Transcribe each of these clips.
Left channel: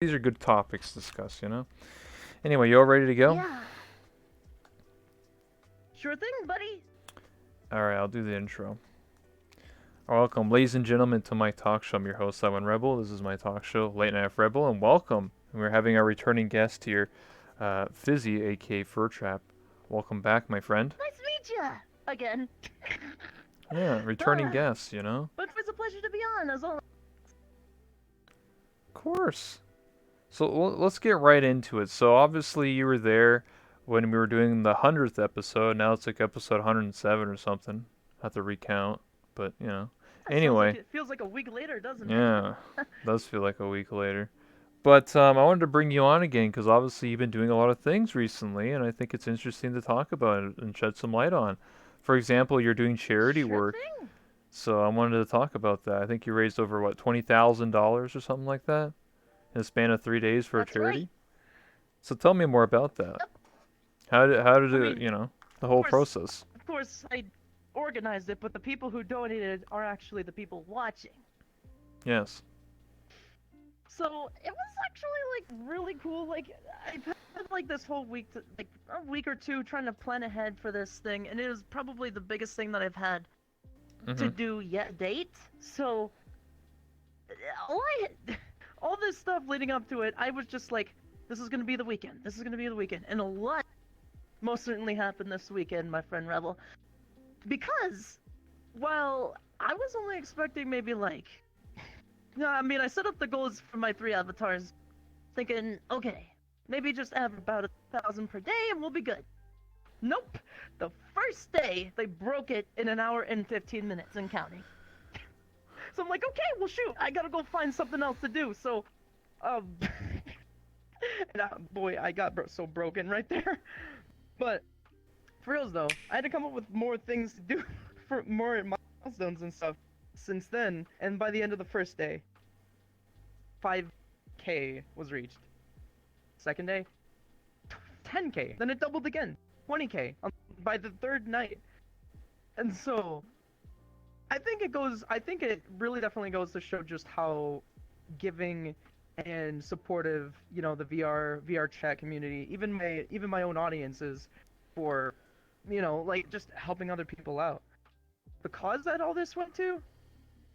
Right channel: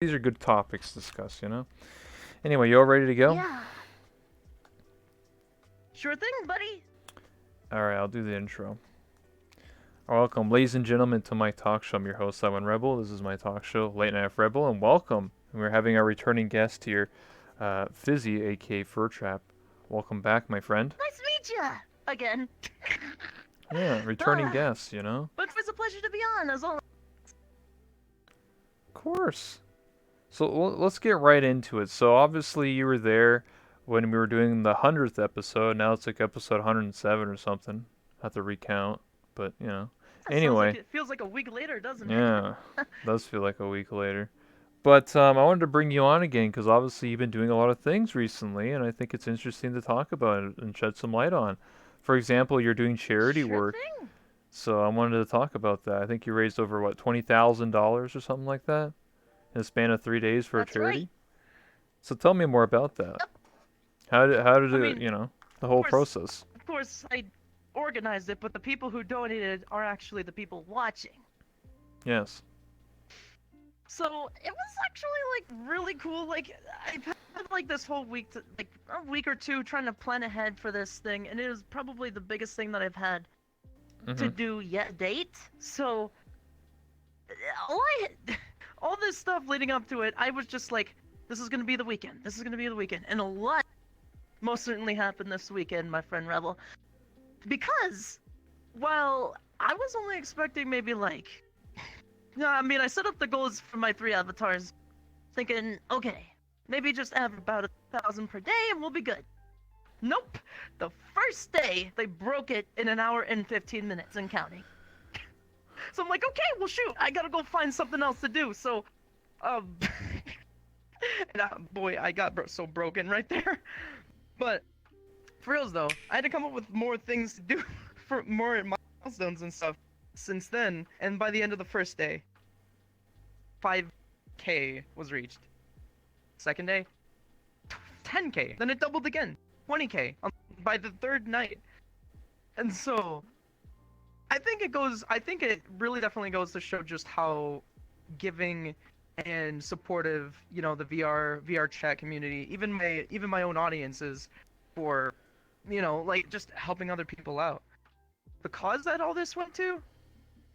these are good topics to discuss, you know? Anyway, you all ready to go? Yeah, sure thing, buddy. Alright, I'll do the intro. Welcome, ladies and gentlemen, to my talk show. I'm your host, Simon Rebel. This is my talk show, Late Night with Rebel, and welcome. We're having our returning guest here, Fizzy, aka FurTrap. Welcome back, my friend. Nice to meet ya again. Yeah, returning Ah, guest, you know? but it's a pleasure to be on, as always. Of course. So let's get right into it. So obviously you were there when we were doing the 100th episode. Now it's like episode 107 or something. I have to recount, but you know. That sounds like Anyway, it feels like a week later, doesn't it? yeah, does feel like a week later. But I wanted to bring you on again because obviously you've been doing a lot of things recently, and I think it's interesting to talk about it and shed some light on. For example, you're doing charity Sure work, thing. so I wanted to talk about that. I think you raised over what $20,000 or something like that in a span of 3 days for a That's right. charity. So tell me more about that. Yep. How did I it, mean, the of whole course, process? of course, I organized it, but the people who donated are actually the people watching. Yes. So it was actually like really cool. Like I've had like this whole week, like a week or two, trying to plan ahead for this thing, and it was probably the biggest thing that I've had to Mhm. do yet date. So all I all this stuff leading up to it, I was just like, this is gonna be the weekend. This is gonna be the weekend, and a lot most certainly happened this weekend, my friend Rebel. Because while I was only expecting maybe like, no, I mean I set up the goals for my 3 avatars, thinking, okay, maybe just have about 1,000 per day and we'll be good. Nope. The first day they broke it in an hour and 15 minutes and counting. So I'm like, okay, well shoot, I gotta go find something else to do. So, um, and boy, I got so broken right there. But for reals though, I had to come up with more things to do for more milestones and stuff since then. And by the end of the first day, 5K was reached. Second day, 10K. Then it doubled again, 20K by the third night. And so I think it really definitely goes to show just how giving and supportive, the VR chat community, even my own audiences for, like just helping other people out. The cause that all this went to,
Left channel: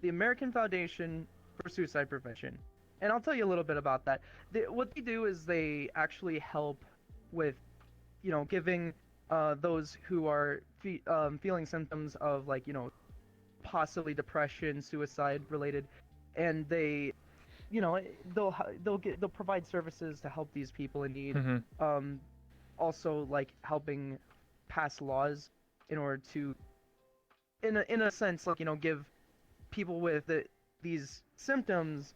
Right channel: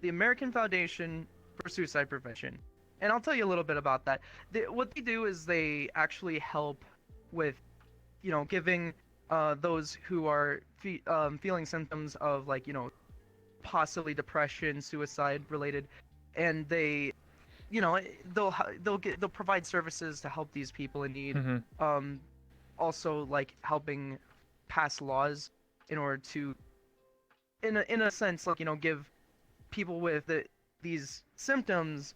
the American Foundation for Suicide Prevention. And I'll tell you a little bit about that. What they do is they actually help with, giving those who are feeling symptoms of like, possibly depression, suicide related, and they'll provide services to help these people in need. Mhm. Um, Also like helping pass laws in order to, in a sense, like give people with these symptoms,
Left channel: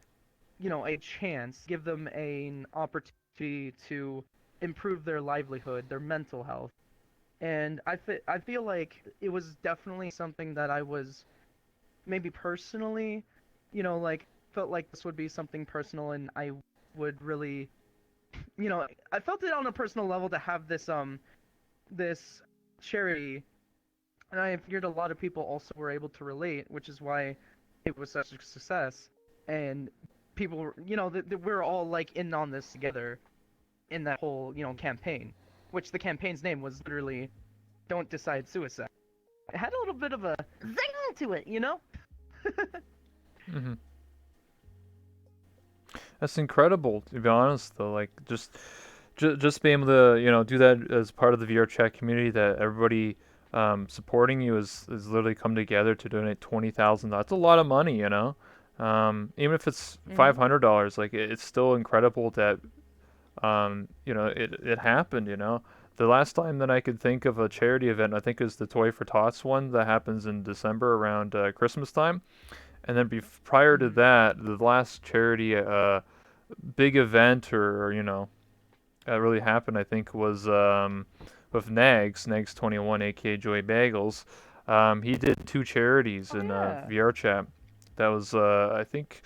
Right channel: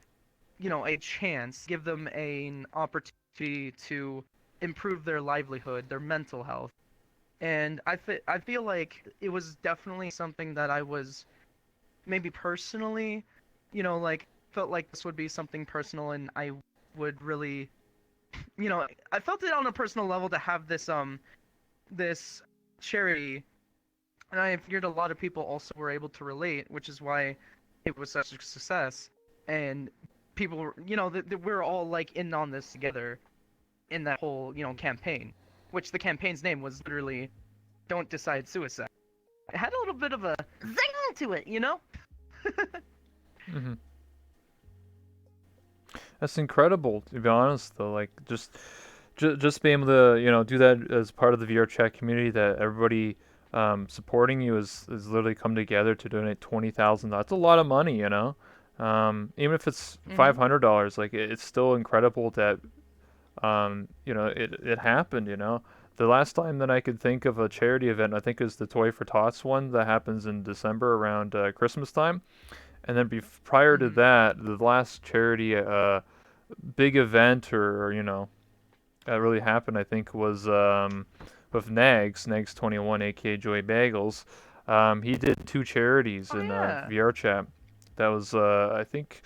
a chance, give them an opportunity to improve their livelihood, their mental health. And I feel like it was definitely something that I was maybe personally, like felt like this would be something personal and I would really, I felt it on a personal level to have this charity, and I figured a lot of people also were able to relate, which is why it was such a success. And people, we're all like in on this together in that whole, campaign, which the campaign's name was literally "Don't Decide Suicide." It had a little bit of a zing to it, Mhm. That's incredible, to be honest. Though, like just being able to do that as part of the VR chat community, that everybody supporting you is literally come together to donate $20,000. That's a lot of money, you know. Even if it's Mm-hmm. $500, like it's still incredible that it happened. The last time that I could think of a charity event, I think is the Toy for Tots one that happens in December around Christmas time. And then prior to Mm-hmm. that, the last charity big event or that really happened, I think, was with Nags 21, aka Joey Bagels. He did two charities Oh in yeah. VR chat. That was I think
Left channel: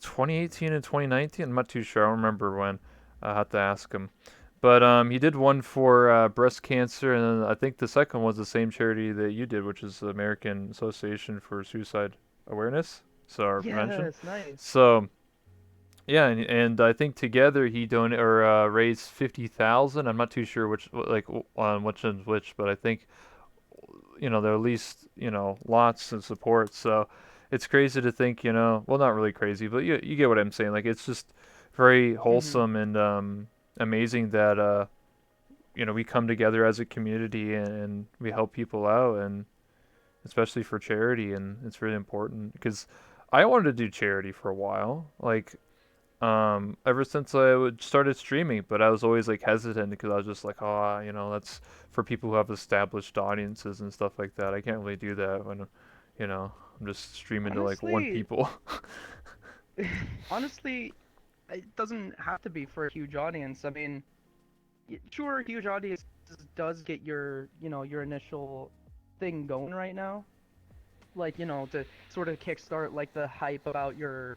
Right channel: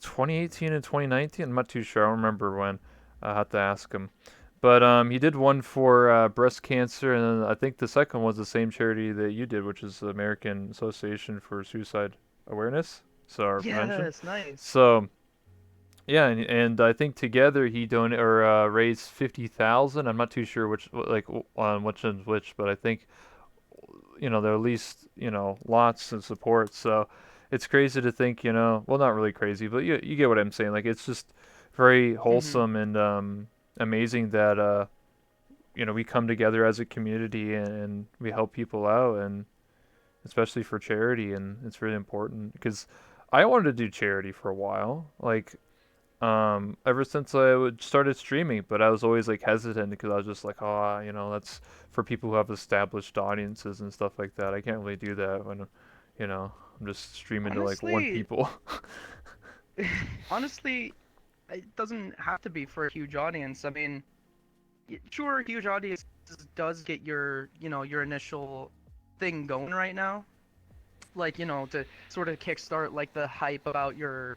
2018 and 2019. I'm not too sure. I don't remember when. I have to ask him. But he did one for breast cancer, and then I think the second was the same charity that you did, which is the American Association for Suicide Awareness, so our prevention. Yes, nice. So Yeah, and I think together he donated or raised 50,000. I'm not too sure which on which one's which, but I think there are at least lots of support. So it's crazy to think well, not really crazy, but you get what I'm saying. Like it's just very Mm-hmm. wholesome and amazing that we come together as a community and we help people out, and especially for charity, and it's really important because I wanted to do charity for a while, like ever since started streaming, but I was always like hesitant because I was just like, oh, that's for people who have established audiences and stuff like that. I can't really do that when, you know, I'm just streaming to like one Honestly, people. honestly, it doesn't have to be for a huge audience. I mean, sure, huge audience does get your initial thing going right now, like to sort of kickstart like the hype about your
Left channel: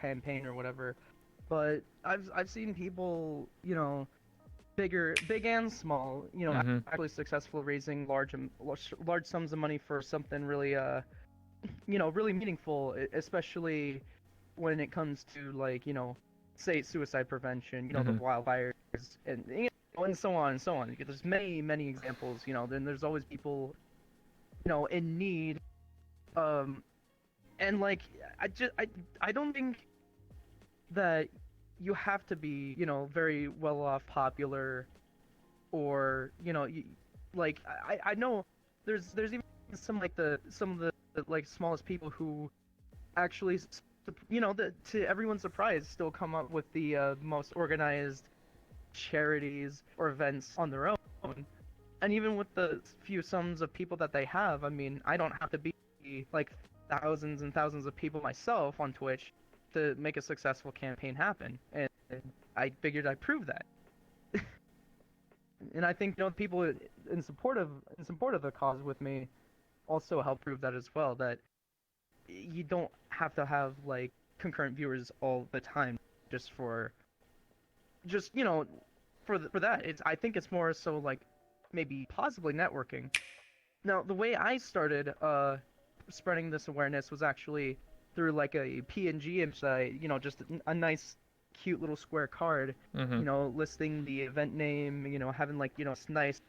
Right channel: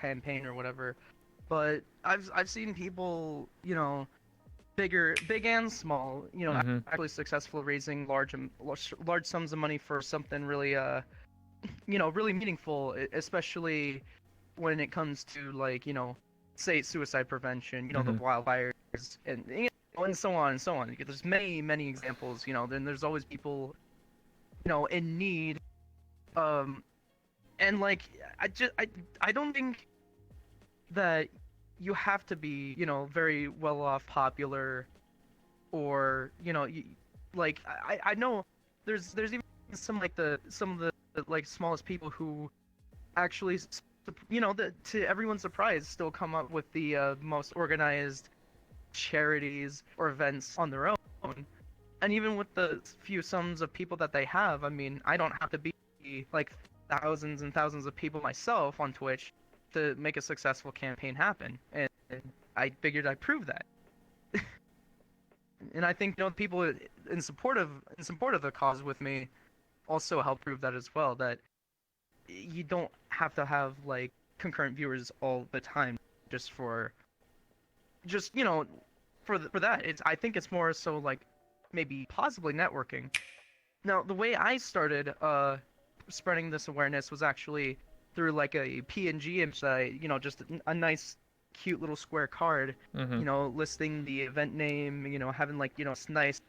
campaign or whatever. But I've seen people, big and small, Hmm. actually successful raising large sums of money for something really really meaningful, especially when it comes to like say suicide prevention, the Hmm. wildfires and so on and so on. There's many examples, then there's always people in need. um and like I just I don't think that you have to be very well off, popular, or like I know there's even some of the like smallest people who actually to everyone's surprise still come up with the most organized charities or events on their own. And even with the few sums of people that they have, I mean, I don't have to be like thousands and thousands of people myself on Twitch to make a successful campaign happen. And I figured I'd prove that. And I think people in support of the cause with me also help prove that as well. That you don't have to have like concurrent viewers all the time just for just for that. It's I think it's more so like maybe possibly networking. Now, the way I started spreading this awareness was actually through like a PNG site, just a nice cute little square card, Hmm. listing the event name, having like, nice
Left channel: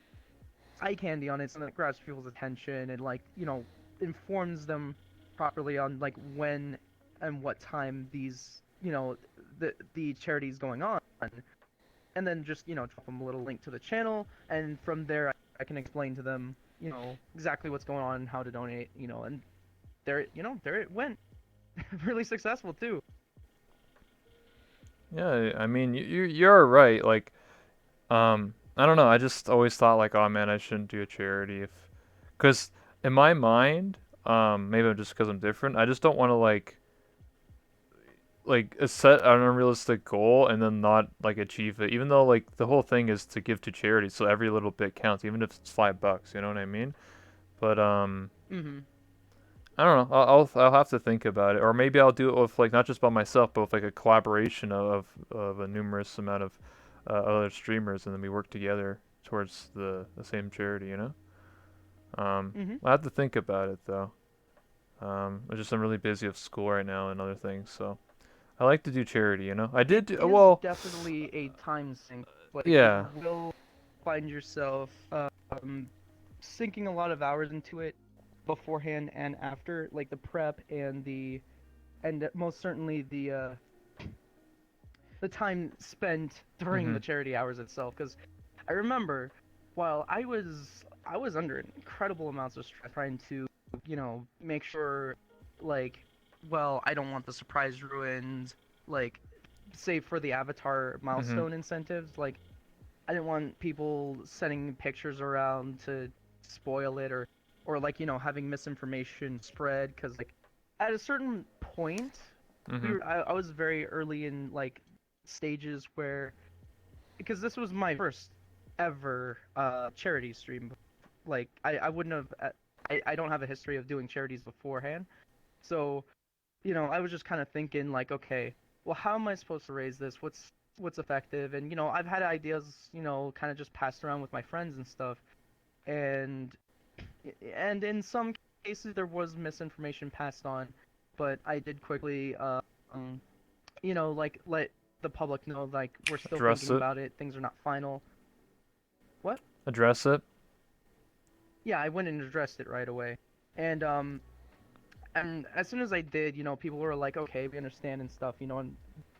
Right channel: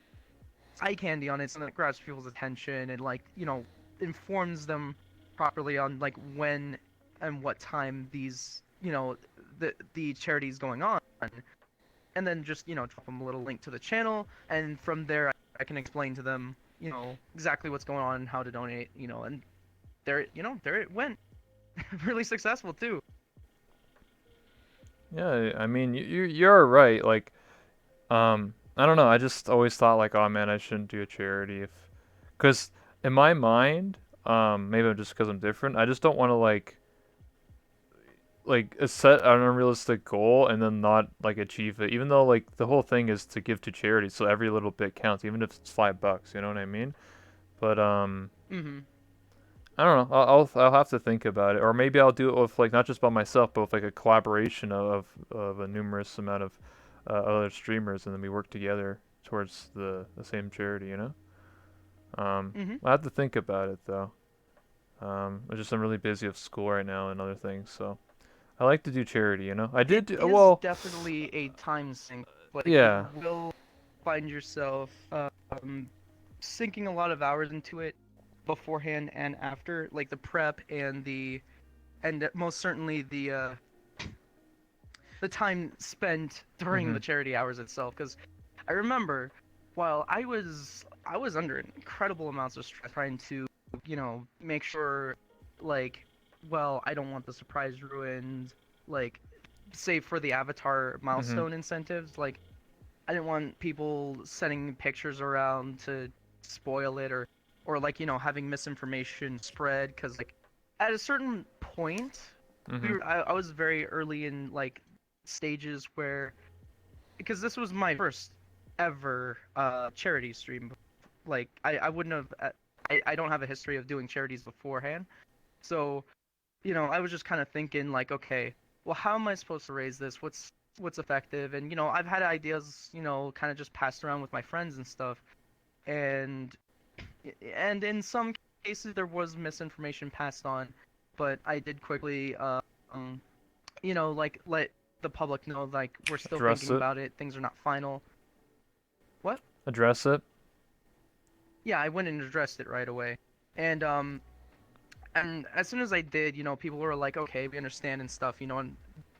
eye candy on it so that grabs people's attention and like, informs them properly on like when and what time these, the charity is going on. And then just, drop them a little link to the channel, and from there I can explain to them, exactly what's going on, how to donate, and there it went. Really successful too. Yeah, I mean, you're right. Like, I don't know. I just always thought like, oh man, I shouldn't do a charity because in my mind, maybe just because I'm different, I just don't want to set an unrealistic goal and then not like achieve it, even though like the whole thing is to give to charity, so every little bit counts, even if it's $5, you know what I mean? But Mm-hmm. I don't know. I'll have to think about it, or maybe I'll do it with like not just by myself, but with like a collaboration of a numerous amount of other streamers, and then we work together towards the same charity, you know. Mm-hmm. I have to think about it though. I'm really busy with school right now and other things, so I like to do charity, you know. I It did do, is well, definitely a time sink. Like you yeah. will find yourself sinking a lot of hours into it beforehand and after, like the prep and most certainly the time spent during Mhm. the charity hours itself. Because I remember while I was under incredible amounts of stress trying to make sure, like, well, I don't want the surprise ruined, like, save for the avatar Mhm. milestone incentives. Like, I didn't want people sending pictures around to spoil it, or like having misinformation spread. Because like at a certain point, Mhm. I was very early in like stages where, because this was my first ever charity stream. Like I wouldn't have I don't have a history of doing charities beforehand. So, I was just kind of thinking like, okay, well, how am I supposed to raise this? What's effective? And I've had ideas, kind of just passed around with my friends and stuff. And in some cases there was misinformation passed on, but I did quickly like let the public know like we're still Address thinking it. about it. Things are not final. What? Address it. Yeah, I went and addressed it right away. And and as soon as I did, people were like, "Okay, we understand" and stuff, and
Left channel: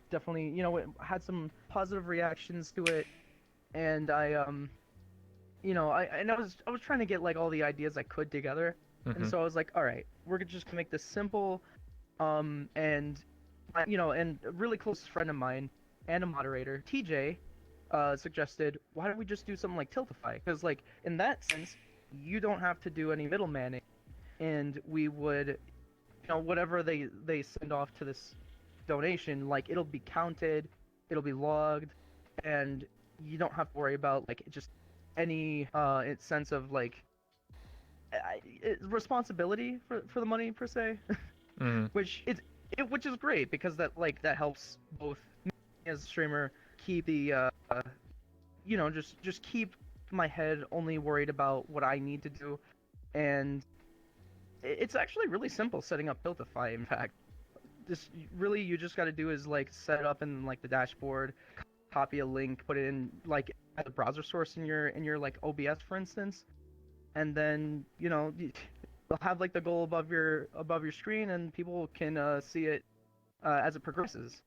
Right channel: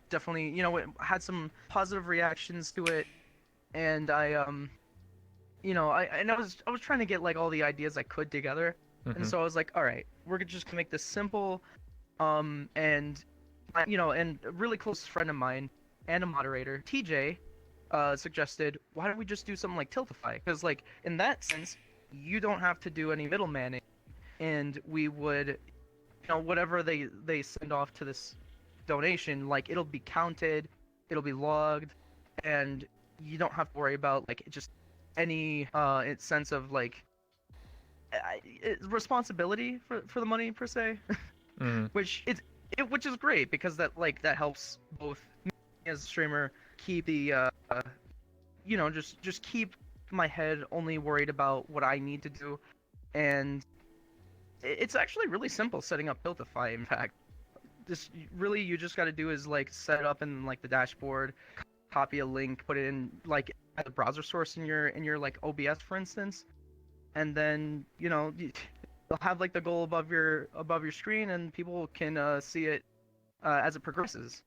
definitely, it had some positive reactions to it. And I was trying to get like all the ideas I could together. And Mhm. so I was like, "All right, we're just gonna make this simple." And and a really close friend of mine and a moderator, TJ, suggested, why don't we just do something like Tiltify? Because like in that sense, you don't have to do any middlemaning, and we would, whatever they send off to this donation, like it'll be counted, it'll be logged, and you don't have to worry about like just any sense of like responsibility for the money per se. Mhm. Which is great because that helps both me as a streamer keep the just keep my head only worried about what I need to do, and it's actually really simple setting up Tiltify. In fact, this really you just got to do is like set it up in like the dashboard, copy a link, put it in like as a browser source in your like OBS for instance, and then you'll have like the goal above your screen, and people can see it as it progresses.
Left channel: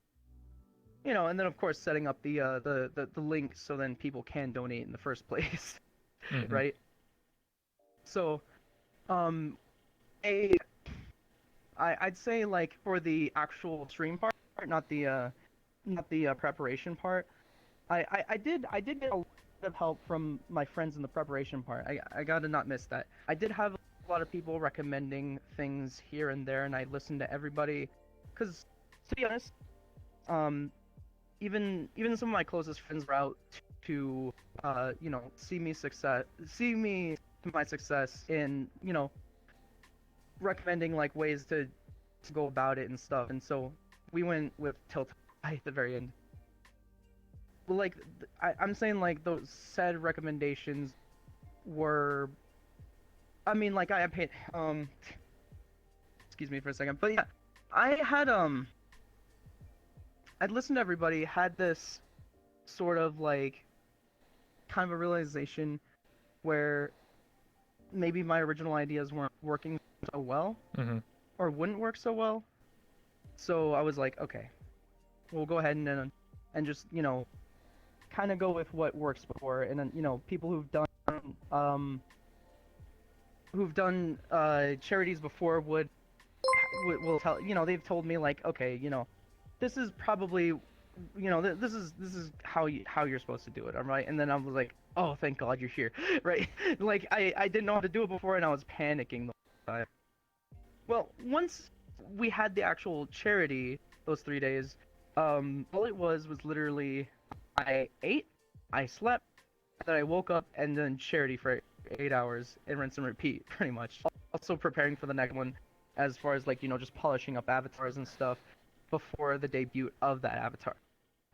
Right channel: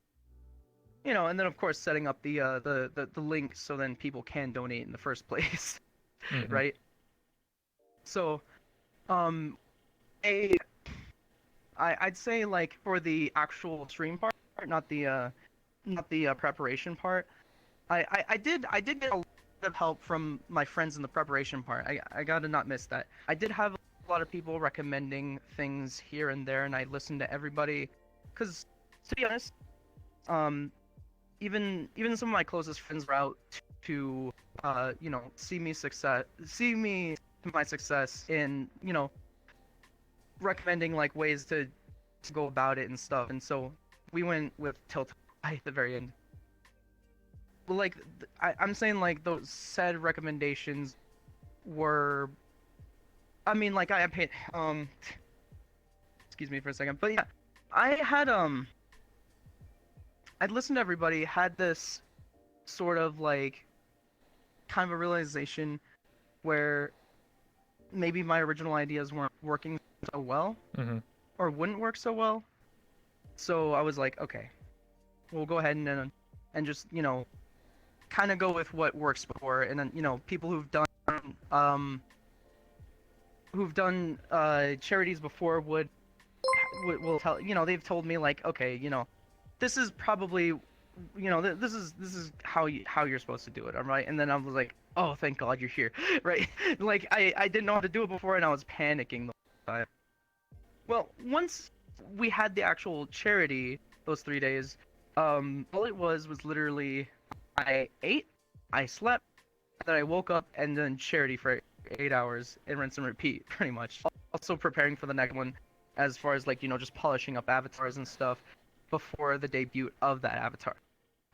And then of course setting up the link so then people can donate in the first place, Mhm. right? So, um, a I'd say like for the actual stream part, not the preparation part. I did get a lot of help from my friends in the preparation part. I gotta not miss that. I did have a lot of people recommending things here and there, and I listened to everybody. Cause to be honest, um, even some of my closest friends were out to see me to my success in recommending like ways to go about it and stuff. And so we went with Tilt at the very end. But like I'm saying like those said recommendations were, I mean, like I paid excuse me for a second, but yeah, I had I'd listened to everybody, had this sort of like kind of a realization where maybe my original ideas weren't working so well Mhm. or wouldn't work so well. So I was like, okay, we'll go ahead and just kind of go with what works before, and then people um who've done charities before will tell they've told me like, okay, this is probably this is how you're supposed to do it, all right? And then I was like, oh, thank God you're here, right? Like I didn't know how to do it before, and I was panicking the whole time. Well, once we had the actual charity those 3 days, all it was literally I ate, I slept, then I woke up, and then charity for 8 hours and rinse and repeat, pretty much. Also preparing for the next one, as far as like just polishing up avatars and stuff before the debut of that avatar.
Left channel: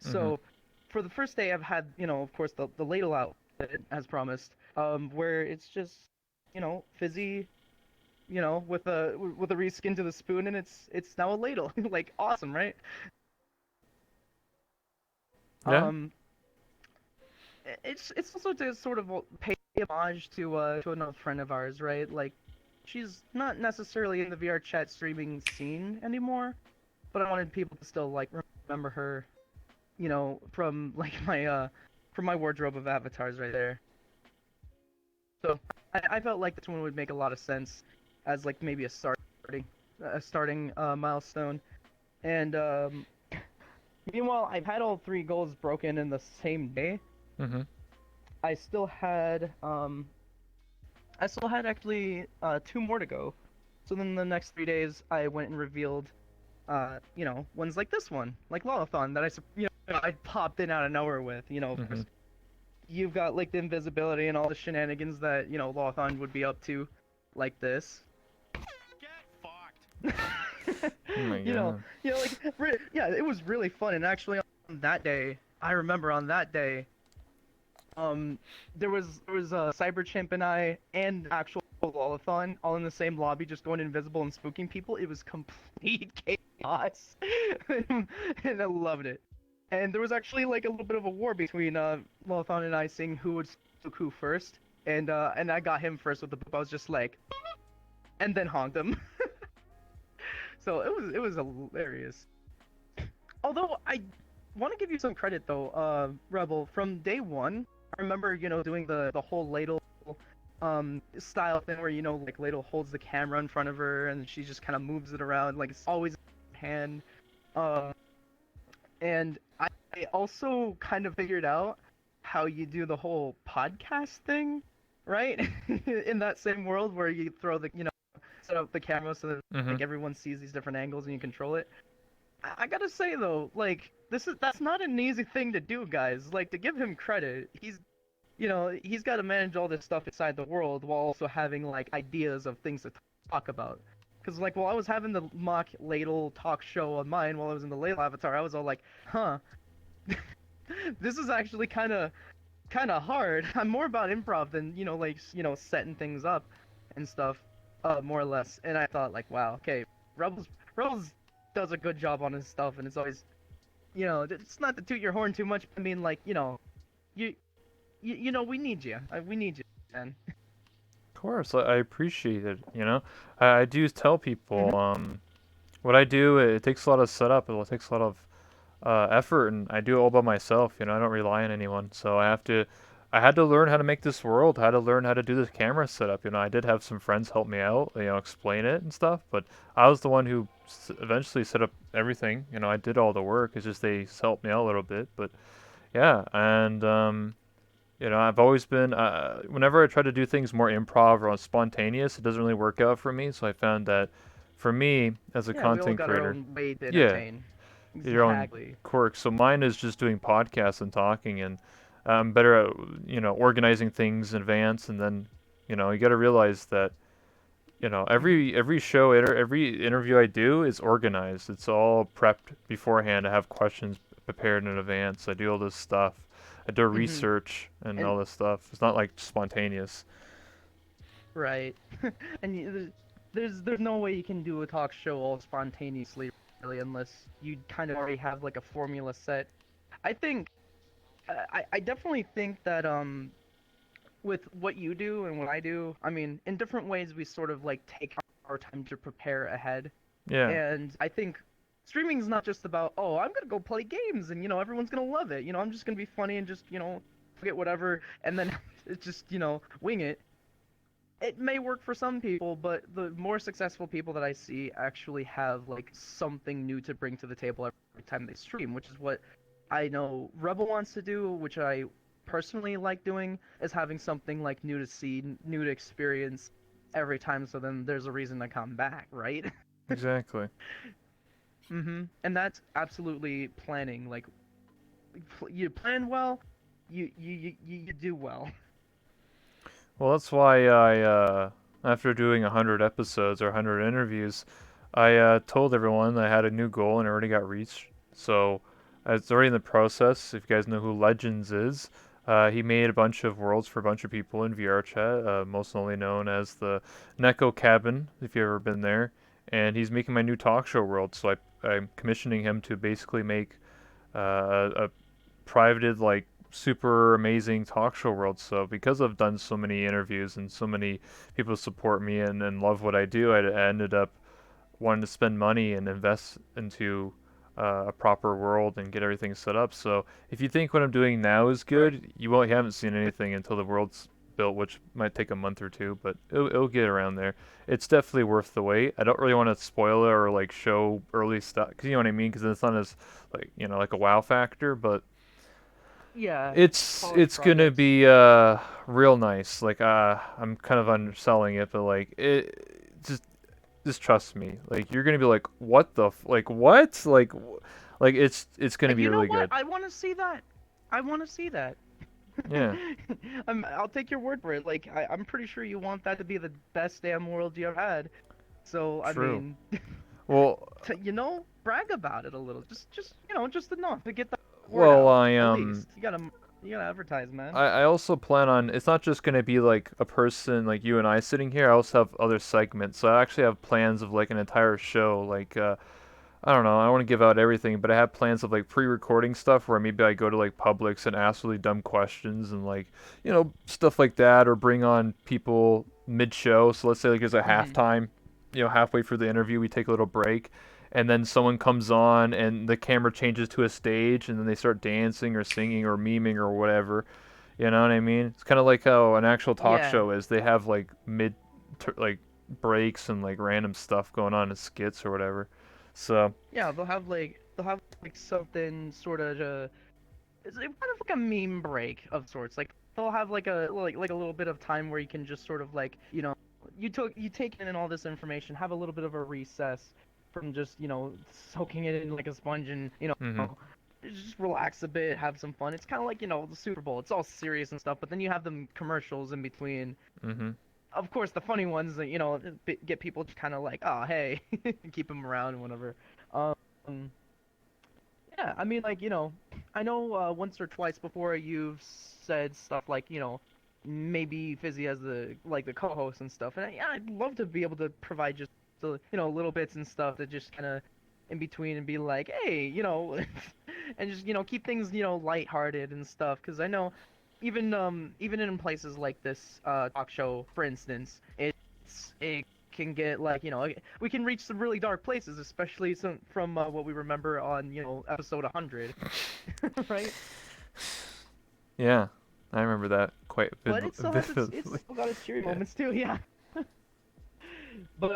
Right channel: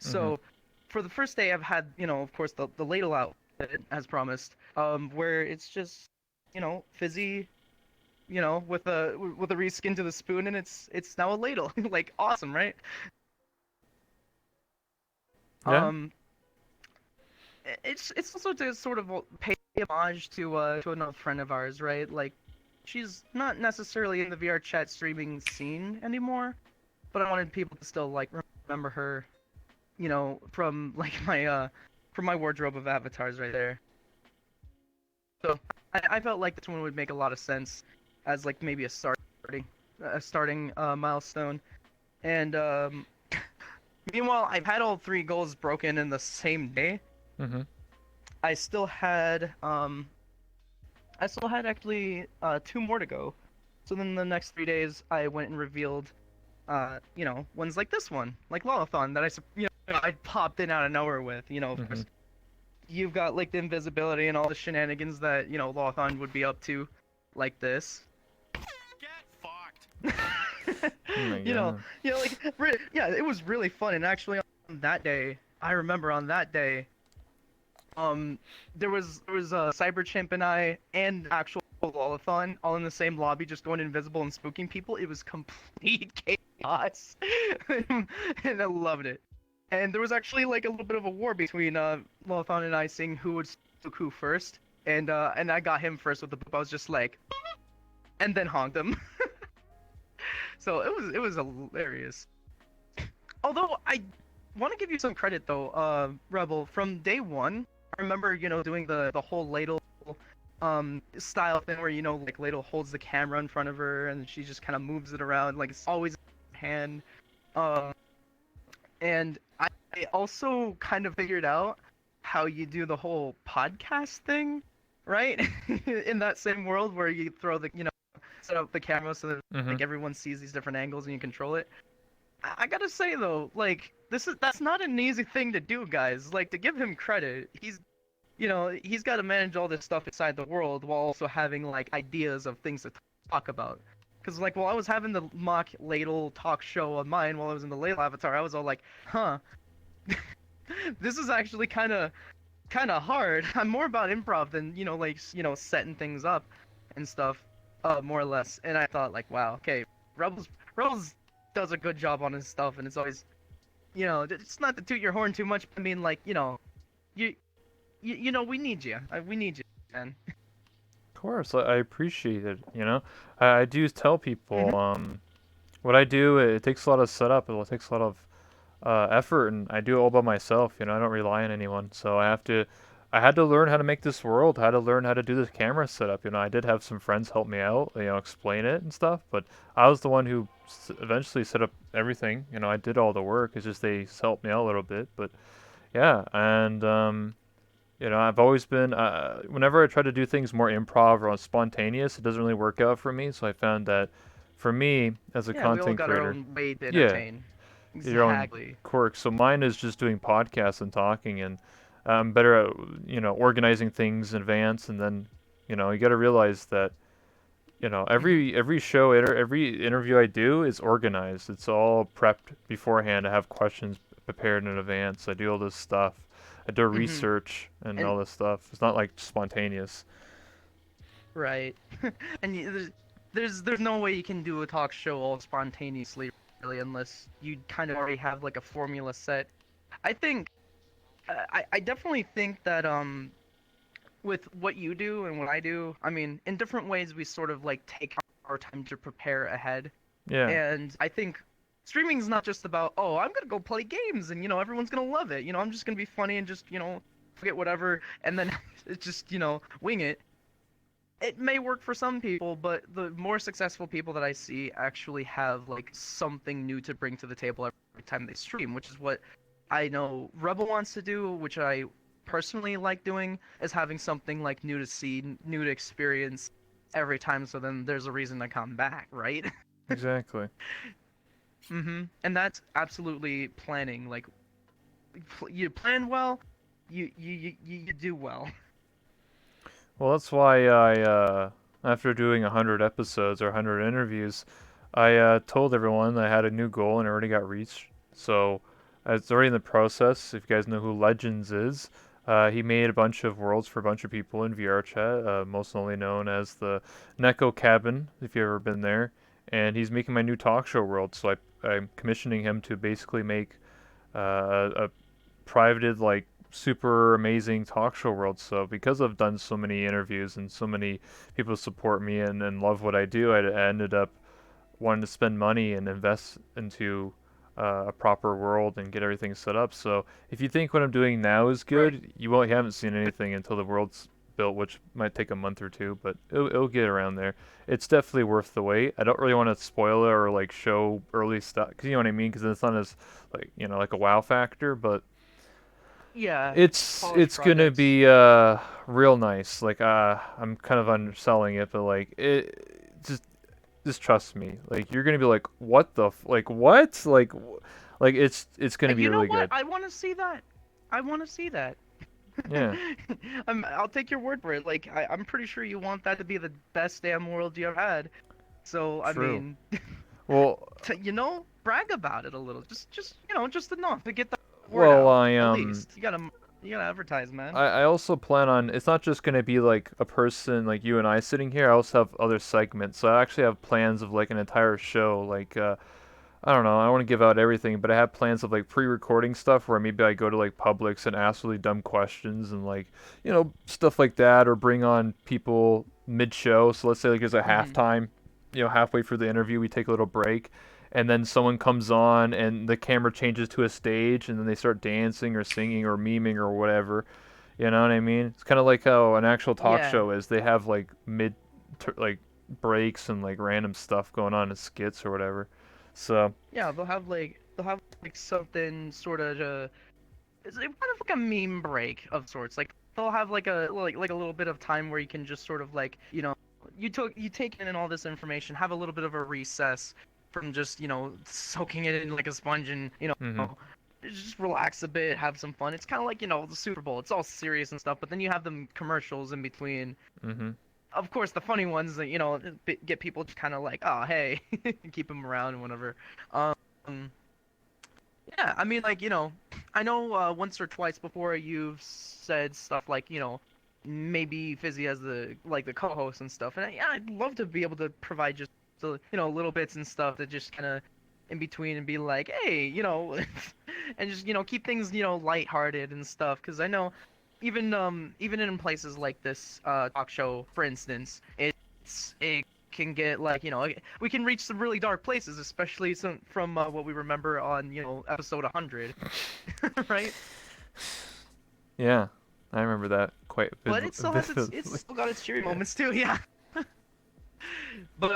Mhm. So, for the first day, I've had of course the ladle outfit as promised, where it's just fizzy, with a reskin to the spoon, and it's now a ladle. Like awesome, right? Yeah. Um, it's also to sort of pay homage to another friend of ours, right? Like she's not necessarily in the VR chat streaming scene anymore, but I wanted people to still like remember her, from like from my wardrobe of avatars right there. So I felt like this one would make a lot of sense as like maybe a starting milestone. And meanwhile, I've had all three goals broken in the same day. Mhm. I still had actually two more to go. So then the next 3 days, I went and revealed ones like this one, like Lolathon, that I popped in out of nowhere with. Of course, Mhm. you've got like the invisibility and all the shenanigans that Lolathon would be up to, like this. Get fucked. Oh my you know, god. yeah, it was really fun. And actually, on that day, I remember on that day, um, there was a cyber chimp and I and actual Lolathon all in the same lobby, just going invisible and spooking people. It was complete chaos. chaos, and I loved it. And there was actually like a little bit of a war between Lothon and I, seeing who would do who first, and I got him first with the boop. I was just like, and then honked him. So it was hilarious. Although I want to give you some credit though, Rebel, from day one. I remember doing the whole ladle style thing where like ladle holds the camera in front of her and she just kind of moves it around like it's always in her hand. Um, and I also kind of figured out how you do the whole podcast thing, right? In that same world where you throw set up the camera so that Mm-hmm. like everyone sees these different angles and you control it. I gotta say though, like that's not an easy thing to do, guys. Like to give him credit, he's got to manage all this stuff inside the world while also having like ideas of things to talk about. Because like while I was having the mock ladle talk show on mine while I was in the ladle avatar, I was all like, huh, this is actually kind of hard. I'm more about improv than like setting things up and stuff, more or less. And I thought like, wow, okay, Rebels does a good job on his stuff, and it's always it's not to toot your horn too much. But I mean, like you we need you. We need you, man. Of course, I appreciate it. I do tell people, Hmm. what I do. It takes a lot of setup. It takes a lot of effort, and I do it all by myself. I don't rely on anyone, so I had to learn how to make this world, how to learn how to do this camera setup. I did have some friends help me out, explain it and stuff, but I was the one who eventually set up everything. I did all the work. It's just they helped me out a little bit, but yeah, and I've always been, whenever I try to do things more improv or spontaneous, it doesn't really work out for me. So I found that for me as a Yeah, we all content got our creator, own way to yeah, entertain. your own Exactly. quirks. So mine is just doing podcasts and talking, and I'm better at organizing things in advance, and then you got to realize that Hmm. every show, every interview I do is organized. It's all prepped beforehand. I have questions prepared in advance. I do all this stuff. I do Hmm. research and And all this stuff. It's not like spontaneous. right. And there's no way you can do a talk show all spontaneously, really, unless you kind of already have like a formula set. I think I definitely think that with what you do and what I do, I mean, in different ways we sort of like take our time to prepare ahead. Yeah, And I think streaming is not just about, oh, I'm gonna go play games and everyone's gonna love it. I'm just gonna be funny and just forget whatever and then it's just wing it. It may work for some people, but the more successful people that I see actually have like something new to bring to the table every time they stream, which is what I know Rebel wants to do, which I personally like doing, is having something like new to see, new to experience every time. So then there's a reason to come back, right? exactly. And that's absolutely planning. Like you plan well, you do well. Well, that's why after doing 100 episodes or 100 interviews, I told everyone I had a new goal and it already got reached. So it's already in the process. If you guys know who Legends is, he made a bunch of worlds for a bunch of people in VR chat, most only known as the Neko Cabin, if you've ever been there. And he's making my new talk show world, so I'm commissioning him to basically make a privated like super amazing talk show world. So because I've done so many interviews and so many people support me and love what I do, I ended up wanting to spend money and invest into a proper world and get everything set up. So if you think what I'm doing now is Right. good, you haven't seen anything until the world's built, which might take a month or two, but it'll get around there. It's definitely worth the wait. I don't really want to spoil it or like show early stuff, cause you know what I mean, because it's not as like like a wow factor, but Yeah, polished it's gonna projects. be real nice. Like I'm kind of underselling it, but like just trust me. Like you're gonna be like, what the like what like it's gonna be You know really what? good. I want to see that. I want to see that. Yeah, I'll take your word for it. Like, I'm pretty sure you want that to be the best damn world you ever had. So, I true. mean, Well, brag about it a little. Just just enough to get the word well, out. I At least you gotta advertise, man. I also plan on it's not just gonna be like a person like you and I sitting here. I also have other segments. So I actually have plans of like an entire show, like I don't know. I don't want to give out everything, but I have plans of like pre-recording stuff where maybe I go to like Publix and ask really dumb questions and like, stuff like that, or bring on people mid-show. So let's say like there's a Mm-hmm. halftime, halfway through the interview, we take a little break, and then someone comes on and the camera changes to a stage, and then they start dancing or singing or memeing or whatever. You know what I mean? It's kind of like how an actual talk Yeah. show is. They have like like breaks and like random stuff going on in skits or whatever. So. Yeah, they'll have like something sort of it's kind of like a meme break of sorts. Like they'll have like a little bit of time where you can just sort of like, you take in all this information, have a little bit of a recess from just, soaking it in like a sponge and, Mhm. just relax a bit, have some fun. It's kind of like, the Super Bowl. It's all serious and stuff, but then you have them commercials in between. Mhm. Of course, the funny ones that, get people just kind of like, oh, hey, keep them around and whatever. Um, yeah, I mean, like, I know once or twice before you've said stuff like, maybe Fizzy as the co-host and stuff. And yeah, I'd love to be able to provide just little bits and stuff that just kind of in between and be like, hey, and just keep things lighthearted and stuff. Because I know even in places like this talk show, for instance, it can get like we can reach some really dark places, especially from what we remember on episode 100, right? Yeah, I remember that quite But it still has it's vividly. still got its cheery Yeah. moments too, yeah. But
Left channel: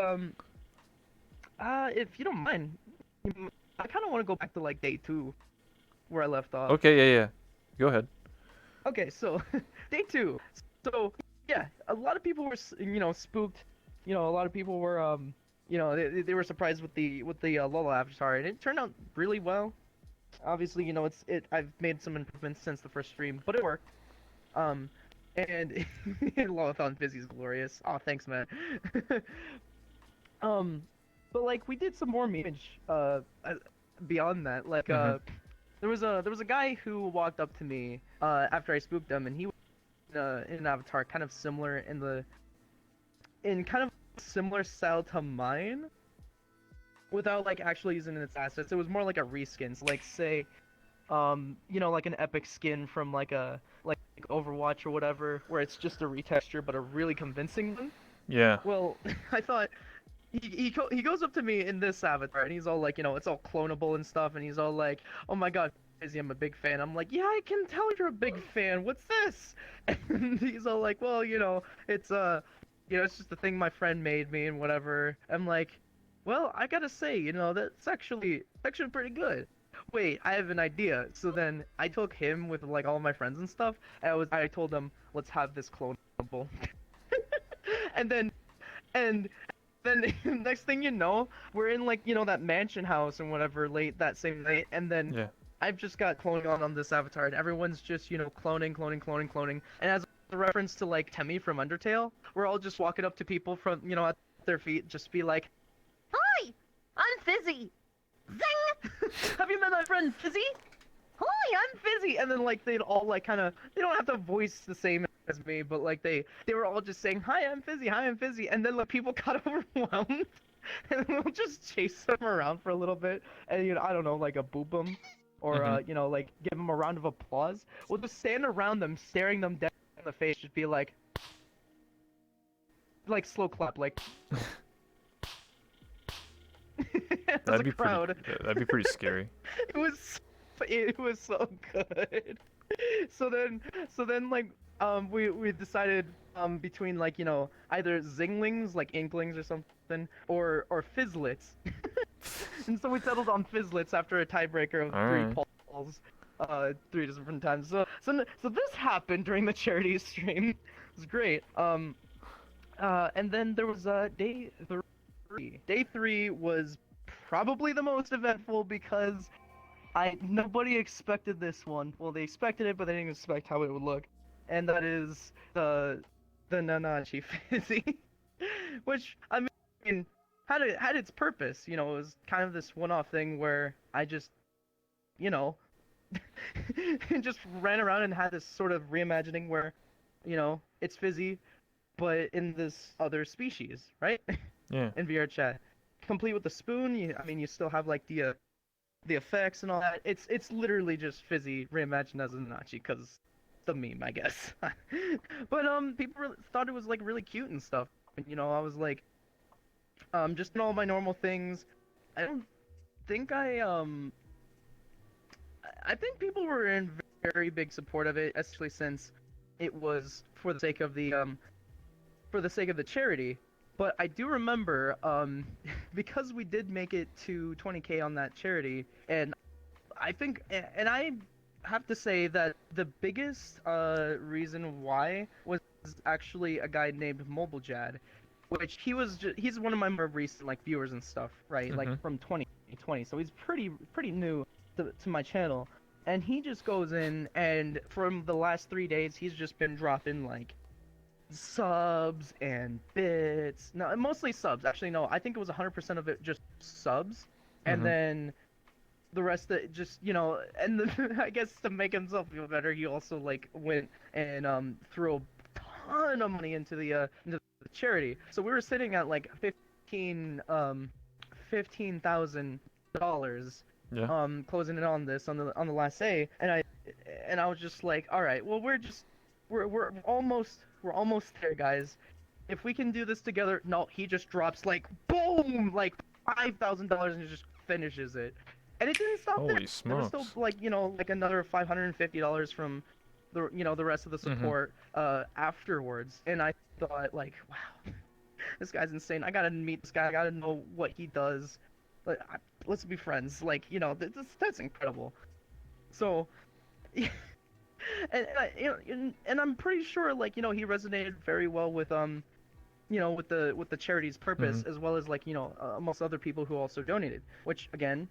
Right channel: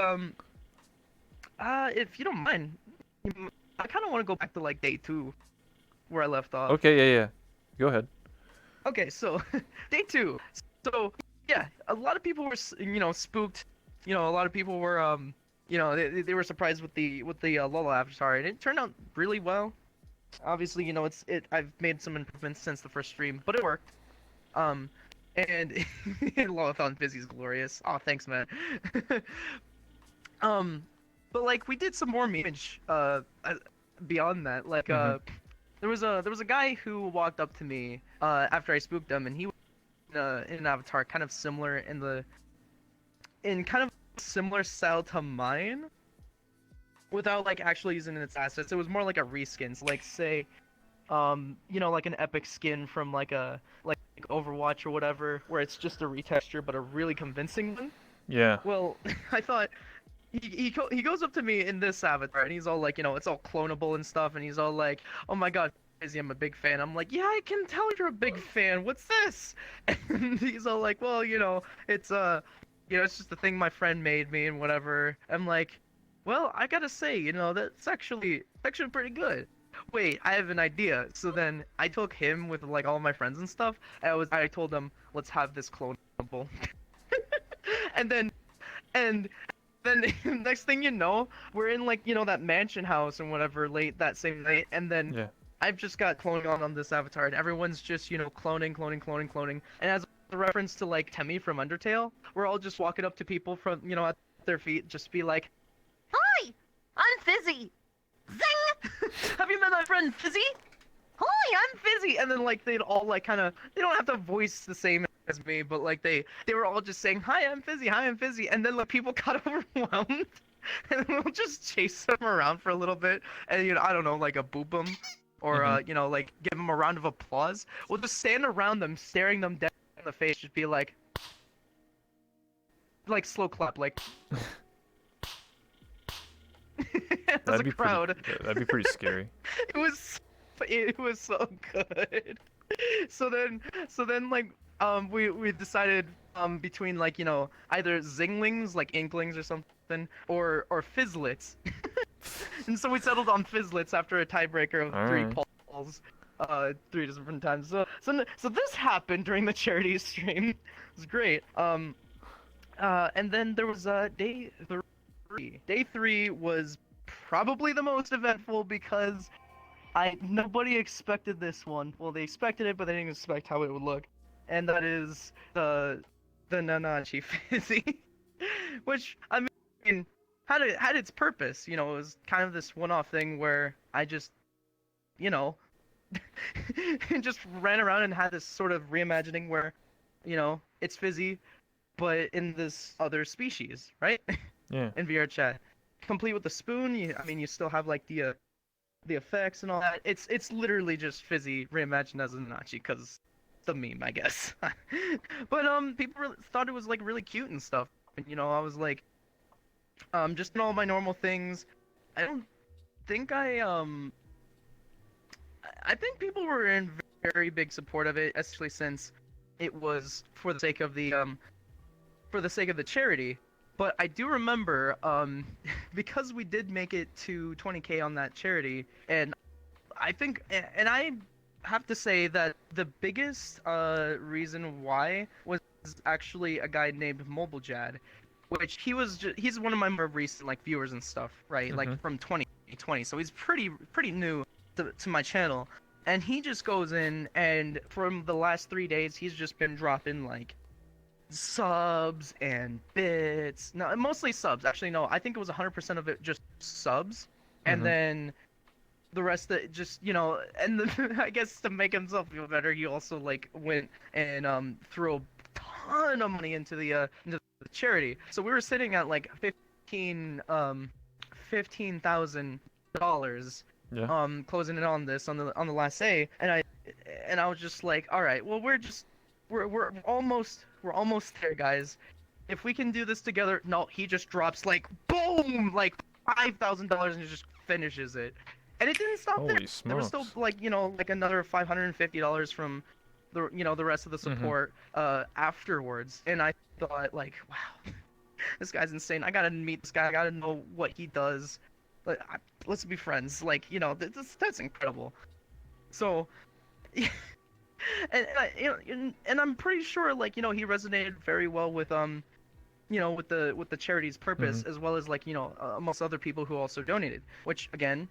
if you don't mind, I kind of want to go back to like day 2 where I left off. Okay. Yeah. Yeah. Go ahead. Okay, so day 2. So yeah, a lot of people were spooked. A lot of people were they were surprised with the Lola avatar, and it turned out really well. Obviously, I've made some improvements since the first stream, but it worked. Um, and Lolathon Fizzy's glorious. Oh, thanks, man. um, but like we did some more memes beyond that. Like Mhm. there was a guy who walked up to me after I spooked him, and he was in an avatar kind of similar in kind of similar style to mine, without like actually using its assets. It was more like a reskin. So like say, like an epic skin from like Overwatch or whatever, where it's just a retexture but a really convincing one. Yeah. Well, I thought he goes up to me in this avatar and he's all like, it's all clonable and stuff, and he's all like, "Oh my God, Izzy, I'm a big fan." I'm like, "Yeah, I can tell you're a big fan. What's this?" And he's all like, "Well, it's it's just a thing my friend made me and whatever." I'm like, "Well, I gotta say, that's actually pretty good." Wait, I have an idea. So then I took him with like all my friends and stuff. I told them, "Let's have this clonable." and then and then next thing you know, we're in like that mansion house and whatever late that same night, and then Yeah. I've just got cloning on this avatar, and everyone's just cloning, and as a reference to like Temmie from Undertale, we're all just walking up to people from at their feet, just be like, "Hi, I'm Fizzy. Zing! Have you met my friend Fizzy? Hi, I'm Fizzy." And then like they'd all like kind of, they don't have to voice the same as me, but like they were all just saying, "Hi, I'm Fizzy. Hi, I'm Fizzy." And then like people got overwhelmed, and we'll just chase them around for a little bit, and I don't know, like a boop them, or Mhm. like give them a round of applause. We'll just stand around them, staring them dead in the face, just be like slow clap, like as That'd a be pretty. crowd. That'd be pretty scary. It was so good. So then like we decided between like either Zinglings, like Inklings or something, or Fizzlets. And so we settled on Fizzlets after a tiebreaker of All three right. polls, 3 different times. So this happened during the charity stream. It was great. And then there was day 3. Day 3 was probably the most eventful because nobody expected this one. Well, they expected it, but they didn't expect how it would look. And that is the Nanachi Fizzy, which I mean had its purpose. It was kind of this one-off thing where I just, you know, just ran around and had this sort of reimagining where, it's Fizzy, but in this other species, right? Yeah. In VR chat. complete with the spoon. I mean, you still have like the effects and all that. It's literally just Fizzy reimagined as a Nanachi because the meme, I guess. But people really thought it was like really cute and stuff. And I was like, just in all my normal things. I don't think I think people were in very big support of it, especially since it was for the sake of the charity. But I do remember, because we did make it to 20K on that charity, and I think, and I have to say that the biggest reason why was actually a guy named MobileJad, which he's one of my more recent like viewers and stuff, right? Like Mm-hmm. from 2020, so he's pretty new to my channel, and he just goes in and from the last 3 days he's just been dropping like subs and bits. No, mostly subs. Actually, no, I think it was 100% of it just subs, and Mm-hmm. then the rest of it just and then I guess to make himself feel better, he also like went and threw a ton of money into the charity. So we were sitting at like 15,000 dollars Yeah. closing it on this on the last day, and I was just like, all right, well we're almost there, guys. If we can do this together. No, he just drops like boom, like $5,000 and just finishes it. And it didn't stop there. Holy There was still smokes. like like another $550 from the rest of the Mm-hmm. support afterwards. And I thought like, wow, this guy's insane. I gotta meet this guy. I gotta know what he does. Like, let's be friends. Like, that's incredible. So, and I'm pretty sure like he resonated very well with with the charity's Mm-hmm. purpose, as well as like amongst other people who also donated. Which again,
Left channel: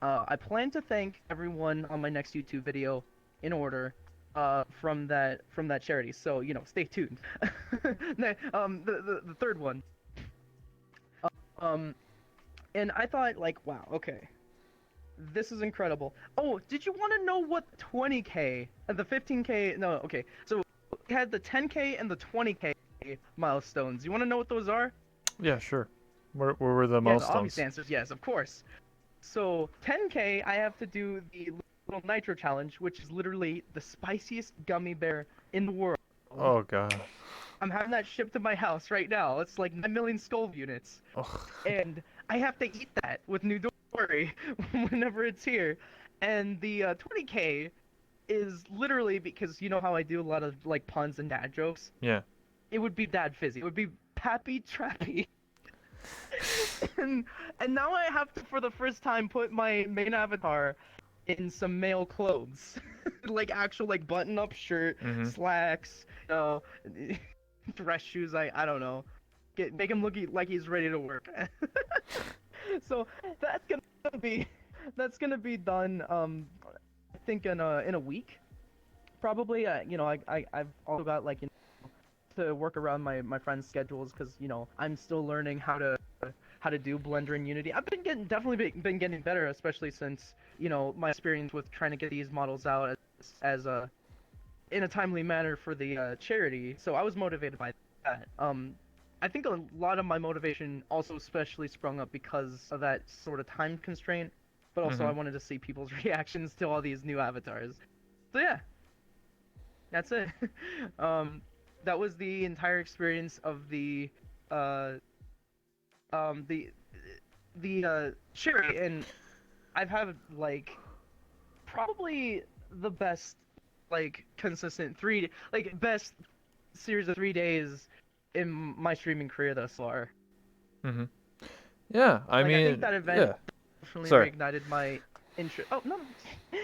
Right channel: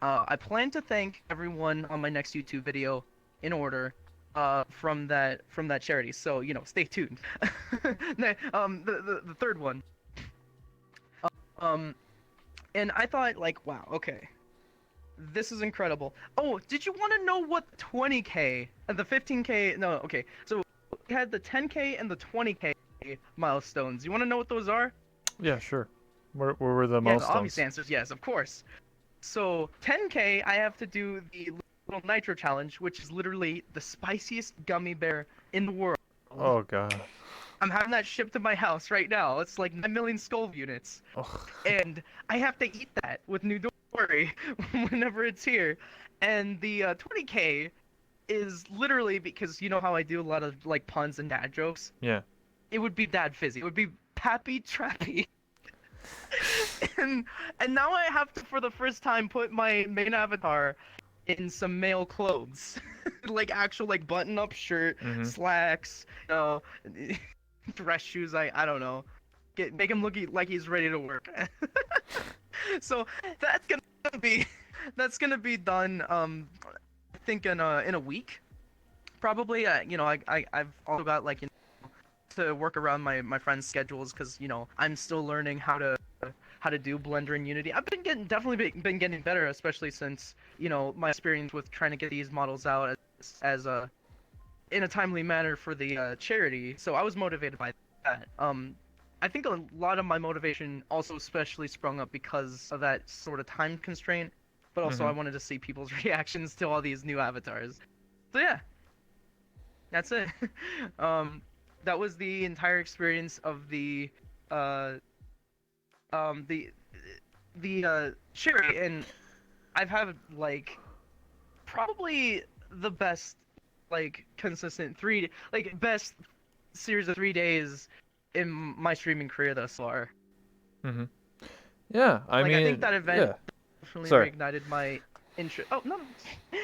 I plan to thank everyone on my next YouTube video in order from that charity. So stay tuned. The third one. Um, and I thought like, wow, okay, this is incredible. Oh, did you want to know what 20K and the 15K? No, okay. So we had the 10K and the 20K milestones. You want to know what those are? Yeah, sure. Where were the Yeah, the obvious milestones? answer is yes, of course. So 10K, I have to do the little nitro challenge, which is literally the spiciest gummy bear in the world. Oh god. I'm having that shipped to my house right now. It's like 9 million skull units, Oh. and I have to eat that with new Dory whenever it's here. And the 20K is literally because you know how I do a lot of like puns and dad jokes. Yeah. It would be Dad Fizzy. It would be Pappy Trappy. and and now I have to, for the first time, put my main avatar in some male clothes, like actual like button-up shirt, Mm-hmm. slacks, dress shoes. I don't know. Make him look like he's ready to work. So that's gonna be done. I think in a week, probably. I've also got like to work around my friends' schedules because I'm still learning how to do Blender and Unity. I've been been getting better, especially since my experience with trying to get these models out as a in a timely manner for the charity. So I was motivated by that. I think a lot of my motivation also especially sprung up because of that sort of time constraint, but also I Mm-hmm. wanted to see people's reactions to all these new avatars. So yeah, that's it. um, that was the entire experience of uh, um, the the charity, and I've had like probably the best like consistent best series of 3 days in my streaming career thus far. Mm-hmm. Yeah, I Like I think mean, that event yeah. definitely Sorry. reignited my interest. Oh no,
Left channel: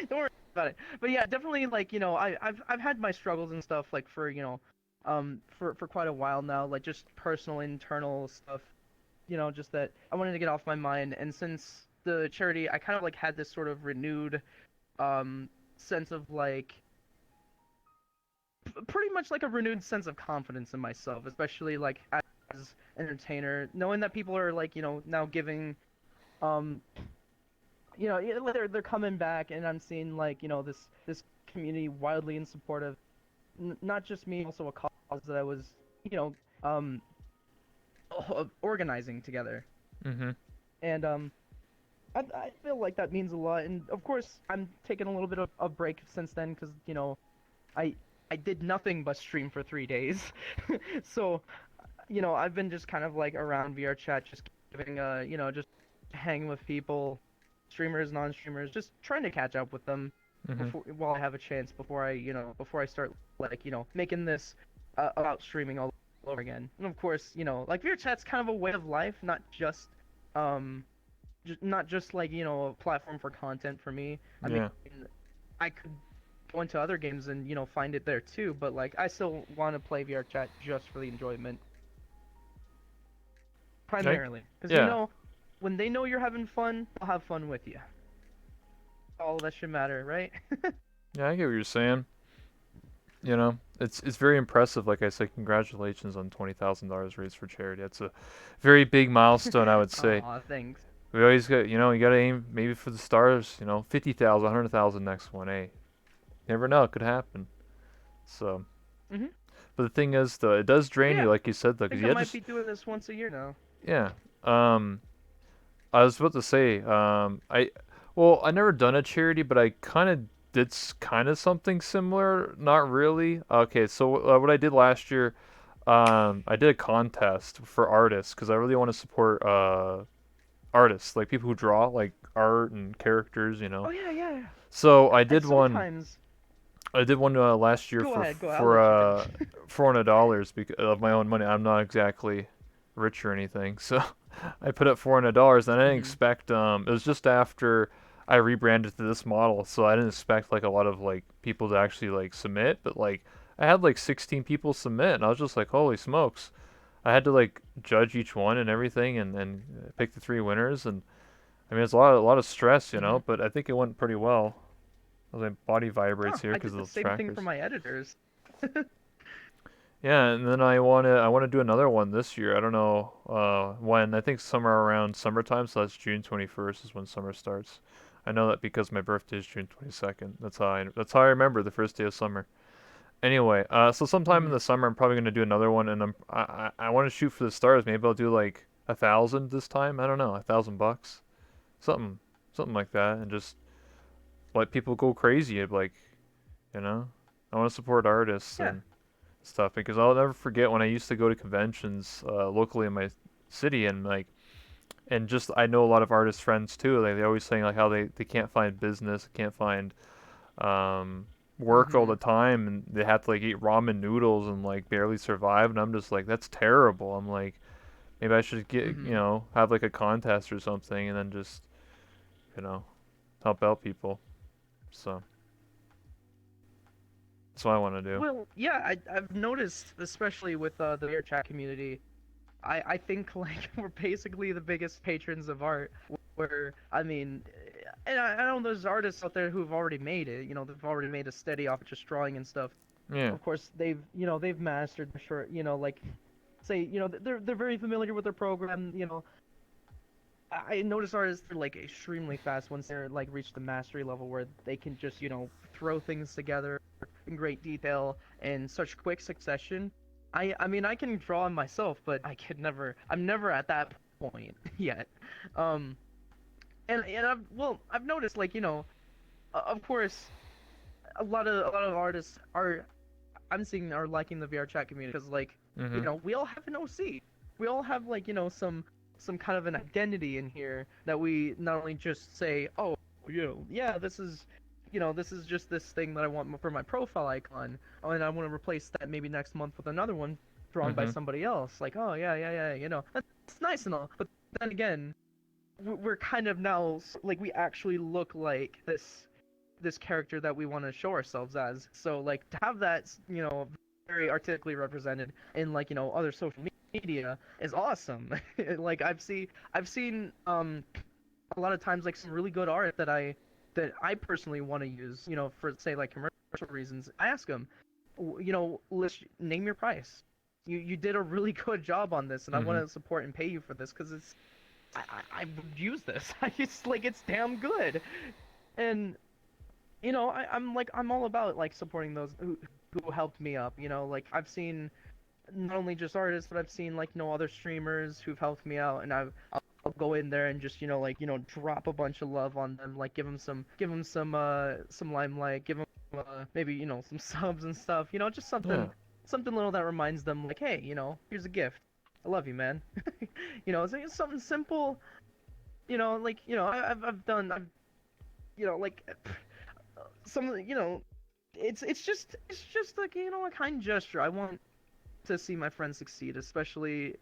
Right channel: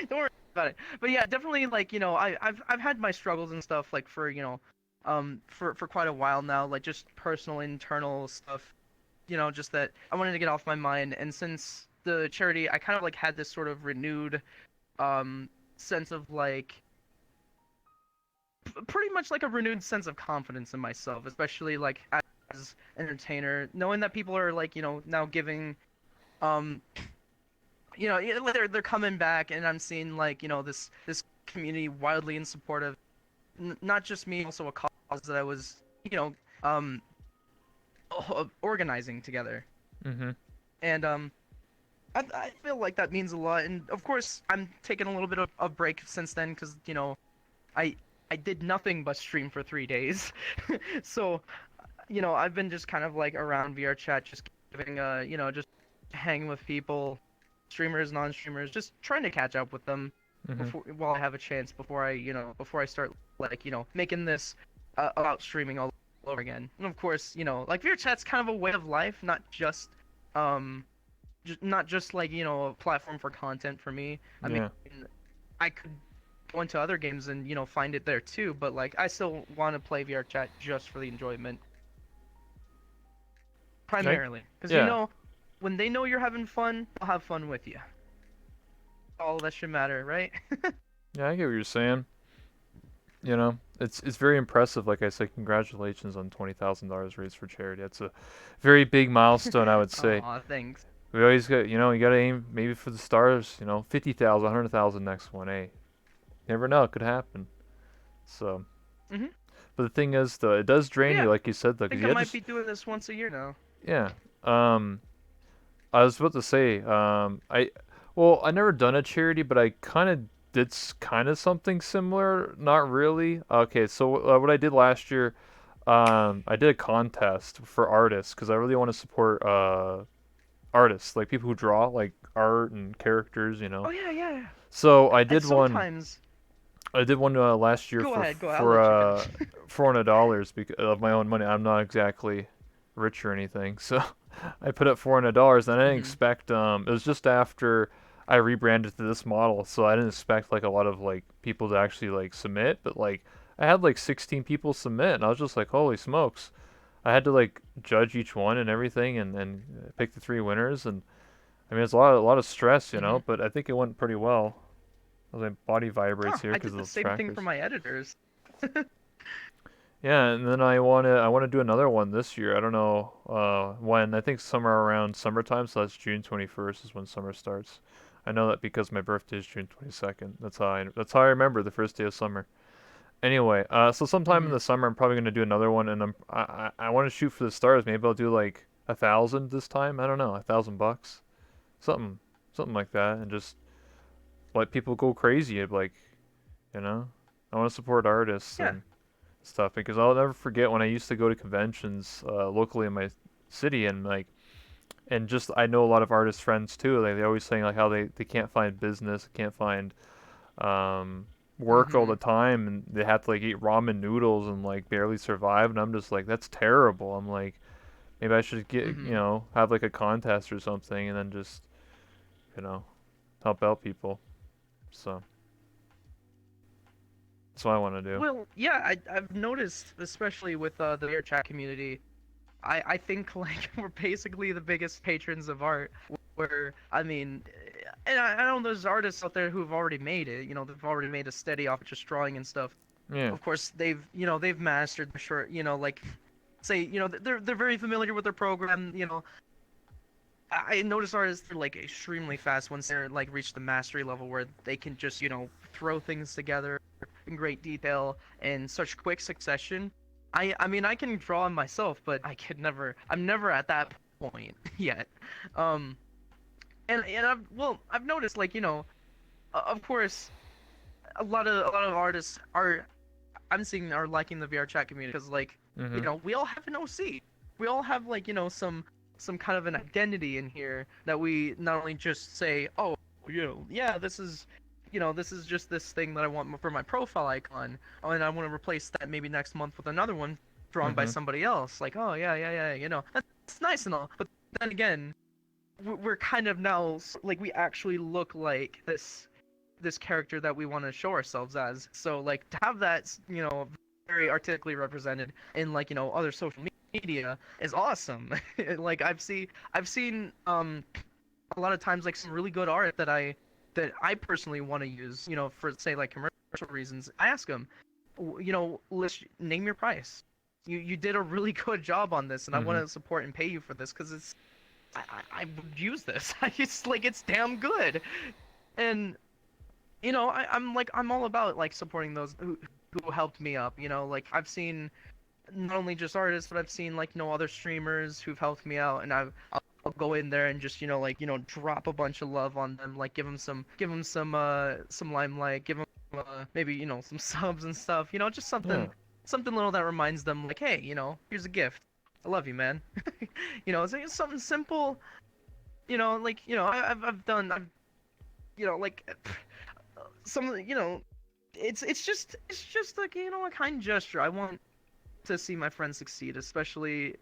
don't worry about it. But yeah, definitely like I've had my struggles and stuff like for for quite a while now, like just personal internal stuff. Just that I wanted to get off my mind, and since the charity, I kind of like had this sort of renewed sense of like pretty much like a renewed sense of confidence in myself, especially like as an entertainer, knowing that people are like now giving um like they're coming back, and I'm seeing like this community wildly in support of not just me, also a cause that I was you know um organizing together. Mm-hmm. and I feel like that means a lot. And of course, I'm taking a little bit of a break since then because I I did nothing but stream for 3 days, so I've been just kind of like around VR chat, just giving just hanging with people, streamers, non-streamers, just trying to catch up with them Hmm. before while I have a chance before I start like making this about streaming all over again. And of course, like VR chat's kind of a way of life, um not just like a platform for content for me. I mean, Yeah. I could go into other games and find it there too, but like I still want to play VR chat just for the enjoyment I, primarily, because yeah. when they know you're having fun, they'll have fun with you. All that should matter, right? Yeah, I get what you're saying. It's very impressive. Like I said, congratulations on $20,000 raised for charity. That's a very big milestone, I would say. Aw, thanks. We always got, you got to aim maybe for the stars. 50,000, 100,000 next one. Hey, never know, it could happen. So, Mhm. but the thing is, though, it does drain Yeah, you, like you said, I though, because think I might be doing this once a year now. yeah. Um, I was about to say, well, I never done a charity, but I kind of did kind of something similar. Not really. Okay, so what I did last year, I did a contest for artists because I really want to support artists, like people who draw like art and characters. Oh yeah, yeah. So I And did one. sometimes, I did one last year go for ahead, go ahead. I'll let you finish. $400 because of my own money. I'm not exactly rich or anything, so I put up $400, and I didn't Mhm. expect. It was just after I rebranded to this model, so I didn't expect like a lot of like people to actually like submit. But like I had like 16 people submit, and I was just like, holy smokes! I had to like judge each one and everything, and pick the three winners. And I mean, it's a lot of stress, Mhm. but I think it went pretty well. My body vibrates Oh, here I because did the of the same thing for trackers. my editors. Yeah, and then I wanna do another one this year. I don't know when. I think somewhere around summertime, so that's June 21st is when summer starts. I know that because my birthday is June 22nd. That's how I remember the first day of summer. Anyway, so sometime in Mhm. the summer I'm probably gonna do another one, and I want to shoot for the stars. Maybe I'll do like 1,000 this time. I don't know, $1,000, something something like that, and just let people go crazy. Like you know, I want to support artists Yeah. and stuff because I'll never forget when I used to go to conventions locally in my city and just I know a lot of artist friends too. They always saying like how they can't find business, can't find um, work all the Mhm. time, and they have to like eat ramen noodles and like barely survive. And I'm just like that's terrible. I'm like maybe I should get Mhm. have like a contest or something and then just you know help out people. So that's what I want to do. Well, yeah, I've noticed, especially with the VR chat community, I think like we're basically the biggest patrons of art. Where I mean, and I know there's artists out there who've already made it. They've already made a steady off just drawing and stuff. Yeah. Of course, they've mastered the short. Like say they're very familiar with their program. I notice artists are like extremely fast once they're like reach the mastery level where they can just throw things together in great detail in such quick succession. I mean I can draw myself, but I'm never at that point yet. Um, and I've noticed like of course a lot of artists are I'm seeing are liking the VR chat community because like Mhm. we all have an OC. We all have like some kind of an identity in here that we not only just say, oh, yeah, this is just this thing that I want for my profile icon, oh, and I want to replace that maybe next month with another one drawn by Mhm. somebody else. Like, oh yeah, yeah, yeah, that's nice and all, but then again, we're kind of now like we actually look like this character that we want to show ourselves as. So like to have that, very artistically represented in like other social media is awesome. Like I've seen a lot of times like some really good art that I personally want to use, for say like commercial reasons. I ask them, list name your price. You did a really good job on this, and I want Mhm. to support and pay you for this because I would use this. I just like it's damn good, and I'm all about like supporting those who helped me up. Like I've seen not only just artists, but I've seen like other streamers who've helped me out, and I'll I'll go in there and just drop a bunch of love on them, like give them some limelight, give them maybe some subs and stuff, just Yeah. something little that reminds them like, hey, here's a gift. I love you, man. It's something simple. I've like some, it's just like a kind gesture. I want to see my friends succeed, especially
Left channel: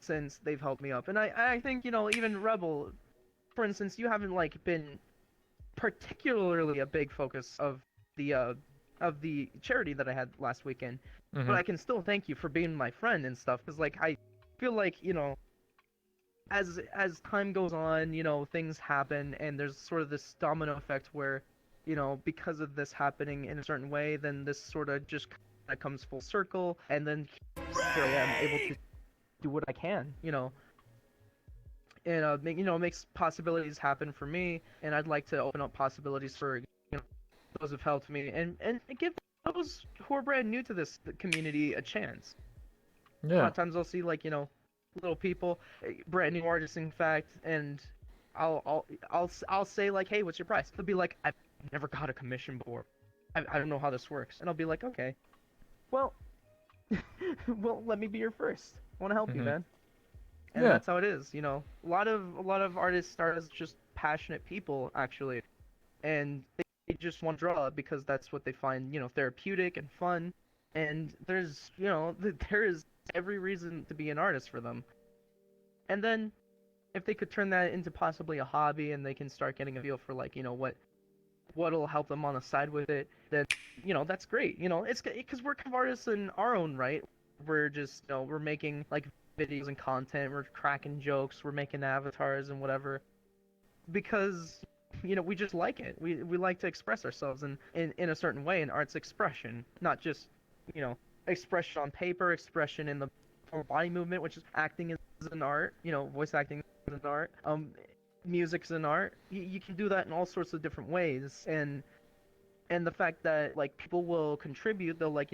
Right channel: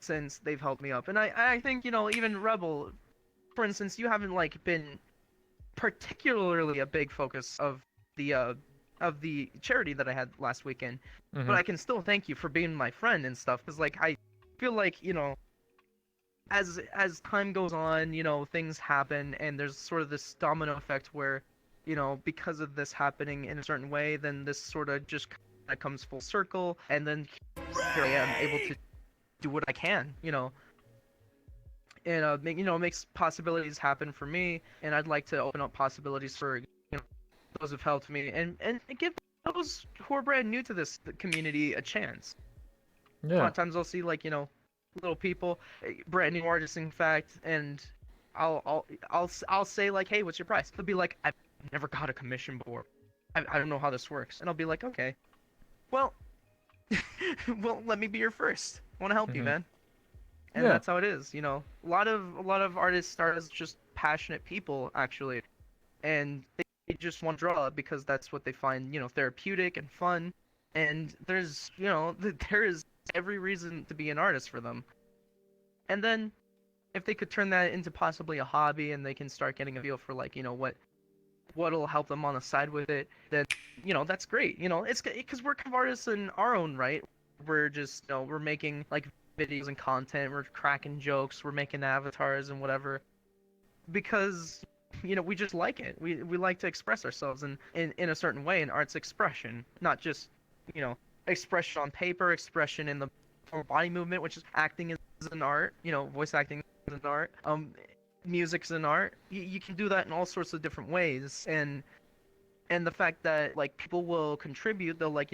since they've helped me up. And I think even Rebel, for instance, you haven't like been particularly a big focus of the charity that I had last weekend, but Mhm. I can still thank you for being my friend and stuff, because like I feel like as time goes on, things happen, and there's sort of this domino effect where, because of this happening in a certain way, then this sort of just kind of comes full circle, and then here I am able to do what I can, and makes possibilities happen for me, and I'd like to open up possibilities for those who've helped me, and give those who are brand new to this community a chance. A lot Yeah. of times I'll see like little people, brand new artists in fact, and I'll say like, hey, what's your price? They'll be like, I've never got a commission before. I don't know how this works, and I'll be like, okay, well, well, let me be your first. I want to help you, Mhm. man. And Yeah. that's how it is. A lot of artists start as just passionate people actually, and they just want to draw because that's what they find therapeutic and fun, and there's there is every reason to be an artist for them. And then if they could turn that into possibly a hobby, and they can start getting a feel for like what'll help them on the side with it, then that's great. It's because we're kind of artists in our own right. We're just we're making like videos and content, we're cracking jokes, we're making avatars and whatever, because we just like it. We like to express ourselves in a certain way, and art's expression, not just you know expression on paper, expression in the form of body movement, which is acting is an art. Voice acting is an art. Music's an art. You can do that in all sorts of different ways, and the fact that like people will contribute, they'll like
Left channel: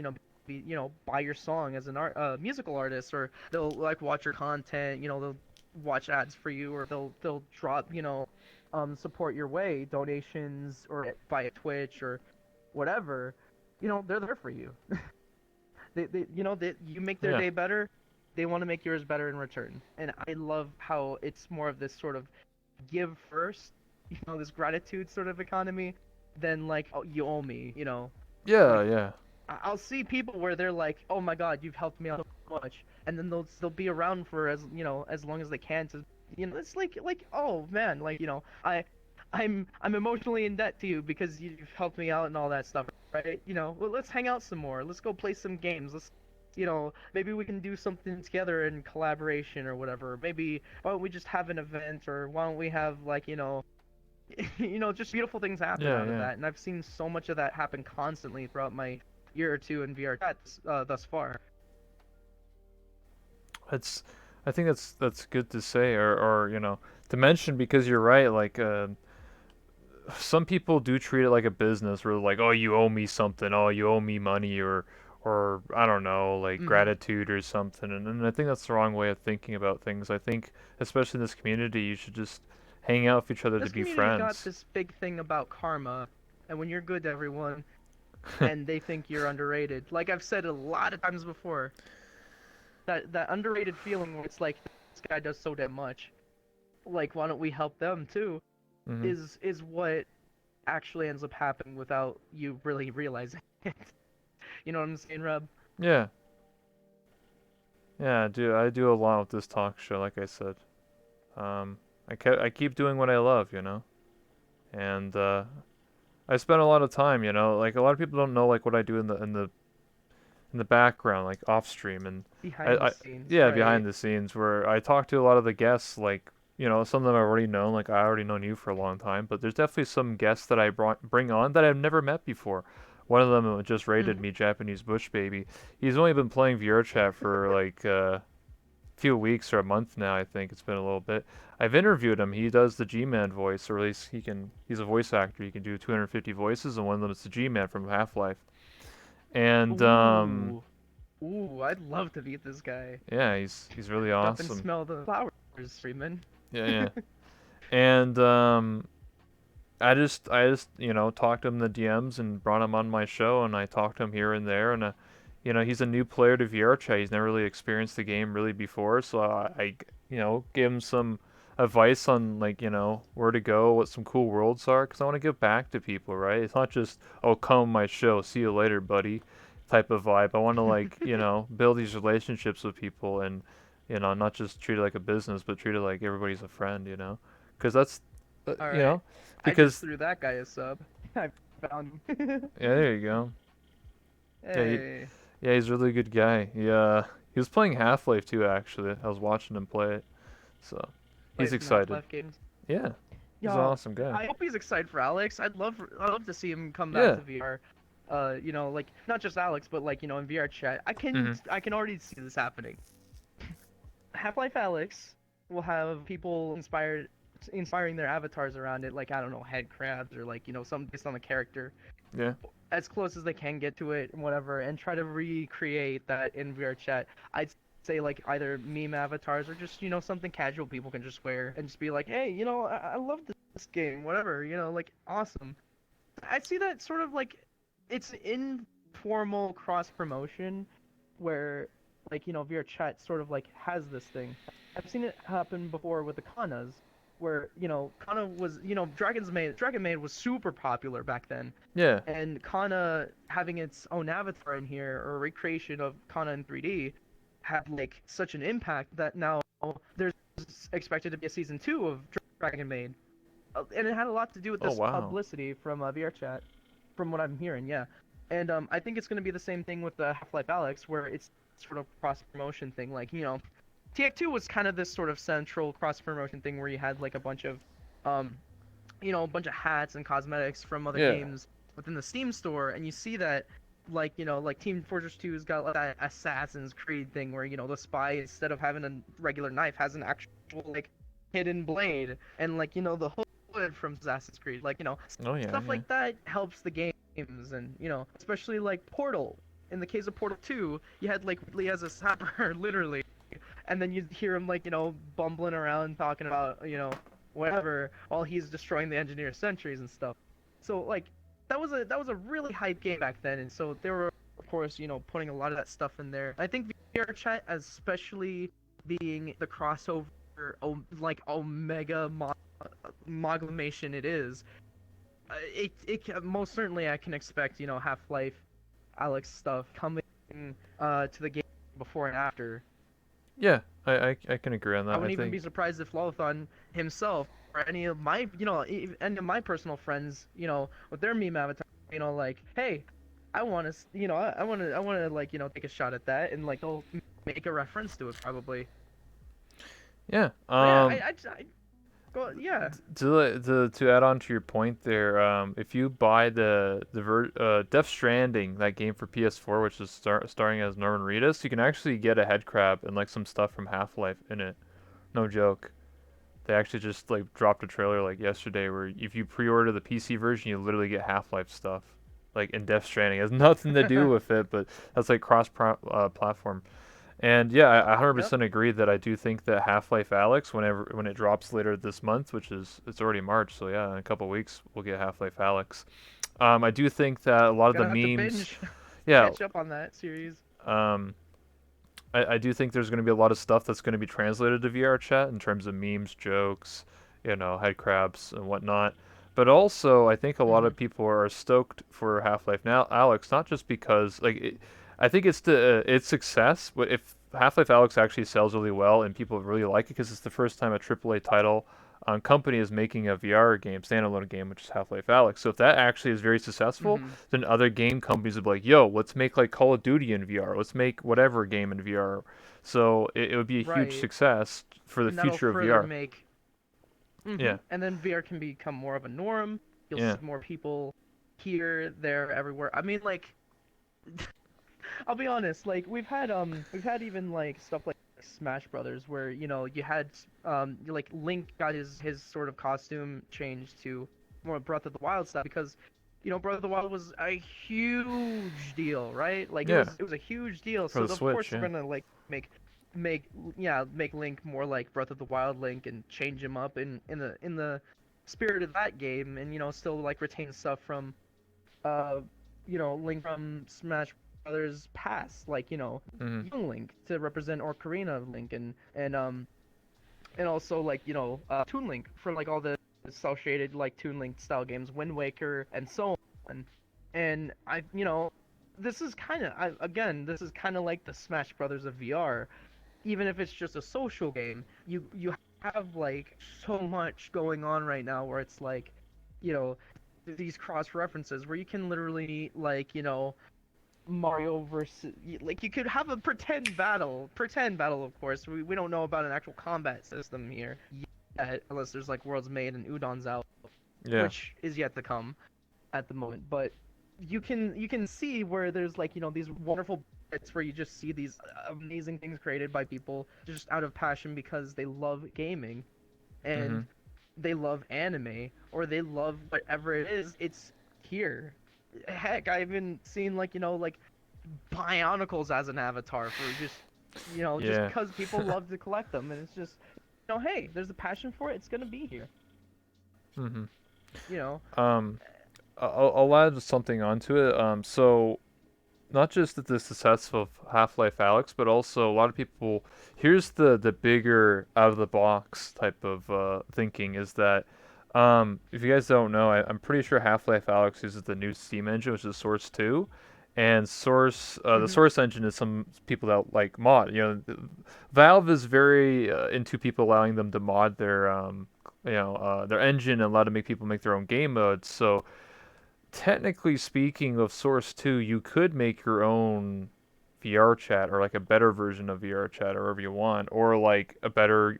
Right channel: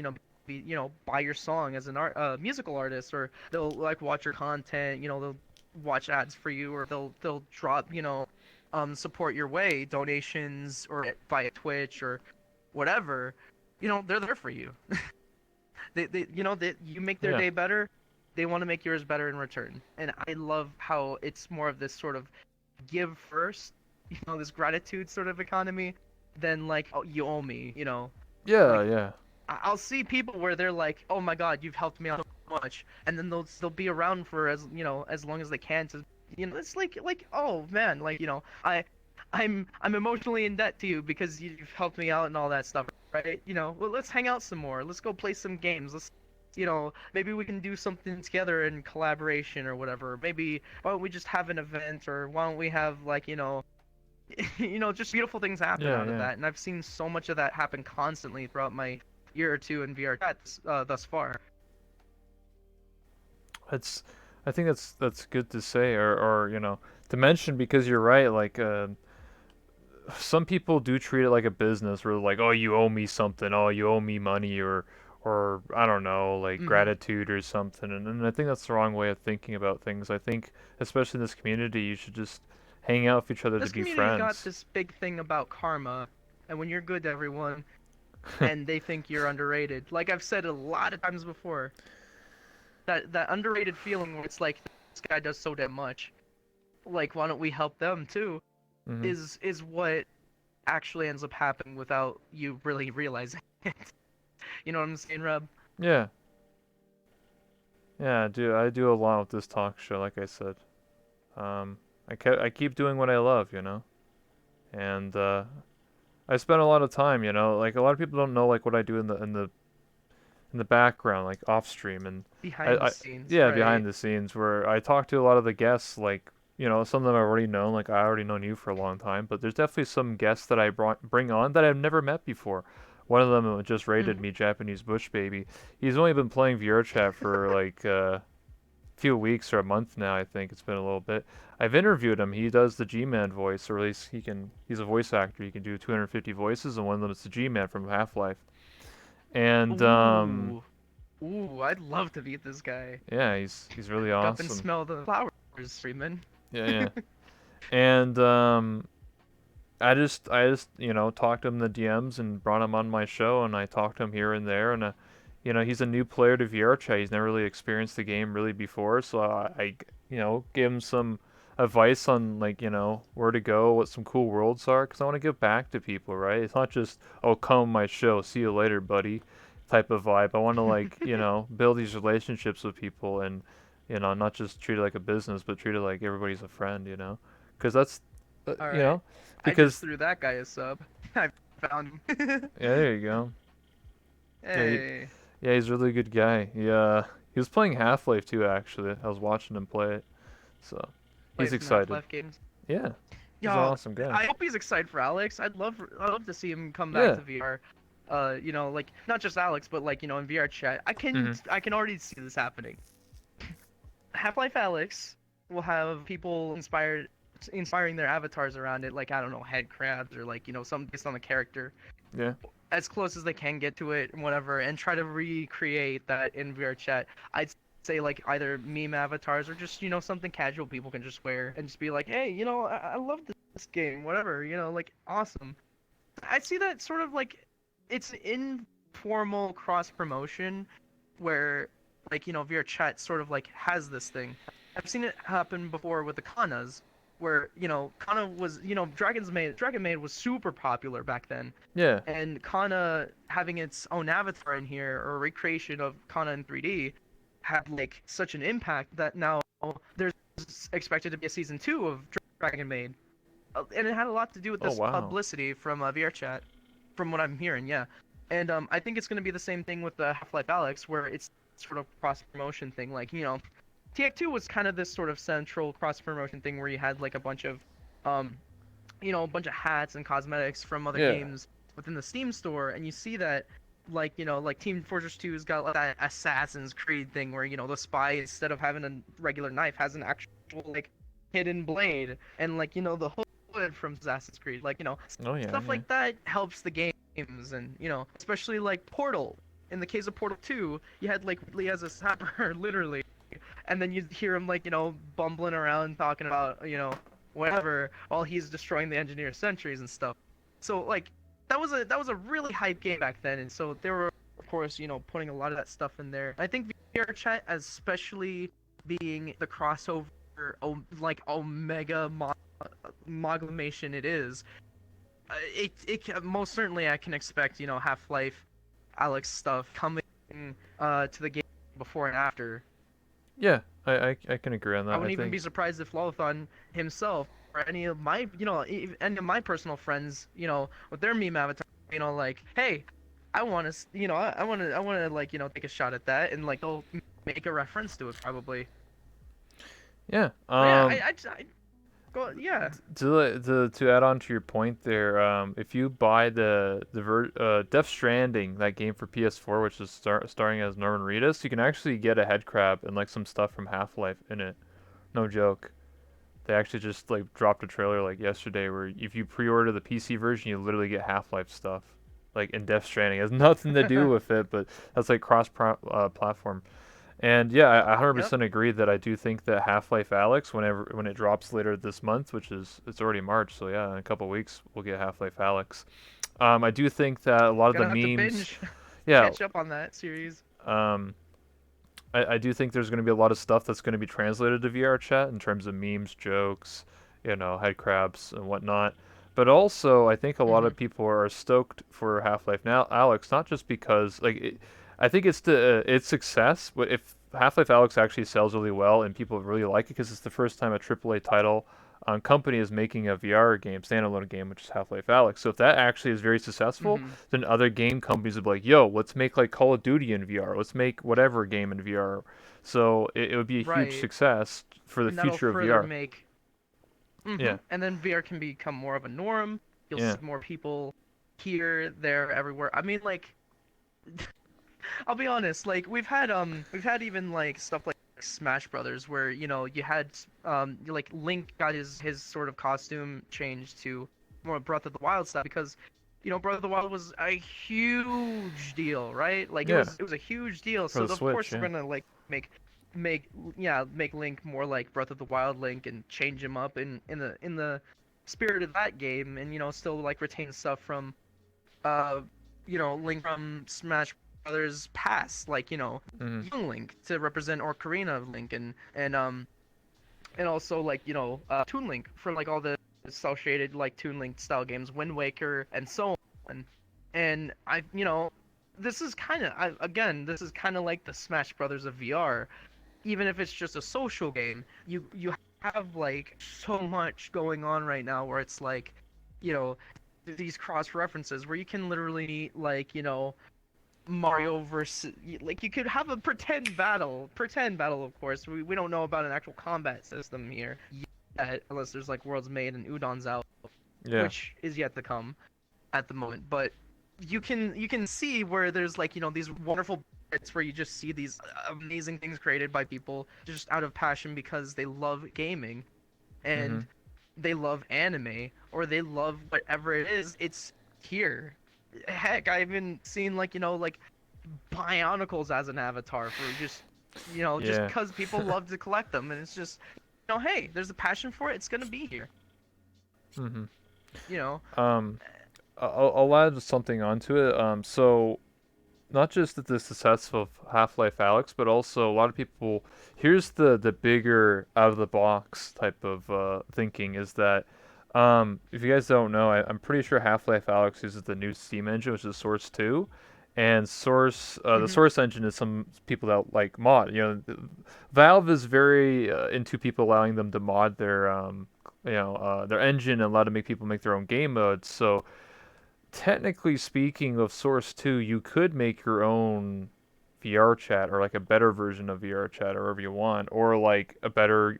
buy your song as an musical artist, or they'll like watch your content, they'll watch ads for you, or they'll drop support your way, donations, or via Twitch or whatever. They're there for you. They you make their Yeah. day better, they want to make yours better in return. And I love how it's more of this sort of give first, this gratitude sort of economy, than like, oh, you owe me, Yeah. like Yeah. I'll see people where they're like, oh my god, you've helped me out so much, and then they'll be around for as long as they can to, it's like, oh man, like, I'm emotionally in debt to you because you've helped me out and all that stuff, right? Well, let's hang out some more, let's go play some games, let's, maybe we can do something together in collaboration or whatever. Maybe why don't we just have an event, or why don't we have like, just beautiful things happen Yeah. out of Yeah. that. And I've seen so much of that happen constantly throughout my year or two in VR chat thus far. It's. I think that's good to say, or to mention, because you're right. Like, some people do treat it like a business, where like, oh, you owe me something, oh, you owe me money, or I don't know, like Mm-hmm. gratitude or something. And I think that's the wrong way of thinking about things. I think, especially in this community, you should just hang out with each other to This be community's got friends. this big thing about karma, and when you're good to everyone, and they think you're underrated. Like I've said a lot of times before, that underrated feeling where it's like this guy does so damn much. Like why don't we help them too? Hmm. Is what actually ends up happening without you really realizing it. You know what I'm saying, Reb? Yeah, yeah, I do a lot with this talk show, like I said. Um, I keep doing what I love, and I spend a lot of time, like a lot of people don't know like what I do in the background, like off stream, and I, Behind the I scenes, yeah, right? behind the scenes, where I talk to a lot of the guests, like some of them I already know, like I already known you for a long time, but there's definitely some guests that I bring on that I've never met before. One of them just rated Mm-hmm. me, Japanese Bush Baby. He's only been playing VRChat for like few weeks or a month now. I think it's been a little bit. I've interviewed him. He does the G-Man voice, or at least he's a voice actor. He can do 250 voices, and one of them is the G-Man from Half-Life. And Ooh, ooh, I'd love to meet this guy. yeah, he's really Up and awesome. smell the flowers, Freeman. Yeah, yeah. And I just talked to him in the DMs and brought him on my show, and I talked to him here and there, and he's a new player to VR chat. He's never really experienced the game really before, so I gave him some advice on like where to go, what some cool worlds are, because I want to give back to people, right? It's not just oh come on my show, see you later, buddy, type of vibe. I want to like build these relationships with people, and not just treat it like a business, but treat it like everybody's a friend, because that's All you right. know I just because threw that guy a sub. I found him. yeah, there you go. Yeah, Hey, yeah, he's a really good guy. He was playing Half-Life too, actually. I was watching him play it, so he's play some excited. Half-Life games. Yeah, he's an Yeah, awesome guy. I hope he's excited for Alex. I'd love to see him come back Yeah. to VR. Like not just Alex, but like in VR chat. Hmm. I can already see this happening. Half-Life Alex will have people inspiring their avatars around it, like I don't know, head crabs or like something based on the character, Yeah. as close as they can get to it and whatever, and try to recreate that in VR chat. I'd say like either meme avatars or just something casual people can just wear and just be like, hey, I love this game, whatever, like awesome. I see that sort of like it's informal cross promotion where like VR chat sort of like has this thing. I've seen it happen before with the Kanas, where Kana was Dragon Maid was super popular back then, Yeah. and Kana having its own avatar in here or a recreation of Kana in 3D had like such an impact that now there's expected to be a season 2 of Dragon Maid, and it had a lot to do with Oh this wow. publicity from VR chat, from what I'm hearing, yeah. And I think it's going to be the same thing with the Half-Life Alex, where it's sort of cross promotion thing. Like TF2 was kind of this sort of central cross promotion thing where you had like um, a bunch of hats and cosmetics from other Yeah. games within the Steam store, and you see that like like Team Fortress 2's got like that Assassin's Creed thing where the spy, instead of having a regular knife, has an actual like hidden blade, and like the hood from Assassin's Creed, like Oh yeah. stuff Yeah. like that helps the games, and especially like Portal. In the case of Portal 2, you had like Ridley as a sapper, literally, and then you hear him like bumbling around talking about whatever while he's destroying the engineer sentries and stuff. So like that was a really hype game back then, and so they were of course putting a lot of that stuff in there. I think VR chat, especially being the crossover like omega amalgamation it is, most certainly I can expect Half-Life Alex stuff coming to the game before and after. Yeah. I can agree on I that. I wouldn't even think. be surprised if Lolathon himself or any of my, any of my personal friends, with their meme avatar, like, hey, I want to, I want to, like, take a shot at that, and like they'll make a reference to it probably. Yeah. But yeah, I go, yeah. To add on to your point there, if you buy the Death Stranding, that game for PS4, which is starring as Norman Reedus, you can actually get a head crab and like some stuff from Half-Life in it. No joke. They actually just like dropped a trailer like yesterday where if you pre-order the PC version, you literally get Half-Life stuff. Like in Death Stranding, it has nothing to do with it, but that's like platform. And yeah, I Yep. 100% agree that I do think that Half-Life Alyx, when it drops later this month, which is it's already March, so yeah, in a couple weeks we'll get Half-Life Alyx. I do think that a lot of the Gonna have to memes, binge yeah, catch up on that series. um, I do think there's going to be a lot of stuff that's going to be translated to VR chat in terms of memes, jokes, head crabs and whatnot. But also, I think a lot Hmm. of people are stoked for Half-Life now, Alex, not just because I think it's the its success. But if Half-Life Alyx actually sells really well and people really like it, because it's the first time a AAA title company is making a VR game, standalone game, which is Half-Life Alyx. So if that actually is very successful, Hmm. then other game companies would be like, "Yo, let's make like Call of Duty in VR. Let's make whatever game in VR." So it would be a huge Right. success for the And that'll future of further VR. make. Yeah, And then VR can become more of a norm. You'll yeah, see more people here, there, everywhere. I mean, like, I'll be honest. Like, we've had even like stuff like Smash Brothers, where you had like Link got his sort of costume changed to more Breath of the Wild stuff because Breath of the Wild was a huge deal, right? Like, it yeah. was it was a huge deal. For So the of course Switch, they're yeah, gonna like make make make Link more like Breath of the Wild Link and change him up in the spirit of that game, and still like retain stuff from uh Link from Smash Brothers past, like Hmm. young Link to represent Ocarina of Link, and also like Toon Link for like all the cel shaded like Toon Link style games, Wind Waker and so on. And this is kind of again, this is kind of like the Smash Brothers of VR. Even if it's just a social game, you have like so much going on right now where it's like, you know, these cross references where you can literally like, Mario versus, like, you could have a pretend battle, of course. We don't know about an actual combat system here yet, unless there's like Worlds Made and Udon's out, Yeah. which is yet to come at the moment. But you can see where there's like these wonderful bits where you just see these amazing things created by people just out of passion because they love gaming Hmm. and they love anime or they love whatever it is. It's here. Heck, I even seen like like Bionicles as an avatar for just Yeah. because people love to collect them, and it's just hey, there's a passion for it. It's gonna be here. Hmm. You know. Um, I'll add something onto it. So not just the success of Half-Life Alyx, but also a lot of people. Here's the bigger out of the box type of thinking is that if you guys don't know, I'm pretty sure Half-Life Alyx uses the new Steam engine, which is Source 2, and the Hmm. Source engine is some people that like mod. Valve is very into people allowing them to mod their engine and allow to make people make their own game modes. So technically speaking of Source 2, you could make your own VR chat or like a better version of VR chat or whatever you want, or like better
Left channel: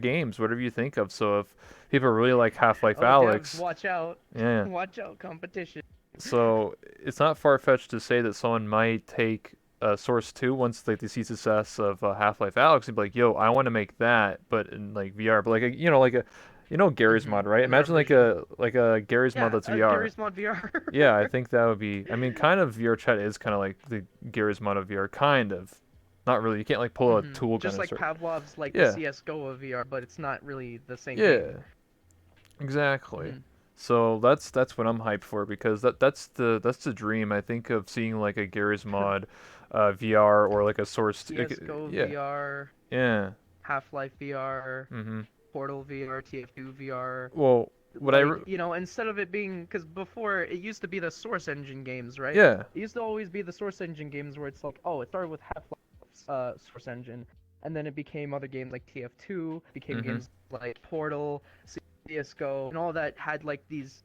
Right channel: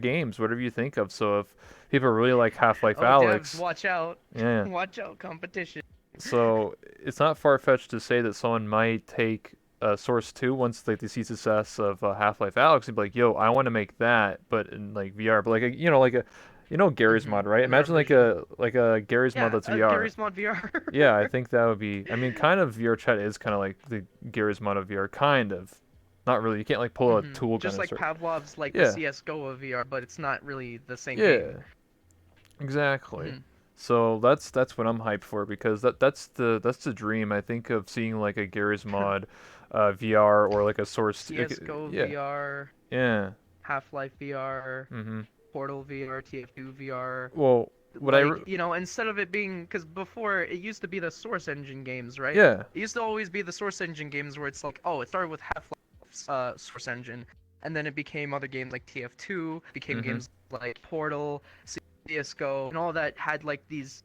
games, whatever you think of. So if people really like Half-Life Oh, devs, Alyx, watch out! yeah. Watch out, competition. So it's not far-fetched to say that someone might take Source 2 once like they see success of Half-Life Alyx and be like, "Yo, I want to make that, but in like VR." But like Gary's Hmm. mod, right? Another Imagine like vision. a Gary's mod Yeah, that's VR. Garry's Mod VR. Yeah, I think that would be. I mean, kind of VR chat is kind of like the Gears mod of VR, kind of. Not really. You can't like pull a tool gun Just and like start. Pavlov's like the Yeah, CS:GO of VR, but it's not really the same thing. yeah, exactly. Hmm. So that's what I'm hyped for because that's the dream. I think of seeing like a Gears mod, VR or like a source. CS:GO Yeah, VR, yeah. Half-Life VR, Mhm. Portal VR, TF2 VR. Well, what I Like, instead of it being, because before it used to be the Source Engine games, right? yeah. It used to always be the Source Engine games where it's like, oh, it started with Half-Life's Source Engine, and then it became other games like TF2, became Mhm. games like Portal, CS:GO, and all that had like these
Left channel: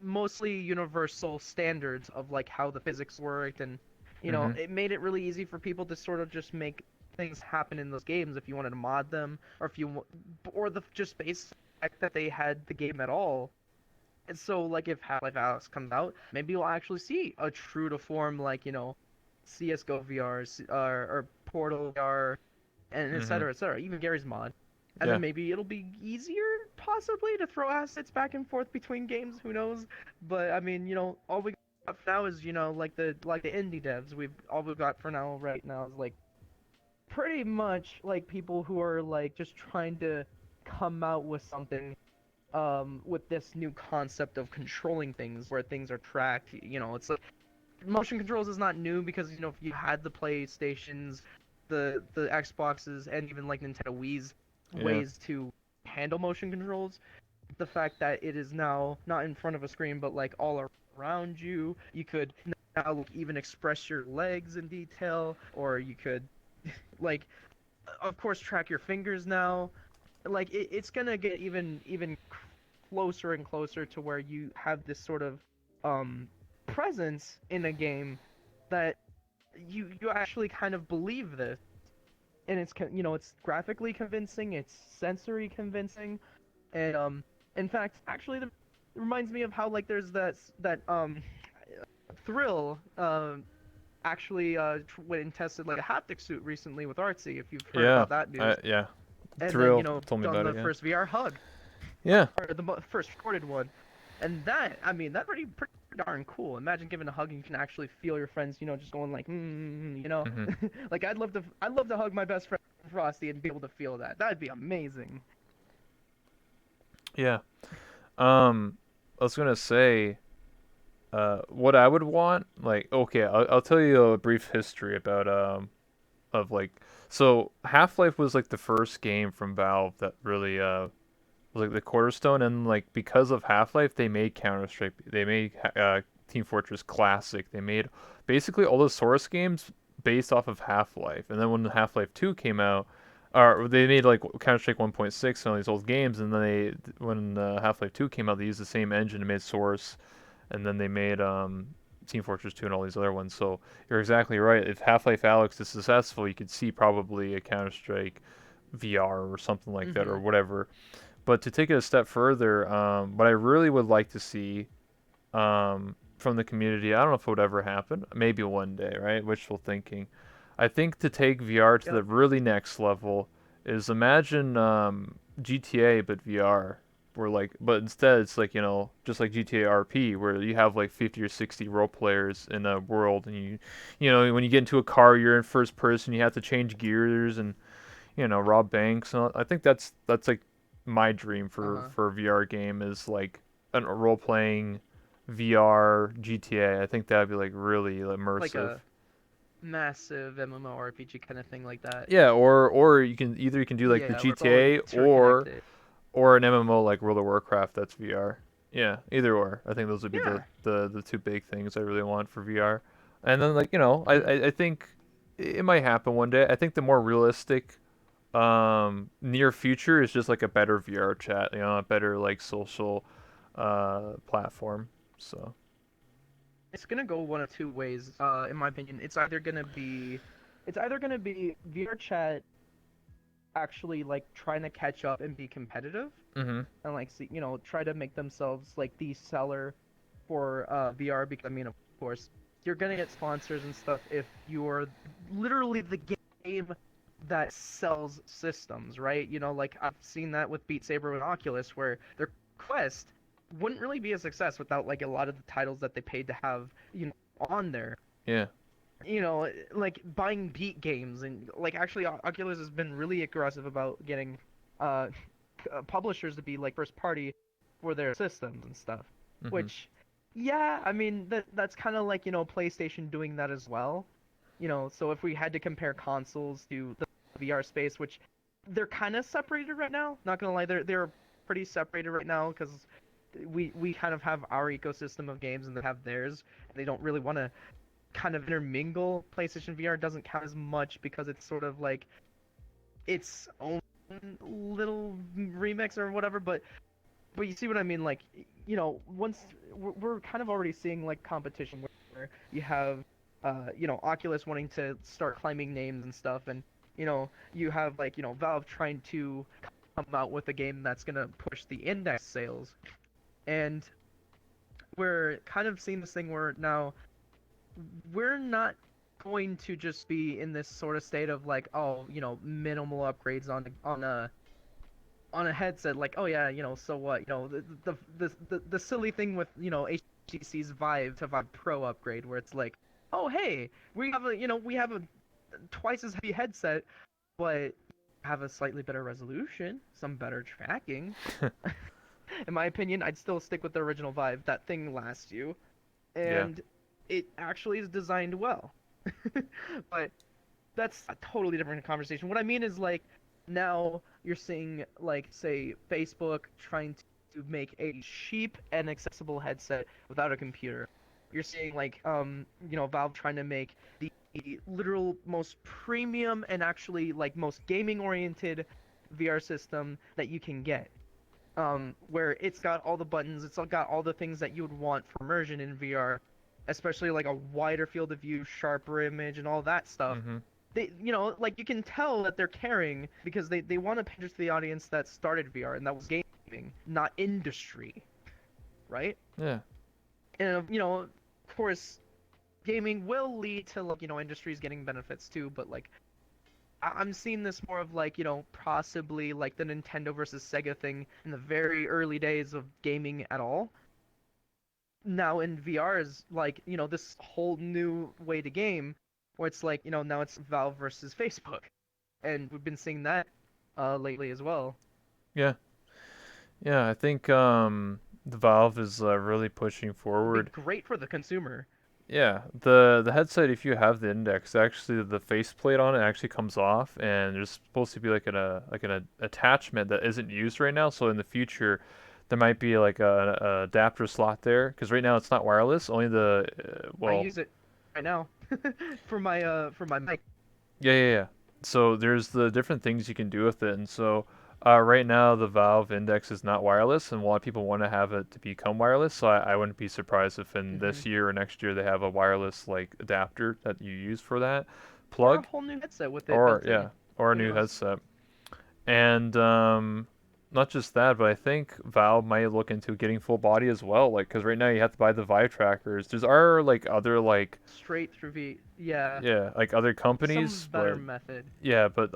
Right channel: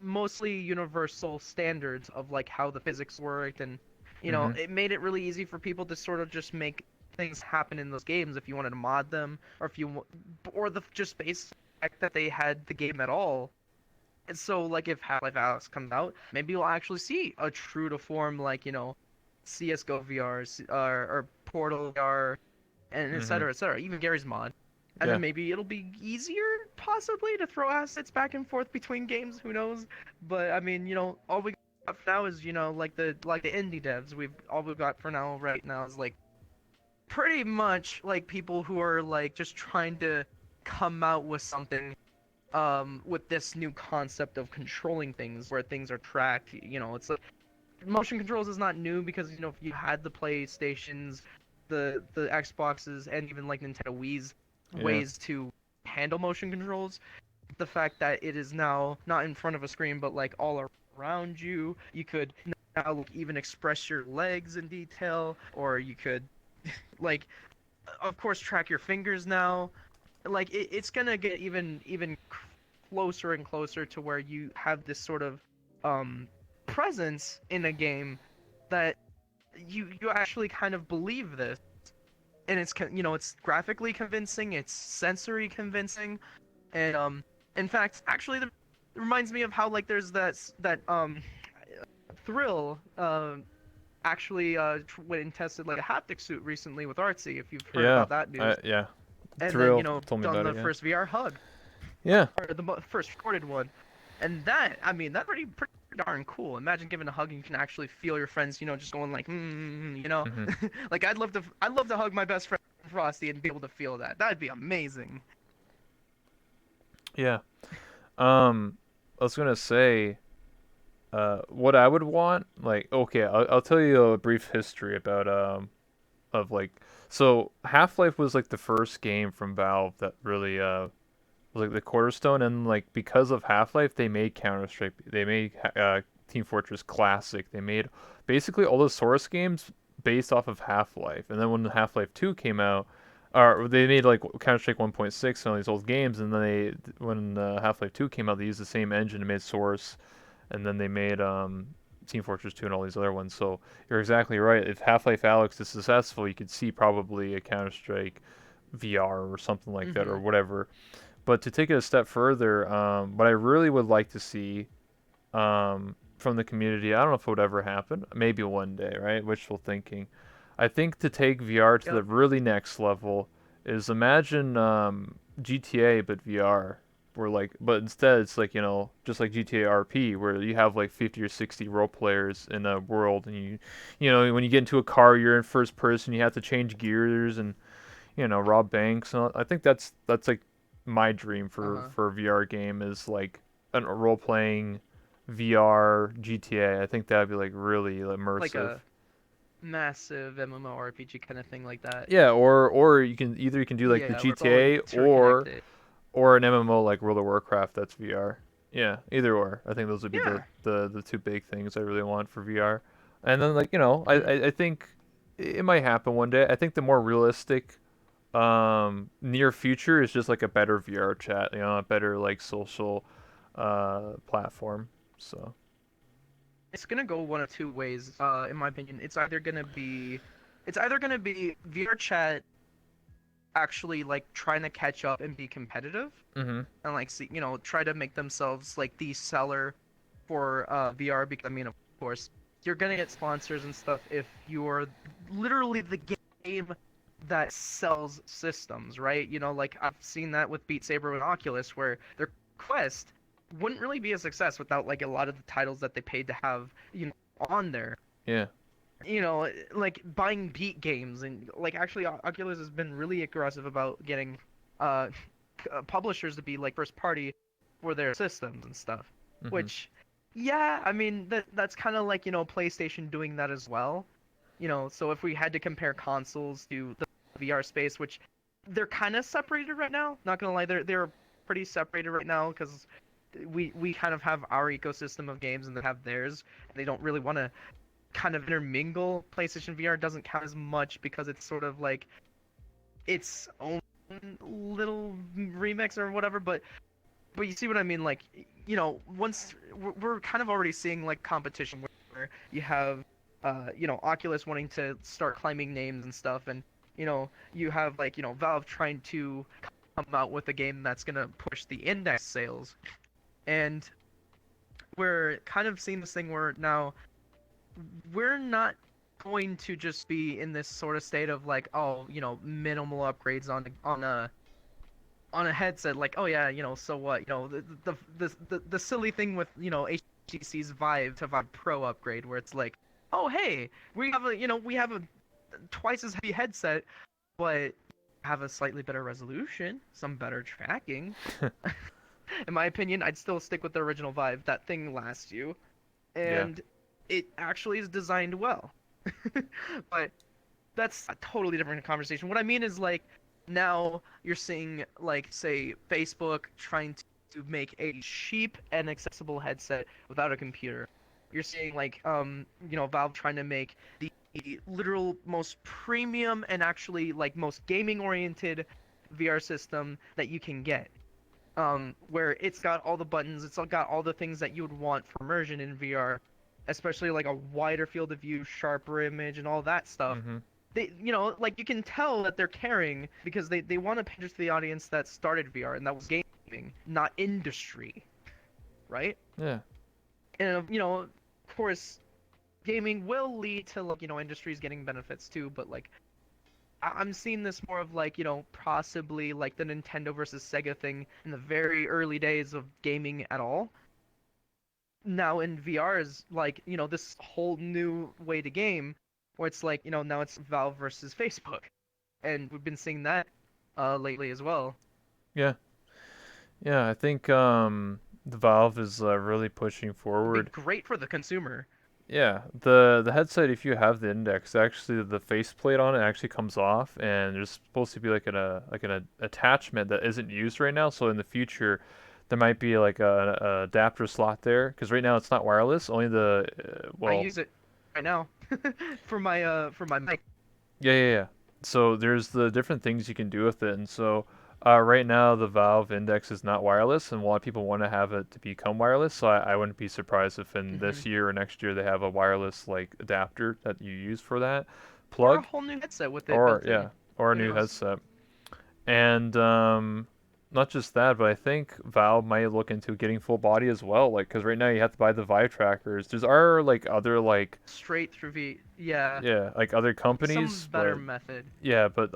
mostly universal standards of like how the physics worked, and Mhm. it made it really easy for people to sort of just make things happen in those games if you wanted to mod them, or if or the just base fact that they had the game at all. And so, like, if Half-Life Alyx comes out, maybe you'll actually see a true to form, like, CS:GO VR, or Portal VR, and et Mhm. cetera, et cetera. Even Gary's mod. And Yeah. then maybe it'll be easier, possibly, to throw assets back and forth between games. Who knows? But I mean, all we got for now is, like the indie devs. All we've got for now, right now, is like pretty much like people who are like just trying to come out with something with this new concept of controlling things where things are tracked. It's like motion controls is not new because if you had the PlayStations, the Xboxes, and even like Nintendo Wii's Yeah. ways to handle motion controls, the fact that it is now not in front of a screen but like all around you, you could now even express your legs in detail, or you could like of course track your fingers now. Like it's gonna get even closer and closer to where you have this sort of um presence in a game that you actually kind of believe this, and it's graphically convincing, it's sensory convincing, and in fact actually it reminds me of how like there's that thrill actually went and tested like a haptic suit recently with Artsy, if you've heard Yeah. about that news. Yeah. And then Thrill told me done about the it. Yeah. first VR hug, Yeah. or the first recorded one, and that, I mean, that pretty darn cool. Imagine giving a hug and you can actually feel your friends, just going like, Hmm. like I'd love to hug my best friend Frosty and be able to feel that. That'd be amazing. Yeah. I was gonna say, what I would want, like, okay, I'll tell you a brief history about of like, so Half Life was like the first game from Valve that really was like the cornerstone, and like because of Half Life, they made Counter Strike, they made Team Fortress Classic, they made basically all the Source games based off of Half Life, and then when Half Life 2 came out, or they made like Counter Strike 1.6 and all these old games, and then when Half Life 2 came out, they used the same engine and made Source, and then they made Team Fortress 2 and all these other ones. So you're exactly right. If Half Life Alyx is successful, you could see probably a Counter Strike VR or something like that, or Mm-hmm. whatever. But to take it a step further, what I really would like to see from the community, I don't know if it would ever happen. Maybe one day, right? Wishful thinking. I think to take VR to Yep. the really next level is imagine GTA but VR. Where like, but instead it's like just like GTA RP, where you have like 50 or 60 role players in a world, and when you get into a car, you're in first person, you have to change gears and rob banks. And I think that's like my dream for Uh-huh. for a VR game is like a role playing VR GTA. I think that'd be like really Like immersive. a massive MMORPG kind of thing like that. Yeah, or you can do like the Yeah, where it's all GTA interconnected. or an MMO like World of Warcraft that's VR. Yeah, either or. I think those would be the Yeah. the, the two big things I really want for VR. And then like Hmm. I think it might happen one day. I think the more realistic near future is just like a better VR chat, a better like social platform. So, It's gonna go one of two ways, in my opinion. It's either gonna be VR chat actually like trying to catch up and be competitive, mhm. and like see, try to make themselves like the seller for VR. Because I mean, of course, you're gonna get sponsors and stuff if you're literally the game that sells systems, right? Like I've seen that with Beat Saber and Oculus, where their Quest wouldn't really be a success without like a lot of the titles that they paid to have, on there. Yeah. Like buying Beat games, and like actually Oculus has been really aggressive about getting uh publishers to be like first party for their systems and stuff. Mhm. Which, yeah, I mean that's kind of like PlayStation doing that as well. So if we had to compare consoles to the VR space, which they're kind of separated right now. Not gonna lie, they're pretty separated right now because we kind of have our ecosystem of games and they have theirs. They don't really want to kind of intermingle. PlayStation VR doesn't count as much because it's sort of like its own little remix or whatever. But you see what I mean? Like, once we're kind of already seeing like competition where you have, Oculus wanting to start claiming names and stuff, and you have like Valve trying to come out with a game that's gonna push the index sales, and we're kind of seeing this thing where now we're not going to just be in this sort of state of like, oh, minimal upgrades on a headset, like, oh yeah, so what, the silly thing with HTC's Vive to Vive Pro upgrade, where it's like, oh hey, we have a twice as heavy headset, but have a slightly better resolution, some better tracking. In my opinion, I'd still stick with the original Vive. That thing lasts you, Yeah. and it actually is designed well. But that's a totally different conversation. What I mean is like now you're seeing like say Facebook trying to make a cheap and accessible headset without a computer. You're seeing like Valve trying to make the literal most premium and actually like most gaming oriented VR system that you can get. Where it's got all the buttons, it's all got all the things that you would want for immersion in VR, especially like a wider field of view, sharper image, and all that stuff. Mhm. Like you can tell that they're caring because they want to pander to the audience that started VR and that was gaming, not industry, right? Yeah. And of course, gaming will lead to like industries getting benefits too, but like I'm seeing this more of like possibly like the Nintendo versus Sega thing in the very early days of gaming at all. now in VR is like, this whole new way to game where it's like, now it's Valve versus Facebook. And we've been seeing that lately as well. Yeah, yeah. I think the Valve is really pushing It'd be forward. great for the consumer. Yeah, the headset, if you have the Index, actually the faceplate on it actually comes off, and there's supposed to be like an attachment that isn't used right now. So in the future, there might be like a adapter slot there, because right now it's not wireless. Only the I well, use it right now for my mic. yeah. So there's the different things you can do with it, and so right now the Valve Index is not wireless, and a lot of people want to have it to become wireless. So I wouldn't be surprised if in Hmm. this year or next year they have a wireless like adapter that you use for that Or a plug, whole new headset with it or built in. yeah, or a Who new knows? headset. And not just that, but I think Valve might look into getting full body as well. Like, because right now you have to buy the Vive trackers. There's are like other like Straight through V. Yeah, yeah like other some companies, better but method. yeah, but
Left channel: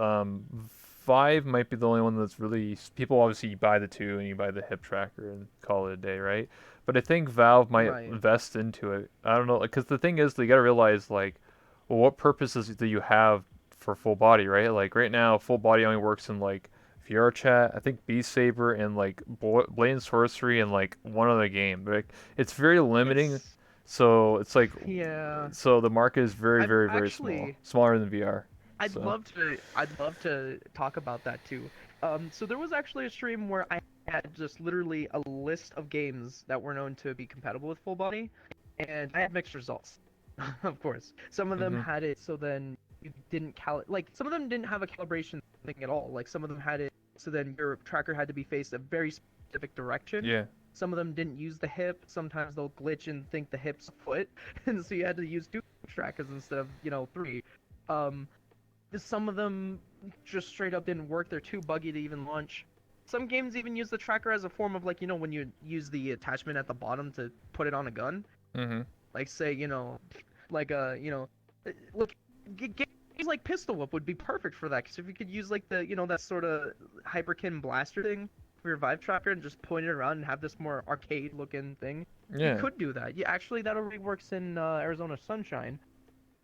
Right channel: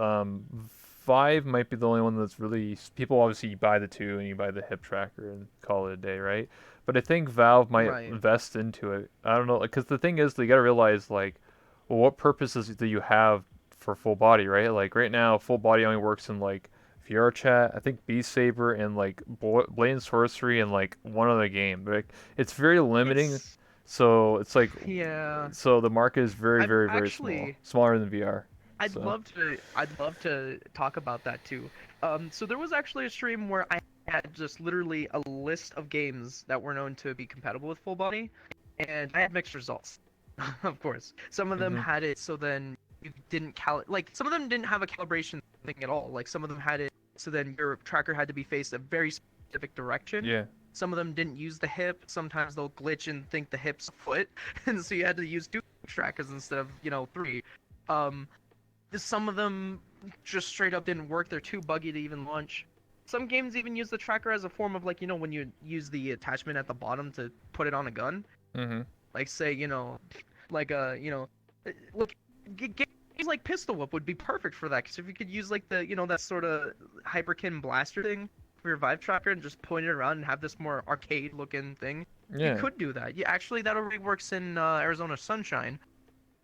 Vive might be the only one that's really people obviously you buy the two and you buy the hip tracker and call it a day, right? But I think Valve might Right. invest into it. I don't know, because the thing is, you got to realize like, well, what purposes do you have for full body, right? Like right now, full body only works in like VR chat, I think Beast Saber and like Blade and Sorcery and like one other game. Like it's very limiting. It's So it's like, yeah. so the market is very, I'd very, very small, actually smaller than VR. I'd So. love to I'd love to talk about that too. So there was actually a stream where I had just literally a list of games that were known to be compatible with full body, and I had mixed results. Of course, some of them Mhm. had it so then you didn't like some of them didn't have a calibration thing at all. Like some of them had it so then your tracker had to be faced a very specific direction. Yeah. Some of them didn't use the hip. Sometimes they'll glitch and think the hip's a foot, and so you had to use two trackers instead of three. Um, some of them just straight up didn't work. They're too buggy to even launch. Some games even use the tracker as a form of like, when you use the attachment at the bottom to put it on a gun. Mhm. Like say, like look, games like Pistol Whip would be perfect for that. Because if you could use like the, that sort of hyperkin blaster thing for your Vive tracker and just point it around and have this more arcade looking thing, you Yeah. could do that. Yeah, actually, that already works in Arizona Sunshine.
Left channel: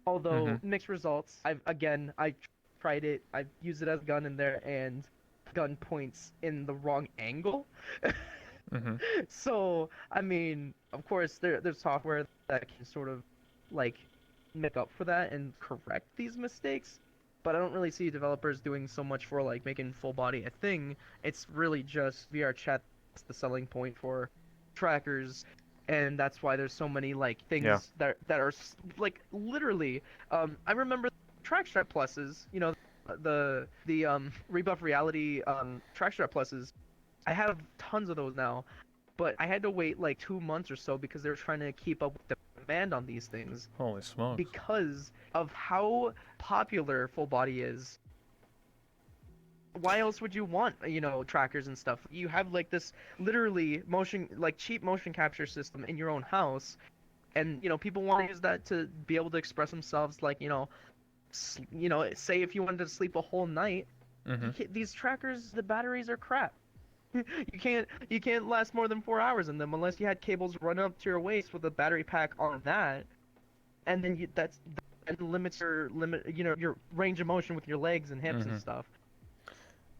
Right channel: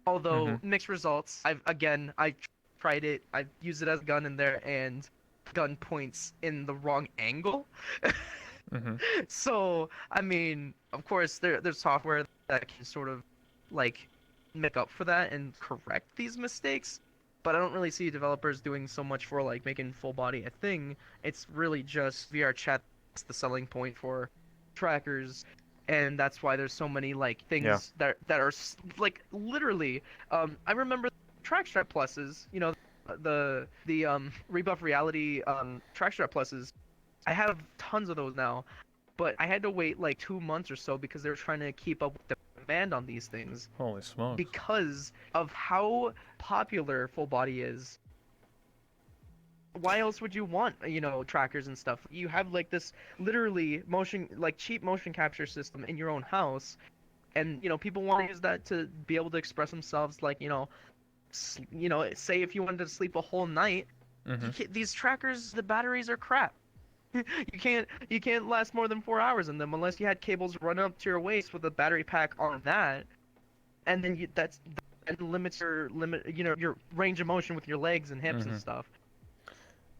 Although Mhm. mixed results. I tried it. I've used it as a gun in there, and gun points in the wrong angle. Mhm. So I mean, of course, there's software that can sort of like make up for that and correct these mistakes. But I don't really see developers doing so much for like making full body a thing. It's really just VR chat. That's the selling point for trackers, and that's why there's so many like Yeah. things that are like literally. I remember track strap pluses. The rebuff reality track strap pluses. I have tons of those now, but I had to wait like 2 months or so because they were trying to keep up with the demand on these things Holy smokes. because of how popular full body is. Why else would you want, trackers and stuff? You have like this literally motion, like cheap motion capture system in your own house, and people want to use that to be able to express themselves. Like say if you wanted to sleep a whole night, Mhm. these trackers, the batteries are crap. You can't last more than 4 hours in them unless you had cables run up to your waist with a battery pack on that, and then and limits your range of motion with your legs and hips and Mhm. stuff.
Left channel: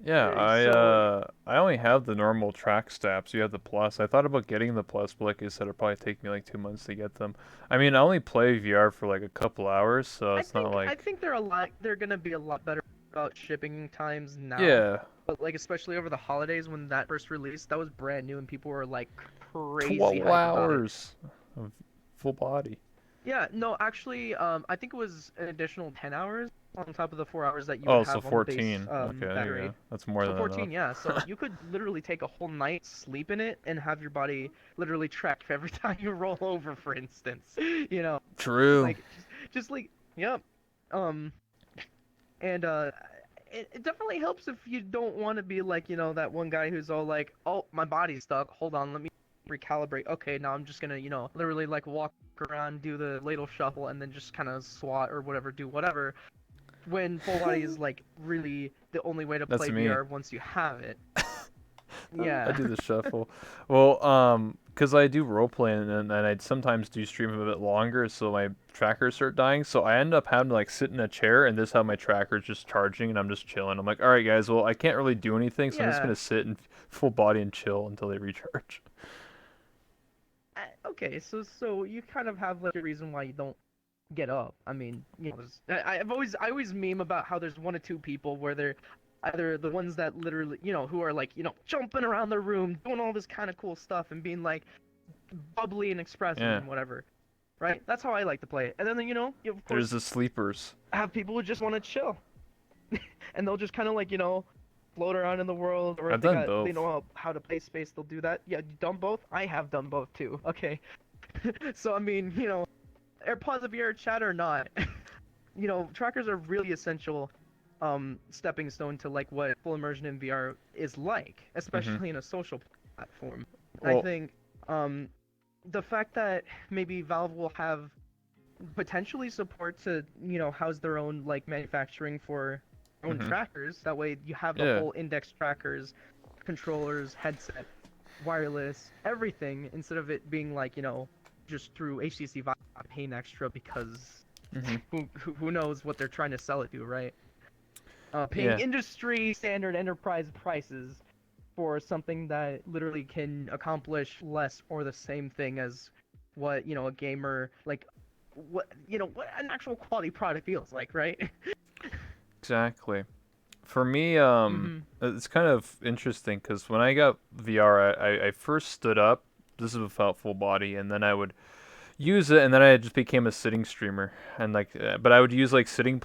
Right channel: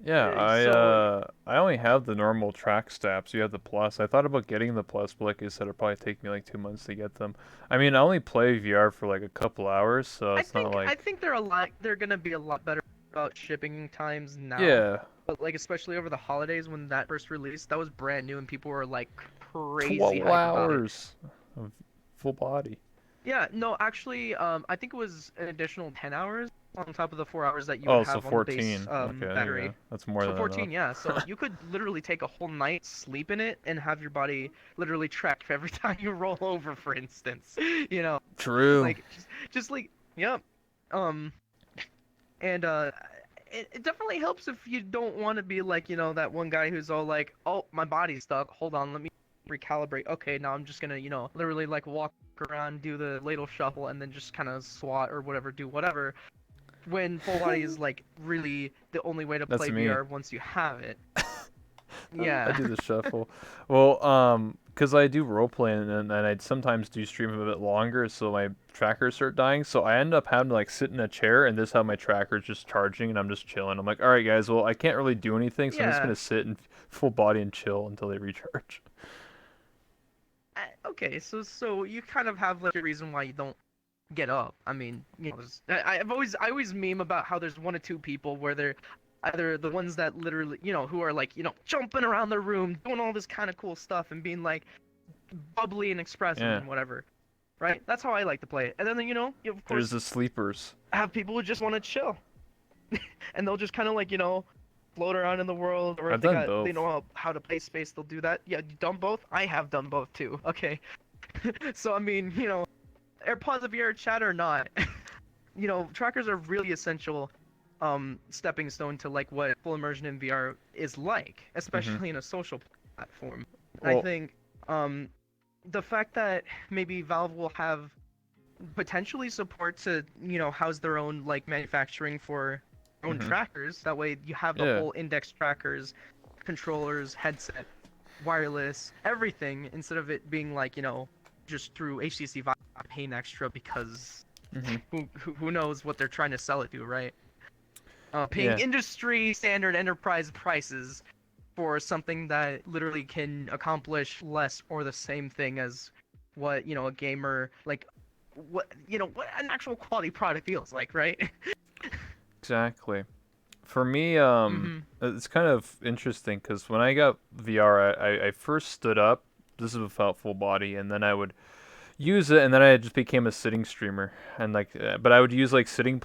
Yeah, So I only have the normal track straps. You have the plus. I thought about getting the plus, but like I said, it'll probably take me like 2 months to get them. I mean, I only play VR for like a couple hours, so I it's not think I like think they're gonna be a lot better about shipping times now. yeah, But like especially over the holidays when that first released, that was brand new and people were like crazy 12 hype about it. hours of full body. Yeah, no, actually, I think it was an additional 10 hours on top of the 4 hours that you would Oh, so have on the base 14. Okay, there you battery. go. That's more So than 14, enough. yeah. So you could literally take a whole night, sleep in it, and have your body literally track every time you roll over, for instance. You know, True. like just like, yep. Um, and it definitely helps if you don't want to be like, that one guy who's all like, "Oh, my body's stuck. Hold on, let me recalibrate. Okay, now I'm just gonna, literally like walk around, do the ladle shuffle, and then just kind of swat or whatever, do whatever." When full body is like really the only way to That's play me. VR once you have it. I Yeah. do the shuffle. Well, because I do role playing and I sometimes do stream a bit longer, so my trackers start dying. So I end up having to like sit in a chair and this have my trackers just charging and I'm just chilling. I'm like, all right, guys, well I can't really do anything, so I'm just Yeah. gonna sit and full body and chill until they recharge. Okay, so you kind of have like a reason why you don't get up. I mean, I always meme about how there's one or two people where they're either the ones that literally, who are like, jumping around their room, doing all this kind of cool stuff and being like bubbly and expressive Yeah, and whatever. Right? That's how I like to play it. And then, you of there's course the sleepers. have people who just want to chill. And they'll just kind of like, float around in the world, or if I've done they both. know how to play space, they'll do that. Yeah, you done both? I have done both too. Okay. So I mean, AirPods of your chat or not, trackers are really essential stepping stone to like what full immersion in VR is like, Hmm. especially in a social platform. And I Well, think the fact that maybe Valve will have potentially support to, house their own like manufacturing for their own hmm, trackers. That way you have the yeah, whole index trackers, controllers, headset, wireless, everything, instead of it being like, just through HTC Vive paying extra because hmm, who knows what they're trying to sell it to, right? Paying yeah, industry standard enterprise prices for something that literally can accomplish less or the same thing as what, a gamer like what an actual quality product feels like, right? exactly. For me, Mm-hmm. it's kind of interesting because when I got VR, I first stood up. This is without full body, and then I would use it, and then I just became a sitting streamer. And like, but I would use like seated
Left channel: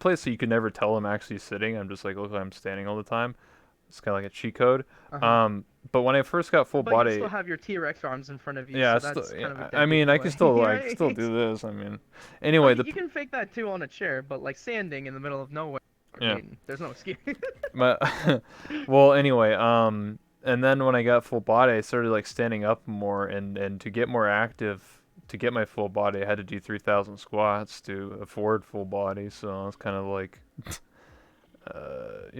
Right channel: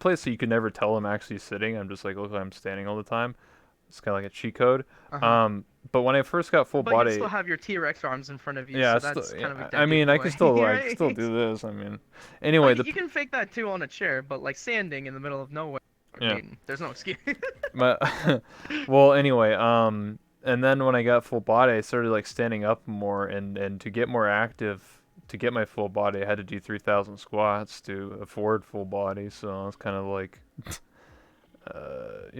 place, so you could never tell I'm actually sitting. I'm just like, look, I'm standing all the time. It's kind of like a cheat code. Uh-huh. But when I first got full But you body, still have your T-Rex arms in front of you, yeah, so still, that's yeah, kind of a I dead mean, I could giveaway, still like still right? do this. I mean, I anyway, mean, you can fake that too on a chair, but like standing in the middle of nowhere, I yeah. mean, there's no excuse. But well, anyway, and then when I got full body, I started like standing up more, and to get more active, to get my full body, I had to do 3,000 squats to afford full body. So I was kind of like, a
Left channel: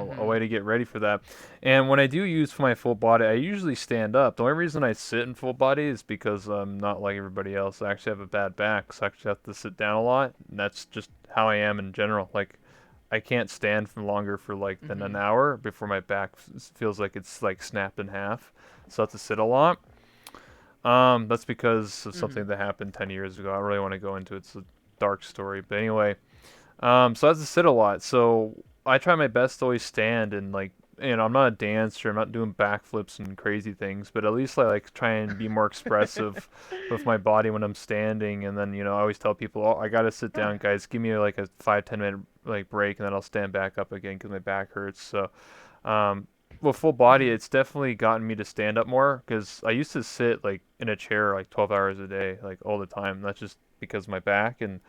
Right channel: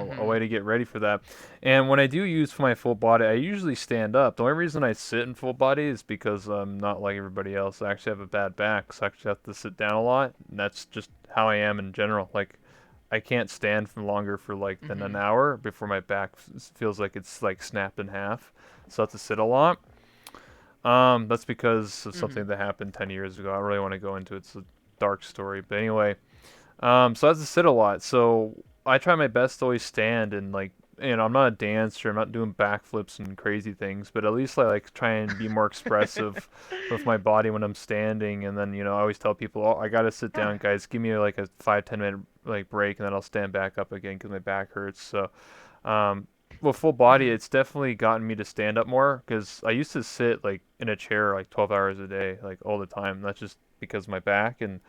Mm-hmm. way to get ready for that. And when I do use my full body, I usually stand up. The only reason I sit in full body is because I'm not like everybody else. I actually have a bad back, so I actually have to sit down a lot. And that's just how I am in general. Like, I can't stand for longer for like than an Mm-hmm. hour before my back feels like it's like snapped in half. So I have to sit a lot. That's because of Mm-hmm. something that happened 10 years ago. I don't really want to go into it. It's a dark story. But anyway, so I have to sit a lot. So I try my best to always stand and like, I'm not a dancer. I'm not doing backflips and crazy things, but at least I like try and be more expressive with my body when I'm standing. And then I always tell people, oh, I gotta sit Yeah. down, guys. Give me like a 5-10 minute like break, and then I'll stand back up again because my back hurts. So, um, with full body, Mm-hmm. it's definitely gotten me to stand up more because I used to sit like in a chair like 12 hours a day, like all the time. That's just because of my back. And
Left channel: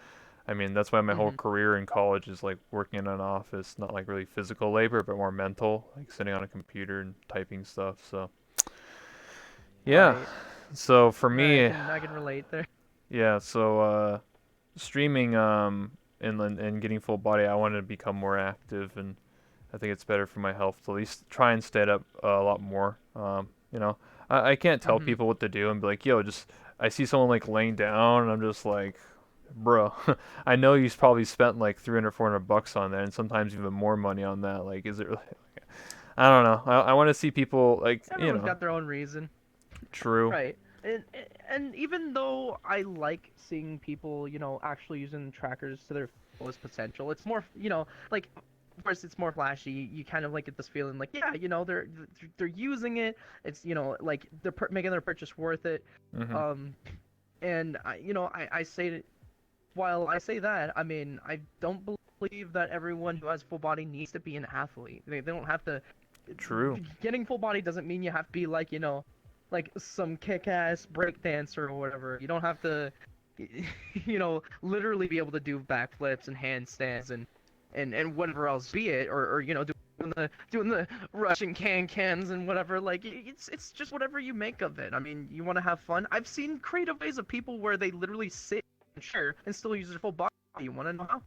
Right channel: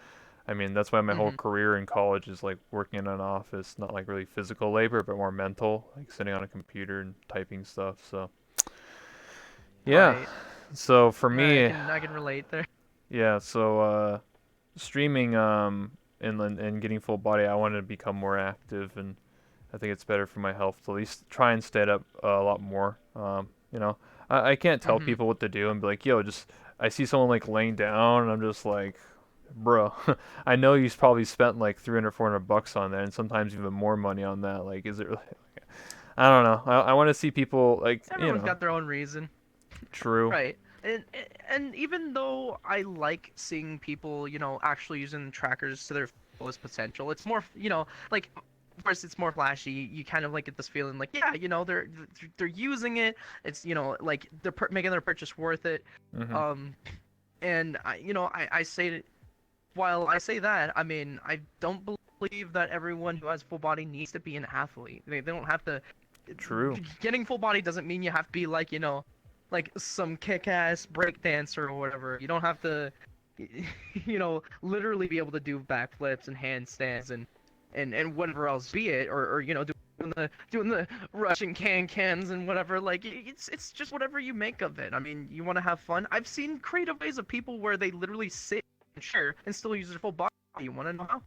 I mean, that's why my whole Mm-hmm. career in college is like working in an office, not like really physical labor, but more mental, like sitting on a computer and typing stuff. So, yeah. Right. So for Right. I me, can I can relate there. yeah. So streaming and getting full body, I want to become more active, and I think it's better for my health to at least try and stand up a lot more. I can't tell Mm-hmm. people what to do and be like, yo, just I see someone like laying down, and I'm just like, bro, I know you probably spent like 300, $400 on that, and sometimes even more money on that. Like, is it really? I don't know. I want to see people like, Everyone's got their own reason. true. Right. And even though I like seeing people, actually using trackers to their fullest potential, it's more, like of course it's more flashy. You kind of like get this feeling like, yeah, they're using it. It's, like they're making their purchase worth it. Mhm. Um, and I say that while I say that, I mean, I don't believe that everyone who has full body needs to be an athlete. They don't have to. True. Getting full body doesn't mean you have to be like, like some kick-ass breakdancer or whatever. You don't have to, literally be able to do backflips and handstands and whatever else be it, or doing the Russian cans and whatever. Like it's just whatever you make of it. I mean, you want to have fun. I've seen creative ways of people where they literally sit in a chair and still use their full body. You want to know how?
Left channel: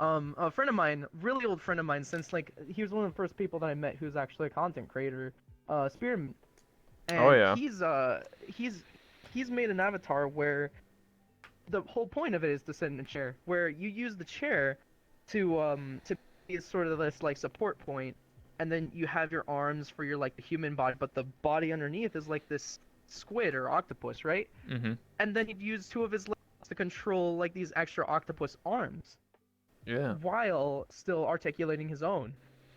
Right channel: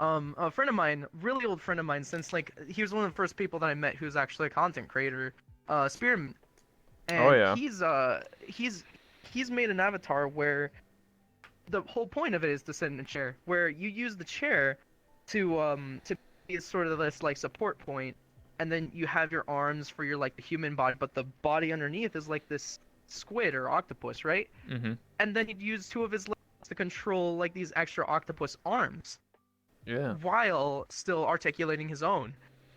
A friend of mine, really old friend of mine, since like he was one of the first people that I met who's actually a content creator. Spearman. Oh and yeah. he's made an avatar where the whole point of it is to sit in a chair, where you use the chair to be sort of this like support point, and then you have your arms for your like the human body, but the body underneath is like this squid or octopus, right? Mhm. And then he'd use two of his legs to control like these extra octopus arms Yeah. while still articulating his own.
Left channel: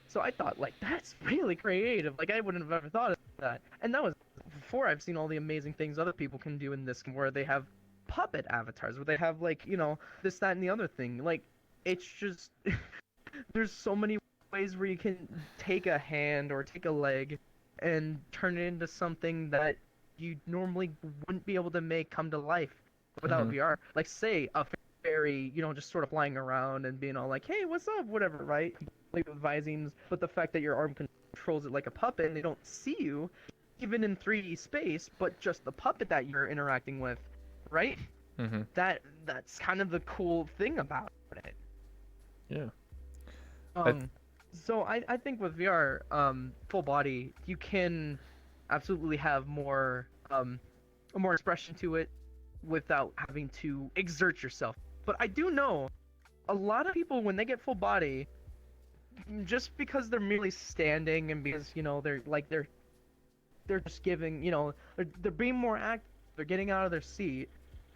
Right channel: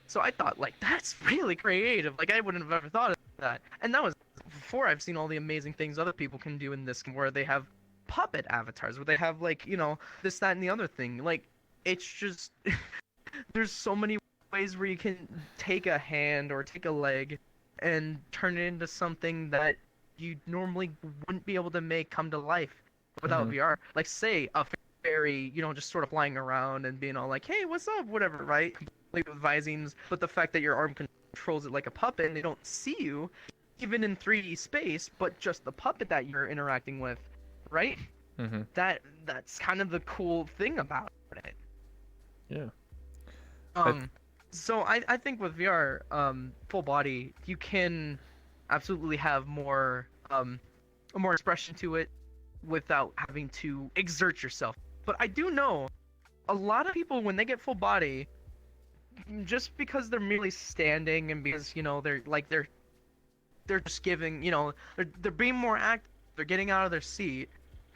So I thought like that's really creative. Like I wouldn't have ever thought of that. And that was before I've seen all the amazing things other people can do in this where they have puppet avatars where they have like, this, that, and the other thing. Like it's just there's so many ways where you can take a hand or take a leg and turn it into something that you normally wouldn't be able to make come to life without Mhm. VR. Like say a fairy, just sort of flying around and being all like, "Hey, what's up?" Whatever, right? Complete with visings, but the fact that your arm controls it like a puppet and they don't see you, even in 3D space, but just the puppet that you're interacting with, right? Mhm. That's kind of the cool thing about it. Yeah. I Um, so I think with VR, full body, you can absolutely have more expression to it without having to exert yourself. But I do know a lot of people when they get full body, just because they're merely standing and because they're just giving, they're being more active, they're getting out of their seat,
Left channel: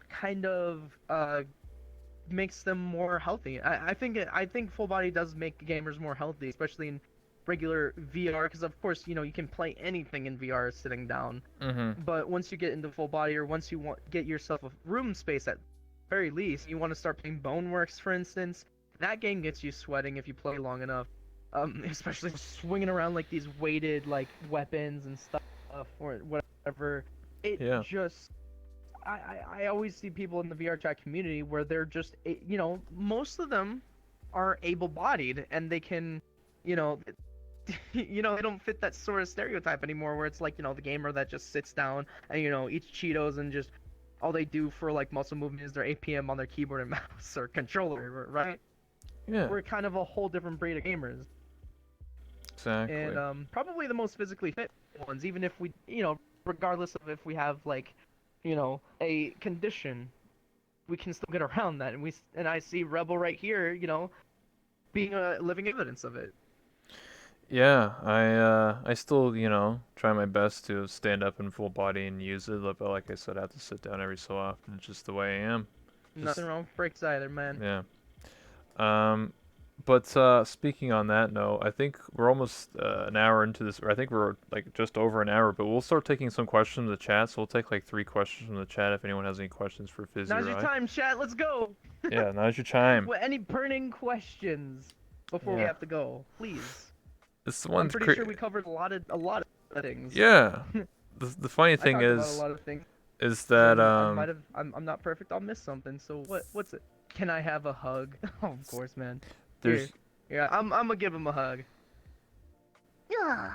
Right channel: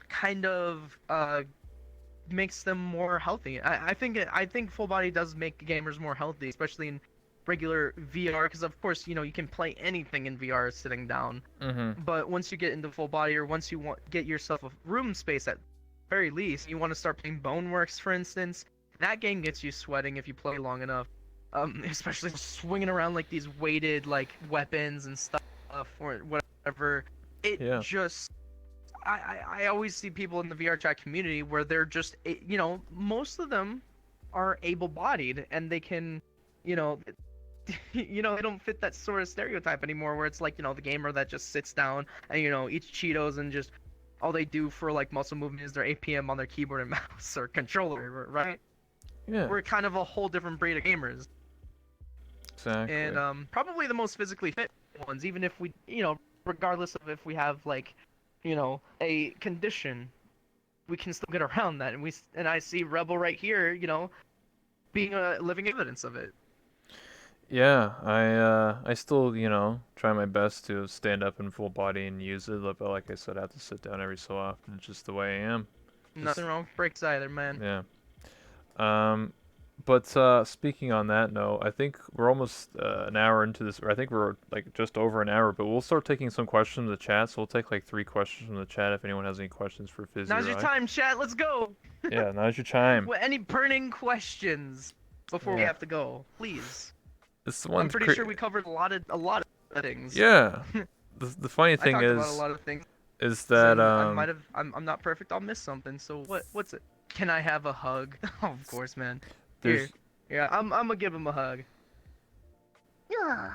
kind of makes them more healthy. I think full body does make gamers more healthy, especially in regular VR, because of course you can play anything in VR sitting down. Mhm. But once you get into full body, or once you get yourself a room space at very least, you want to start playing Boneworks, for instance. That game gets you sweating if you play long enough. Especially swinging around like these weighted like weapons and stuff or whatever. It Yeah. just I always see people in the VR chat community where they're just most of them are able-bodied and they can you know they don't fit that sort of stereotype anymore where it's like the gamer that just sits down and eats Cheetos and just all they do for like muscle movement is their APM on their keyboard and mouse or controller, right? Yeah. We're kind of a whole different breed of gamers, and Exactly. probably the most physically fit ones, even if we regardless of if we have like a condition, we can still get around that, and I see Rebel right here, being a living evidence of it. Yeah, I still, try my best to stand up in full body and use it, but like I said, I have to sit down every so often. It's just the way I am. Nothing Just wrong with breaks either, man. yeah. Um, but speaking on that note, I think we're almost an hour into this, or I think we're like just over an hour. But we'll start taking some questions from the chat. So we'll take like 3 questions from the chat if anyone has any questions for Fizzy Now's or your I. time, chat. Let's go. Yeah, now's your time. Any burning questions before we Yeah, have to go, please? it's the I'm one's pretty sure we covered a lot of things. yeah. The funny I thing talked about a is lot of things. is Because that I'm not perfect. I'll miss something. So what's it? Can I have a hug? Oh, of course, man. Here. there's Yeah, I'm gonna give him a hug. Yeah.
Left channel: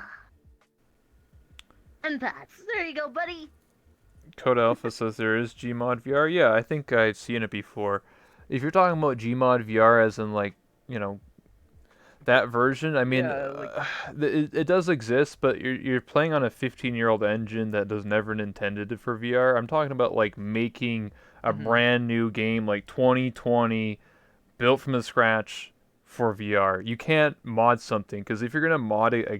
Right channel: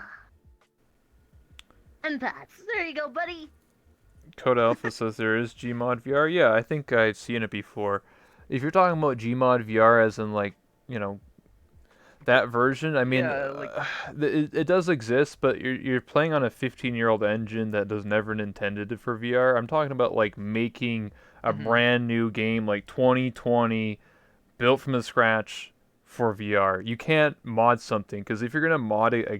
And Pats. There you go, buddy. Code Alpha says there is Gmod VR. Yeah, I think I've seen it before. If you're talking about Gmod VR as in like, you know, that version, I mean, Yeah, like it does exist, but you're playing on a 15-year-old engine that was never intended for VR. I'm talking about like making a hmm brand new game like 2020 built from the scratch for VR. You can't mod something because if you're gonna mod a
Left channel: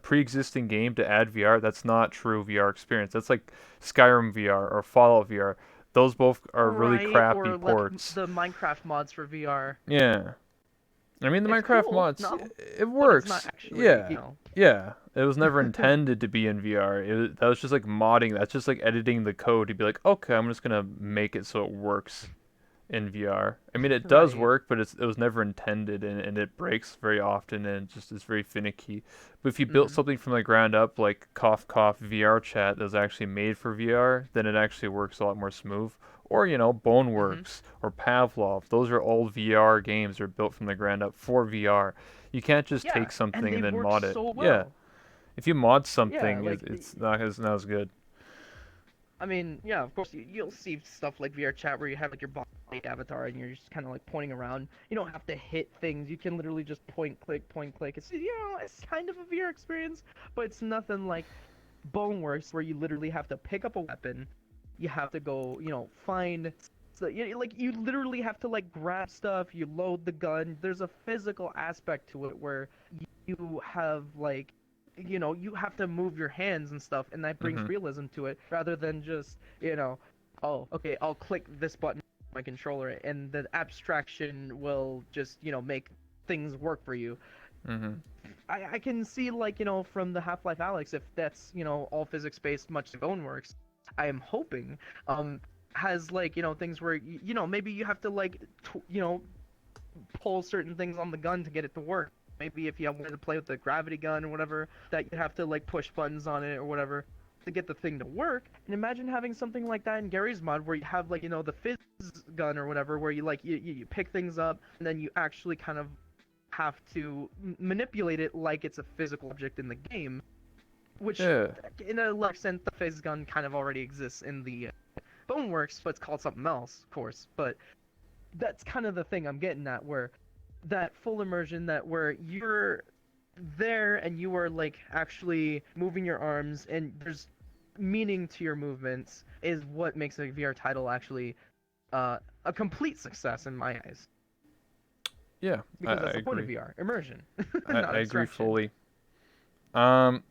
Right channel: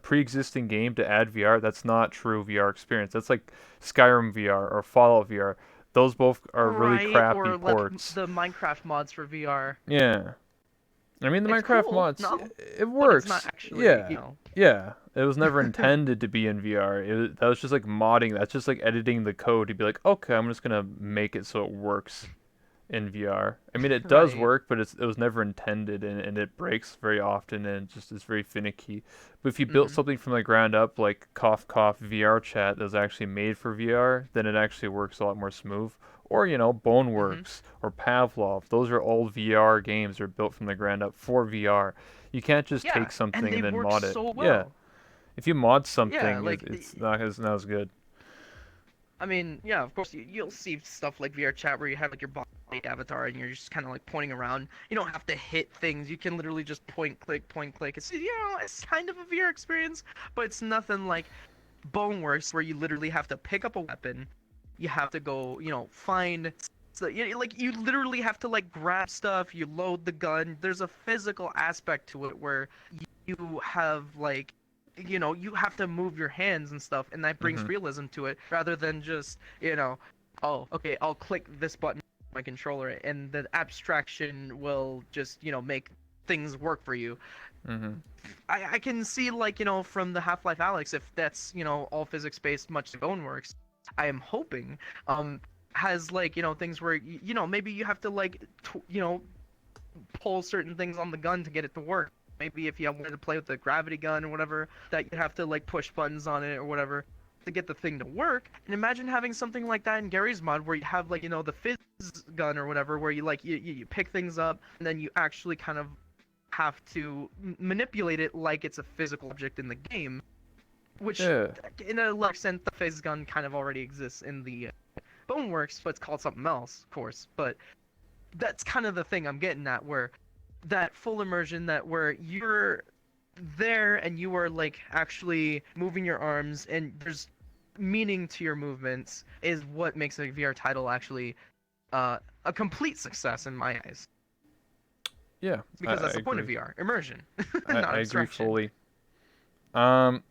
pre-existing game to add VR, that's not true VR experience. That's like Skyrim VR or Fallout VR. Those both are really right, crappy or like ports. the Minecraft mods for VR. Yeah. I mean, the It's Minecraft cool, mods, no, it but it's not works. actually, Yeah. Yeah. It was never intended to be in VR. That was just like modding. That's just like editing the code to be like, okay, I'm just gonna make it so it works in VR. I mean, it does right. work, but it was never intended, and it breaks very often, and it just is very finicky. But if you built Mm. something from the ground up, like Cough Cough VR Chat, that was actually made for VR, then it actually works a lot more smooth. Or Mm-hmm. Boneworks or Pavlov. Those are all VR games. They're built from the ground up for VR. You can't just Yeah, take and something they and then work mod it. so Yeah, well. if you mod Yeah, something, like it's not as good. I mean, yeah, of course you'll see stuff like VR chat where you have like your body avatar and you're just kind of like pointing around. You don't have to hit things. You can literally just point click, point click. It's it's kind of a VR experience, but it's nothing like Boneworks, where you literally have to pick up a weapon, you have to go, find. So, like you literally have to like grab stuff, you load the gun. There's a physical aspect to it where you have like, you have to move your hands and stuff, and that brings Mhm. realism to it rather than just, oh, okay, I'll click this button on my controller, and the abstraction will just, make things work for you. Mhm. I can see, like, from the Half-Life Alyx, if that's, all physics based, much like Boneworks. I am hoping has, like, things where maybe you have to like pull certain things on the gun to get it to work. Maybe if you wanted to play with the gravity gun or whatever, that you have to like push buttons on it or whatever to get the thing to work. And imagine having something like that in Gary's mod, where you have, like, the fizz gun or whatever, where you like you pick things up, and then you actually kind of have to manipulate it like it's a physical object in the game, which, Yeah. in a large sense, the fizz gun kind of already exists in the Boneworks, but it's called something else, of course. But that's kind of the thing I'm getting at, where that full immersion, that where you're there and you are like actually moving your arms and there's meaning to your movements, is what makes a VR title actually a complete success in my eyes. Yeah. I, Because I that's the point of agree. VR, immersion, I not agree abstraction. fully. Um,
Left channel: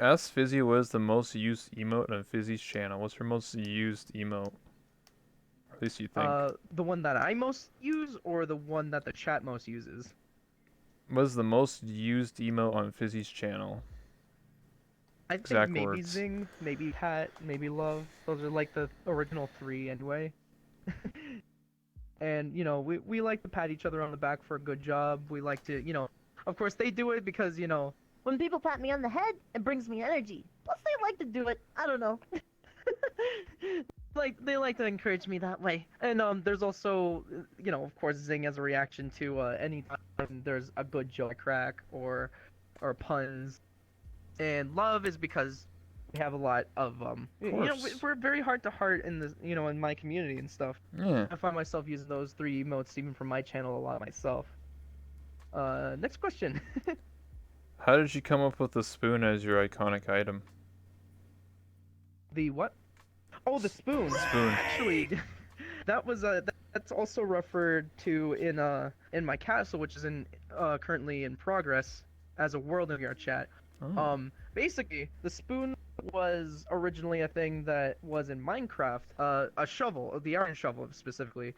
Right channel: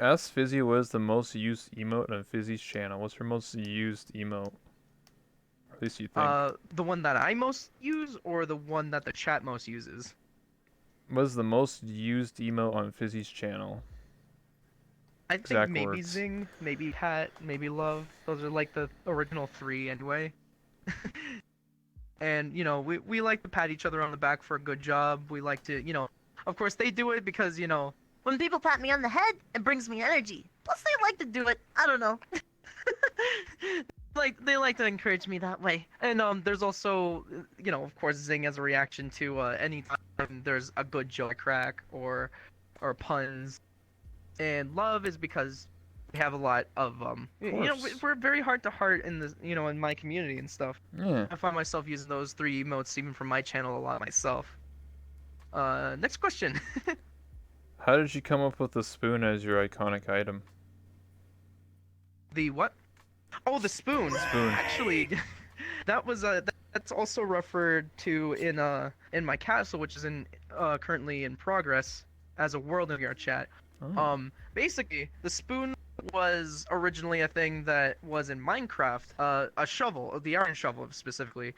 Ask Fizzy what is the most used emote on Fizzy's channel. What's her most used emote? Or at least you think. The one that I most use, or the one that the chat most uses? What is the most used emote on Fizzy's channel? I think Exact maybe words. Zing, maybe Pat, maybe Love. Those are like the original three anyway. And we like to pat each other on the back for a good job. We like to, of course they do it because, When people pat me on the head, it brings me energy. Plus, they like to do it. I don't know. like they like to encourage me that way. And there's also, of course, Zing as a reaction to any time there's a good joke crack or puns. And Love is because we have a lot of Of course. we're very heart to heart in this, in my community and stuff. Yeah. I find myself using those three emotes even from my channel a lot myself. Next question. How did you come up with the spoon as your iconic item? The what? Oh, the spoon. Spoon. Actually, that was that's also referred to in my castle, which is in currently in progress as a world in your chat. Oh. Basically, the spoon was originally a thing that was in Minecraft, a shovel, the iron shovel specifically.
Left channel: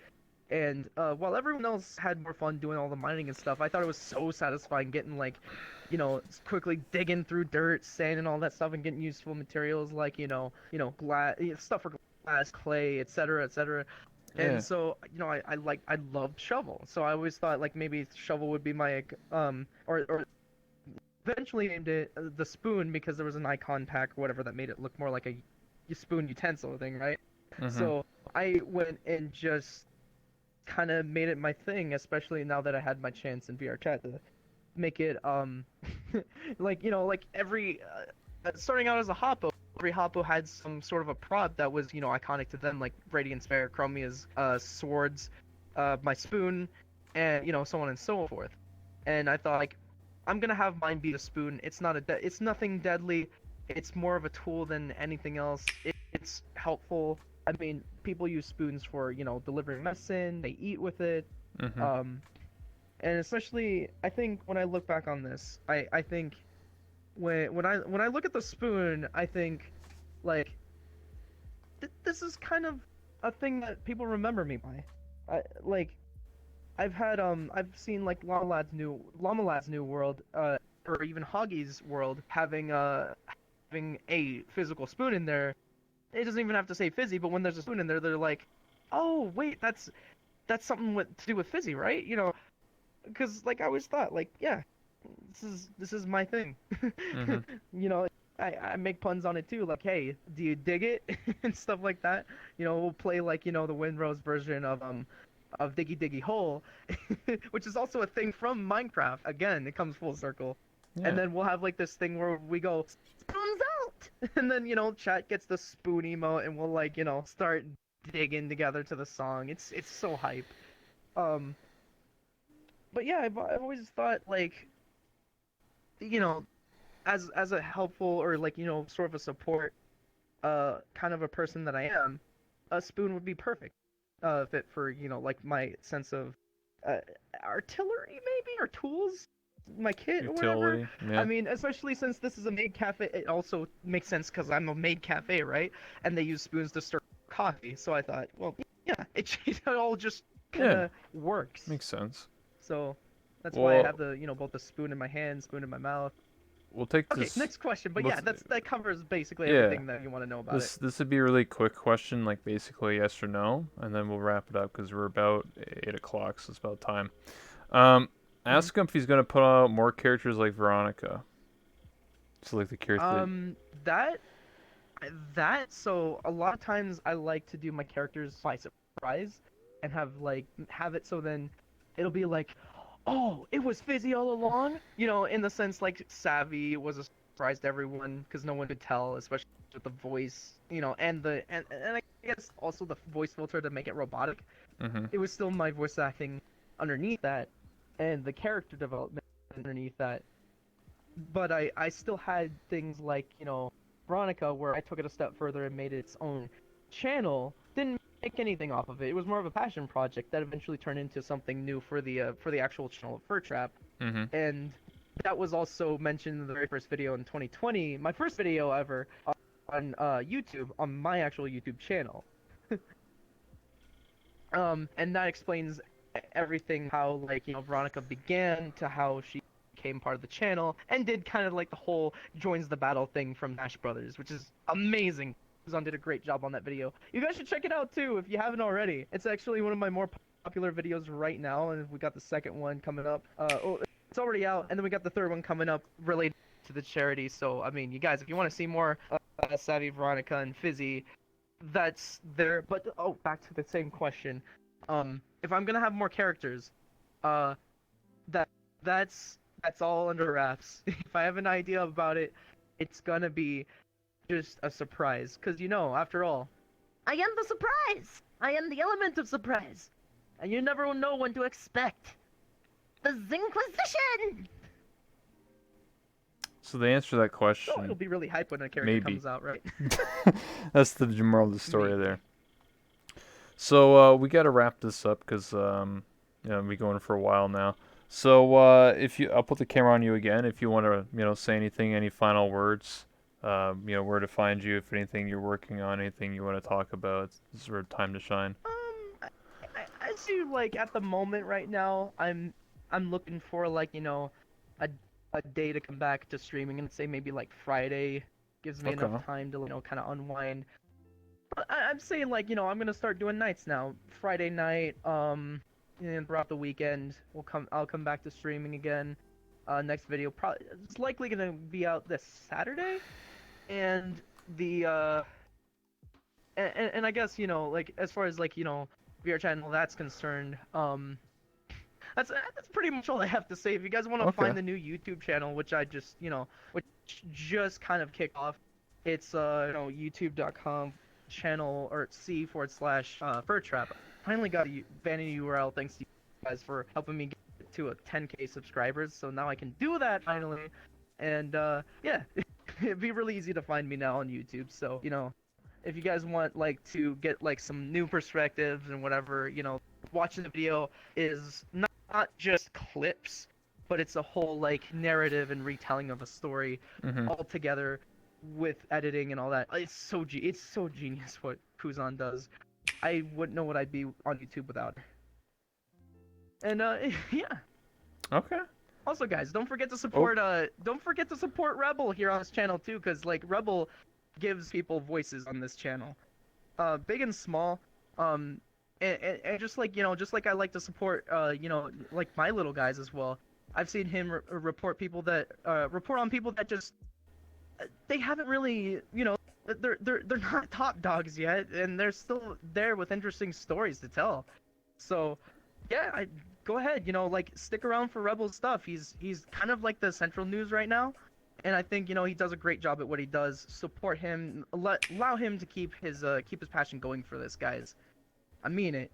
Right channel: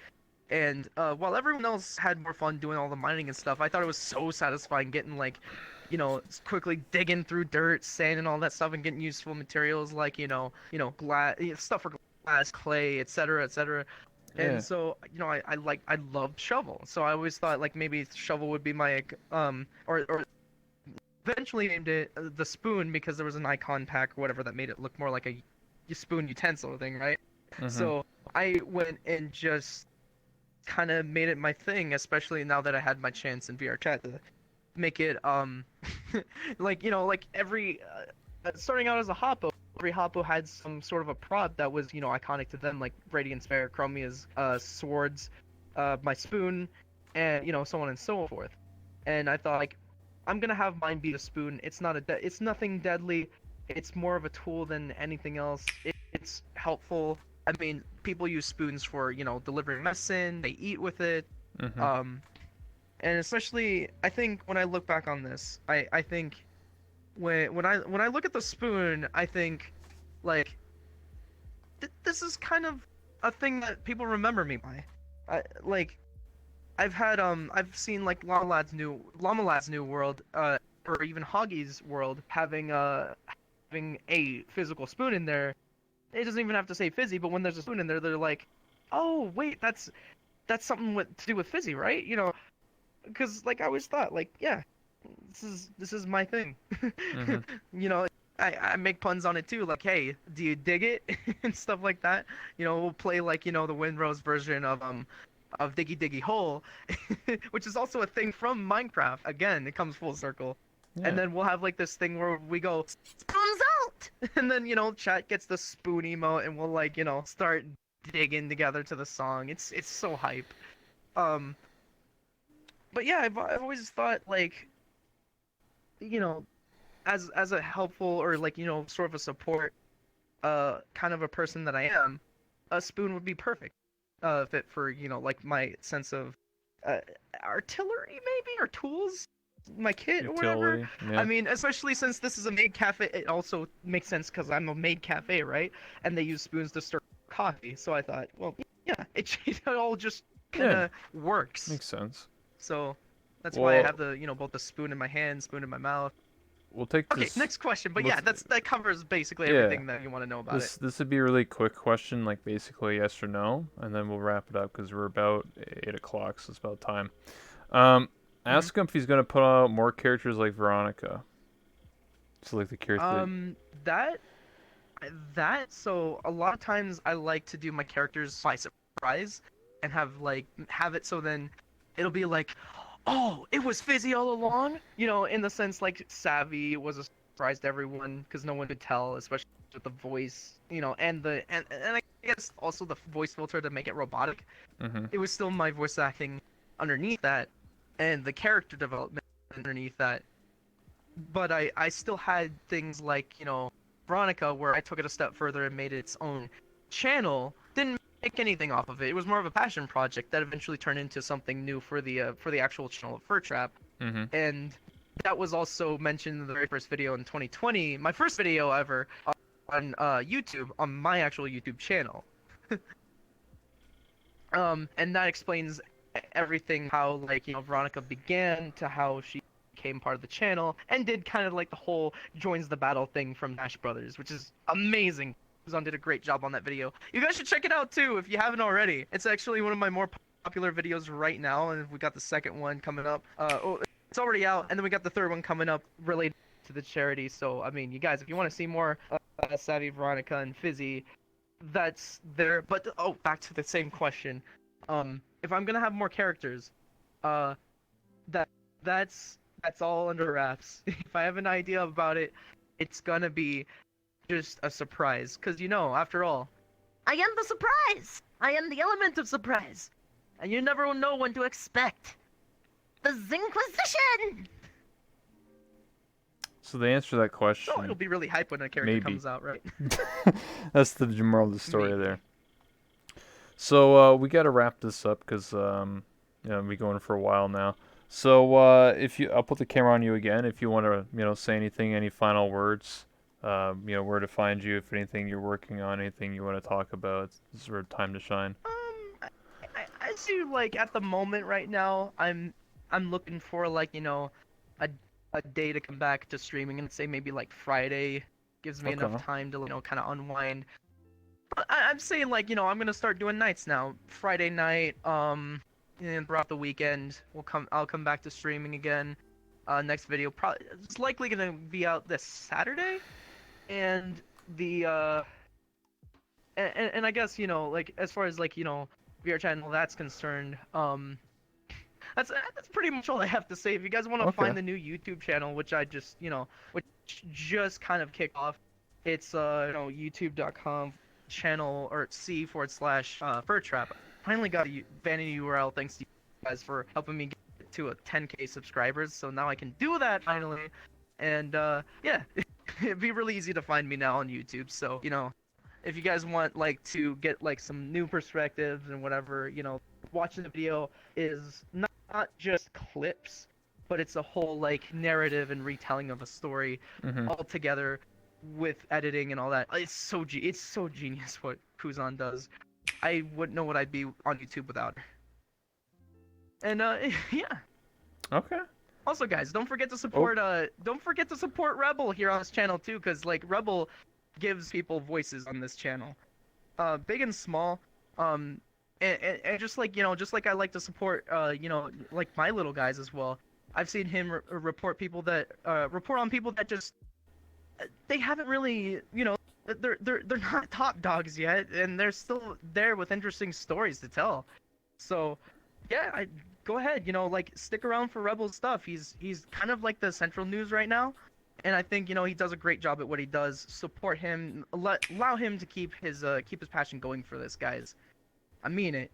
And while everyone else had more fun doing all the mining and stuff, I thought it was so satisfying getting, like, quickly digging through dirt, sand, and all that stuff, and getting useful materials like, glass, stuff for glass, clay, etc., etc. And Yeah. so, I loved shovel. So I always thought, like, maybe shovel would be my or eventually named it the spoon, because there was an icon pack or whatever that made it look more like a spoon utensil thing, right? Mhm. So I went and just kind of made it my thing, especially now that I had my chance in VR chat to make it like, like every starting out as a Hoppo, every Hoppo had some sort of a prop that was, iconic to them, like Radiant Spare, Chromia's swords, my spoon, and, so on and so forth. And I thought, like, I'm gonna have mine be a spoon. It's not it's nothing deadly. It's more of a tool than anything else. It's helpful. I mean, people use spoons for, delivering medicine. They eat with it. Mhm. Um, and especially, I think when I look back on this, I think when I look at the spoon, I think, like, this is kind of a thing that people remember me by. Like, I've seen, like, Llama Lad's new world, or even Hoggy's world having a physical spoon in there. It doesn't even have to say fizzy, but when there's a spoon in there, they're like, "Oh, wait, that's something to do with fizzy, right?" Because, like, I always thought, like, yeah, this is my thing. Mhm. you know, I make puns on it too, like, "Hey, do you dig it?" and stuff like that. We'll play, like, the Windrose version of Diggy Diggy Hole, which is also a thing from Minecraft. Again, it comes full circle. And Yeah. then we'll have, like, this thing where we go, Spoons out! and then, chat gets the spoon emote, and we'll, like, start digging together to the song. It's so hype. Um, but yeah, I've always thought, like, you know as a helpful or like sort of a support kind of a person that I am, a spoon would be perfect fit for like my sense of uh, artillery maybe or tools, my kit or whatever. Utility. I Yeah. mean, especially since this is a maid cafe, it also makes sense because I'm a maid cafe, right? And they use spoons to stir coffee, so I thought, well, yeah, it all just kind Yeah. of works. Makes sense. So that's why I have Well, the both the spoon in my hand, spoon in my mouth. we'll take Okay, this. next question. But yeah, Let's. that covers basically Yeah. everything that you want to know about it. This would be a really quick question, like basically yes or no, and then we'll wrap it up because we're about 8 o'clock, so it's about time. Um, Hmm. ask him if he's gonna put out more characters like Veronica. So like the character. Um, that so a lot of times I like to do my characters by surprise and have it so then it'll be like, oh, it was Fizzy all along, in the sense like Savvy was a surprise to everyone because no one could tell, especially with the voice, and and I guess also the voice filter to make it robotic. Mm-hmm. It was still my voice acting underneath that and the character development underneath that, but I still had things like Veronica, where I took it a step further and made it its own channel. Didn't make anything off of it. It was more of a passion project that eventually turned into something new for the actual channel of FurTrap. Mm-hmm. And that was also mentioned in the very first video in 2020, my first video ever on YouTube, on my actual YouTube channel. And that explains everything, how like Veronica began to how she became part of the channel and did kind of like the whole joins the battle thing from Nash Brothers, which is amazing. Zon did a great job on that video. You guys should check it out too if you haven't already. It's actually one of my more popular videos right now, and we got the second one coming up. Oh, it's already out, and then we got the third one coming up related to the charity. So I mean, you guys, if you want to see more Savvy, Veronica, and Fizzy, that's there. But oh, back to the same question. If I'm gonna have more characters, uh, that that's all under wraps. If I have an idea about it, it's gonna be just a surprise. Cause after all, I am the surprise. I am the element of surprise. and you never know when to expect. The Zinquisition. So the answer to that So it'll question, be really hype when a character maybe. comes out, right? That's the moral of the story Maybe. there. So we got to wrap this up because we've been going for a while now. So if you, I'll put the camera on you again. If you want to, say anything, any final words, where to find you, if anything you're working on, anything you want to talk about. This is your time to shine. I see like at the moment right now, I'm looking for like a a day to come back to streaming and say maybe like Friday gives me Okay. enough time to kind of unwind. But I'm saying like I'm gonna start doing nights now. Friday night, and throughout the weekend, I'll come back to streaming again. Next video probably it's likely gonna be out this Saturday, and the and I guess like as far as like VR chat and all that's concerned, that's pretty much all I have to say. If you guys want to Okay. find the new YouTube channel, which I just which just kind of kicked off, it's youtube.com channel or c// FurTrap. Finally got a vanity URL thanks to you guys for helping me get to a 10K subscribers. So now I can do that finally, and yeah, it'd be really easy to find me now on YouTube. So if you guys want like to get like some new perspectives and whatever, watching the video is not just clips, but it's a whole like narrative and retelling of a story Mm-hmm. all together with editing and all that. It's so genius what Kuzan does. I wouldn't know what I'd be on YouTube without. And yeah. Okay. Also, guys, Oh. don't forget to support Rebel here on this channel too, because like Rebel gives people voices on this channel, big and small, and just like just like I like to support like my little guys as well. I've seen him report on people that just they haven't really they're not top dogs yet, and they're still there with interesting stories to tell. So yeah, I go ahead, like stick around for Rebel stuff. He's kind of like the central news right now, and I think he does a great job at what he does. Support him, allow him to keep his passion going for this, guys. I mean it.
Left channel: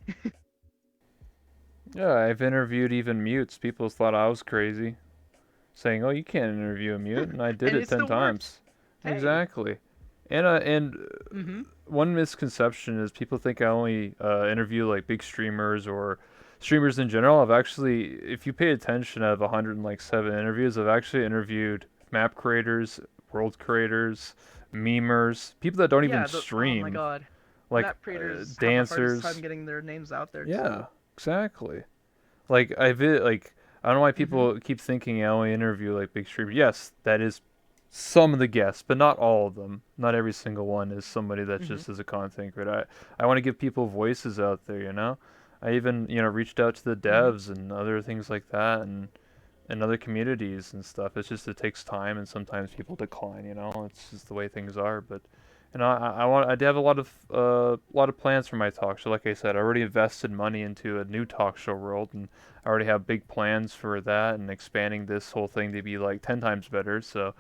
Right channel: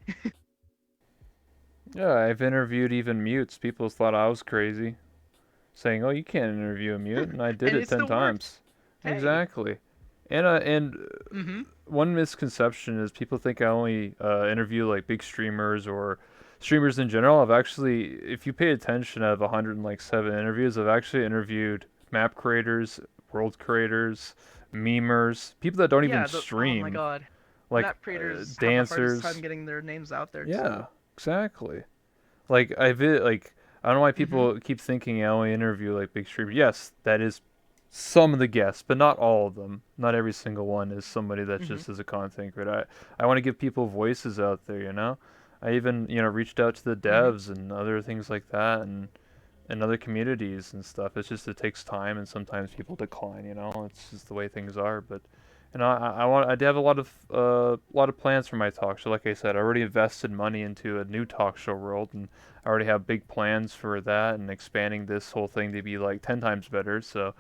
Yeah, I've interviewed even mutes. People thought I was crazy. saying, "Oh, you can't interview a mute," and I did And it it 10 still worked. times. Hey. Exactly. And Mm-hmm. one misconception is people think I only interview like big streamers or streamers in general. I've actually, if you pay attention, out of 107 interviews, I've actually interviewed map creators, world creators, memers, people that don't even Yeah, oh my stream, god. like Map creators have the hardest time dancers. getting their names out there Yeah, too. exactly. Like I don't know why Mm-hmm. people keep thinking I only interview like big streamers. Yes, that is some of the guests, but not all of them. Not every single one is somebody that Mm-hmm. just is a content creator. I want to give people voices out there, you know. I even reached out to the Mm-hmm. devs and other things like that, and other communities and stuff. It's just it takes time, and sometimes people decline. It's just the way things are. But I do have a lot of plans for my talk show. Like I said, I already invested money into a new talk show world, and I already have big plans for that and expanding this whole thing to be like 10 times better. So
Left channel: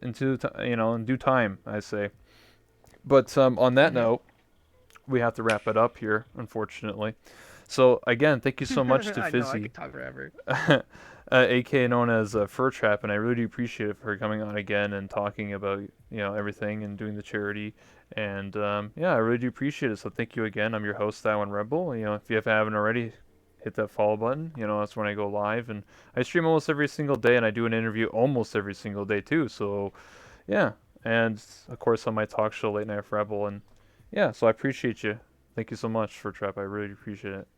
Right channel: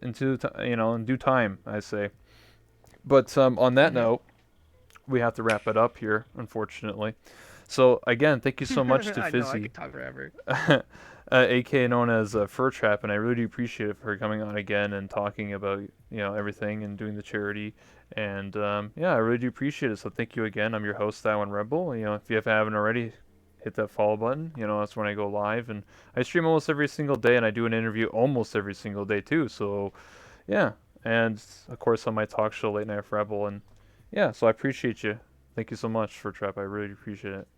in due time, I say. But on that Mm-hmm. note, we have to wrap it up here, unfortunately. So again, thank you so much to I know, I Fizzy, could talk forever. aka known as FurTrap, and I really do appreciate it for her coming on again and talking about everything and doing the charity. And yeah, I really do appreciate it. So thank you again. I'm your host, That One Rebel. If you haven't already, hit that follow button. That's when I go live, and I stream almost every single day, and I do an interview almost every single day too. So yeah, and of course on my talk show, Late Night Rebel, and yeah. So I appreciate you. Thank you so much FurTrap. I really appreciate it.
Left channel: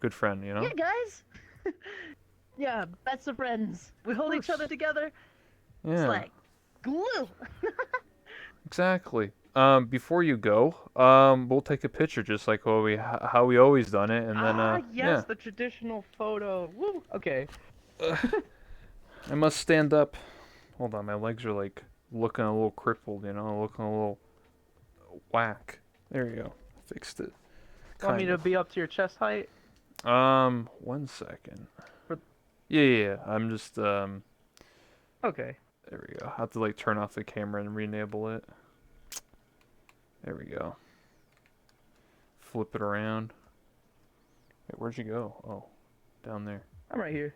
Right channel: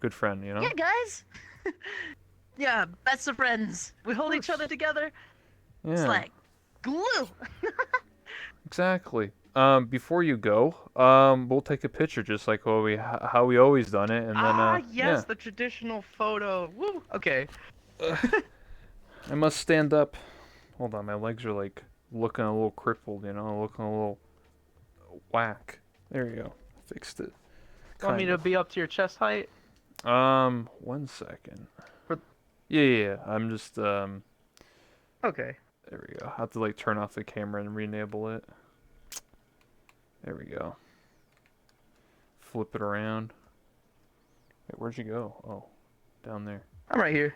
Good friend, you Yeah, know. guys. Yeah, best of friends. We Of hold each other course. together. It's Yeah. like glue. Exactly. Before you go, we'll take a picture just like how we always done it, and then Ah, yeah. yes, the traditional photo. Woo. Okay. I must stand up. Hold on, my legs are like looking a little crippled, looking a little whack. There you go. Fixed it. Want me Kind to of. be up to your chest height? 1 second. For... Yeah, yeah, yeah. I'm just Okay. there we go. I have to like turn off the camera and re-enable it. There we go. Flip it around. Wait, where'd you go? Oh, down there. I'm right here.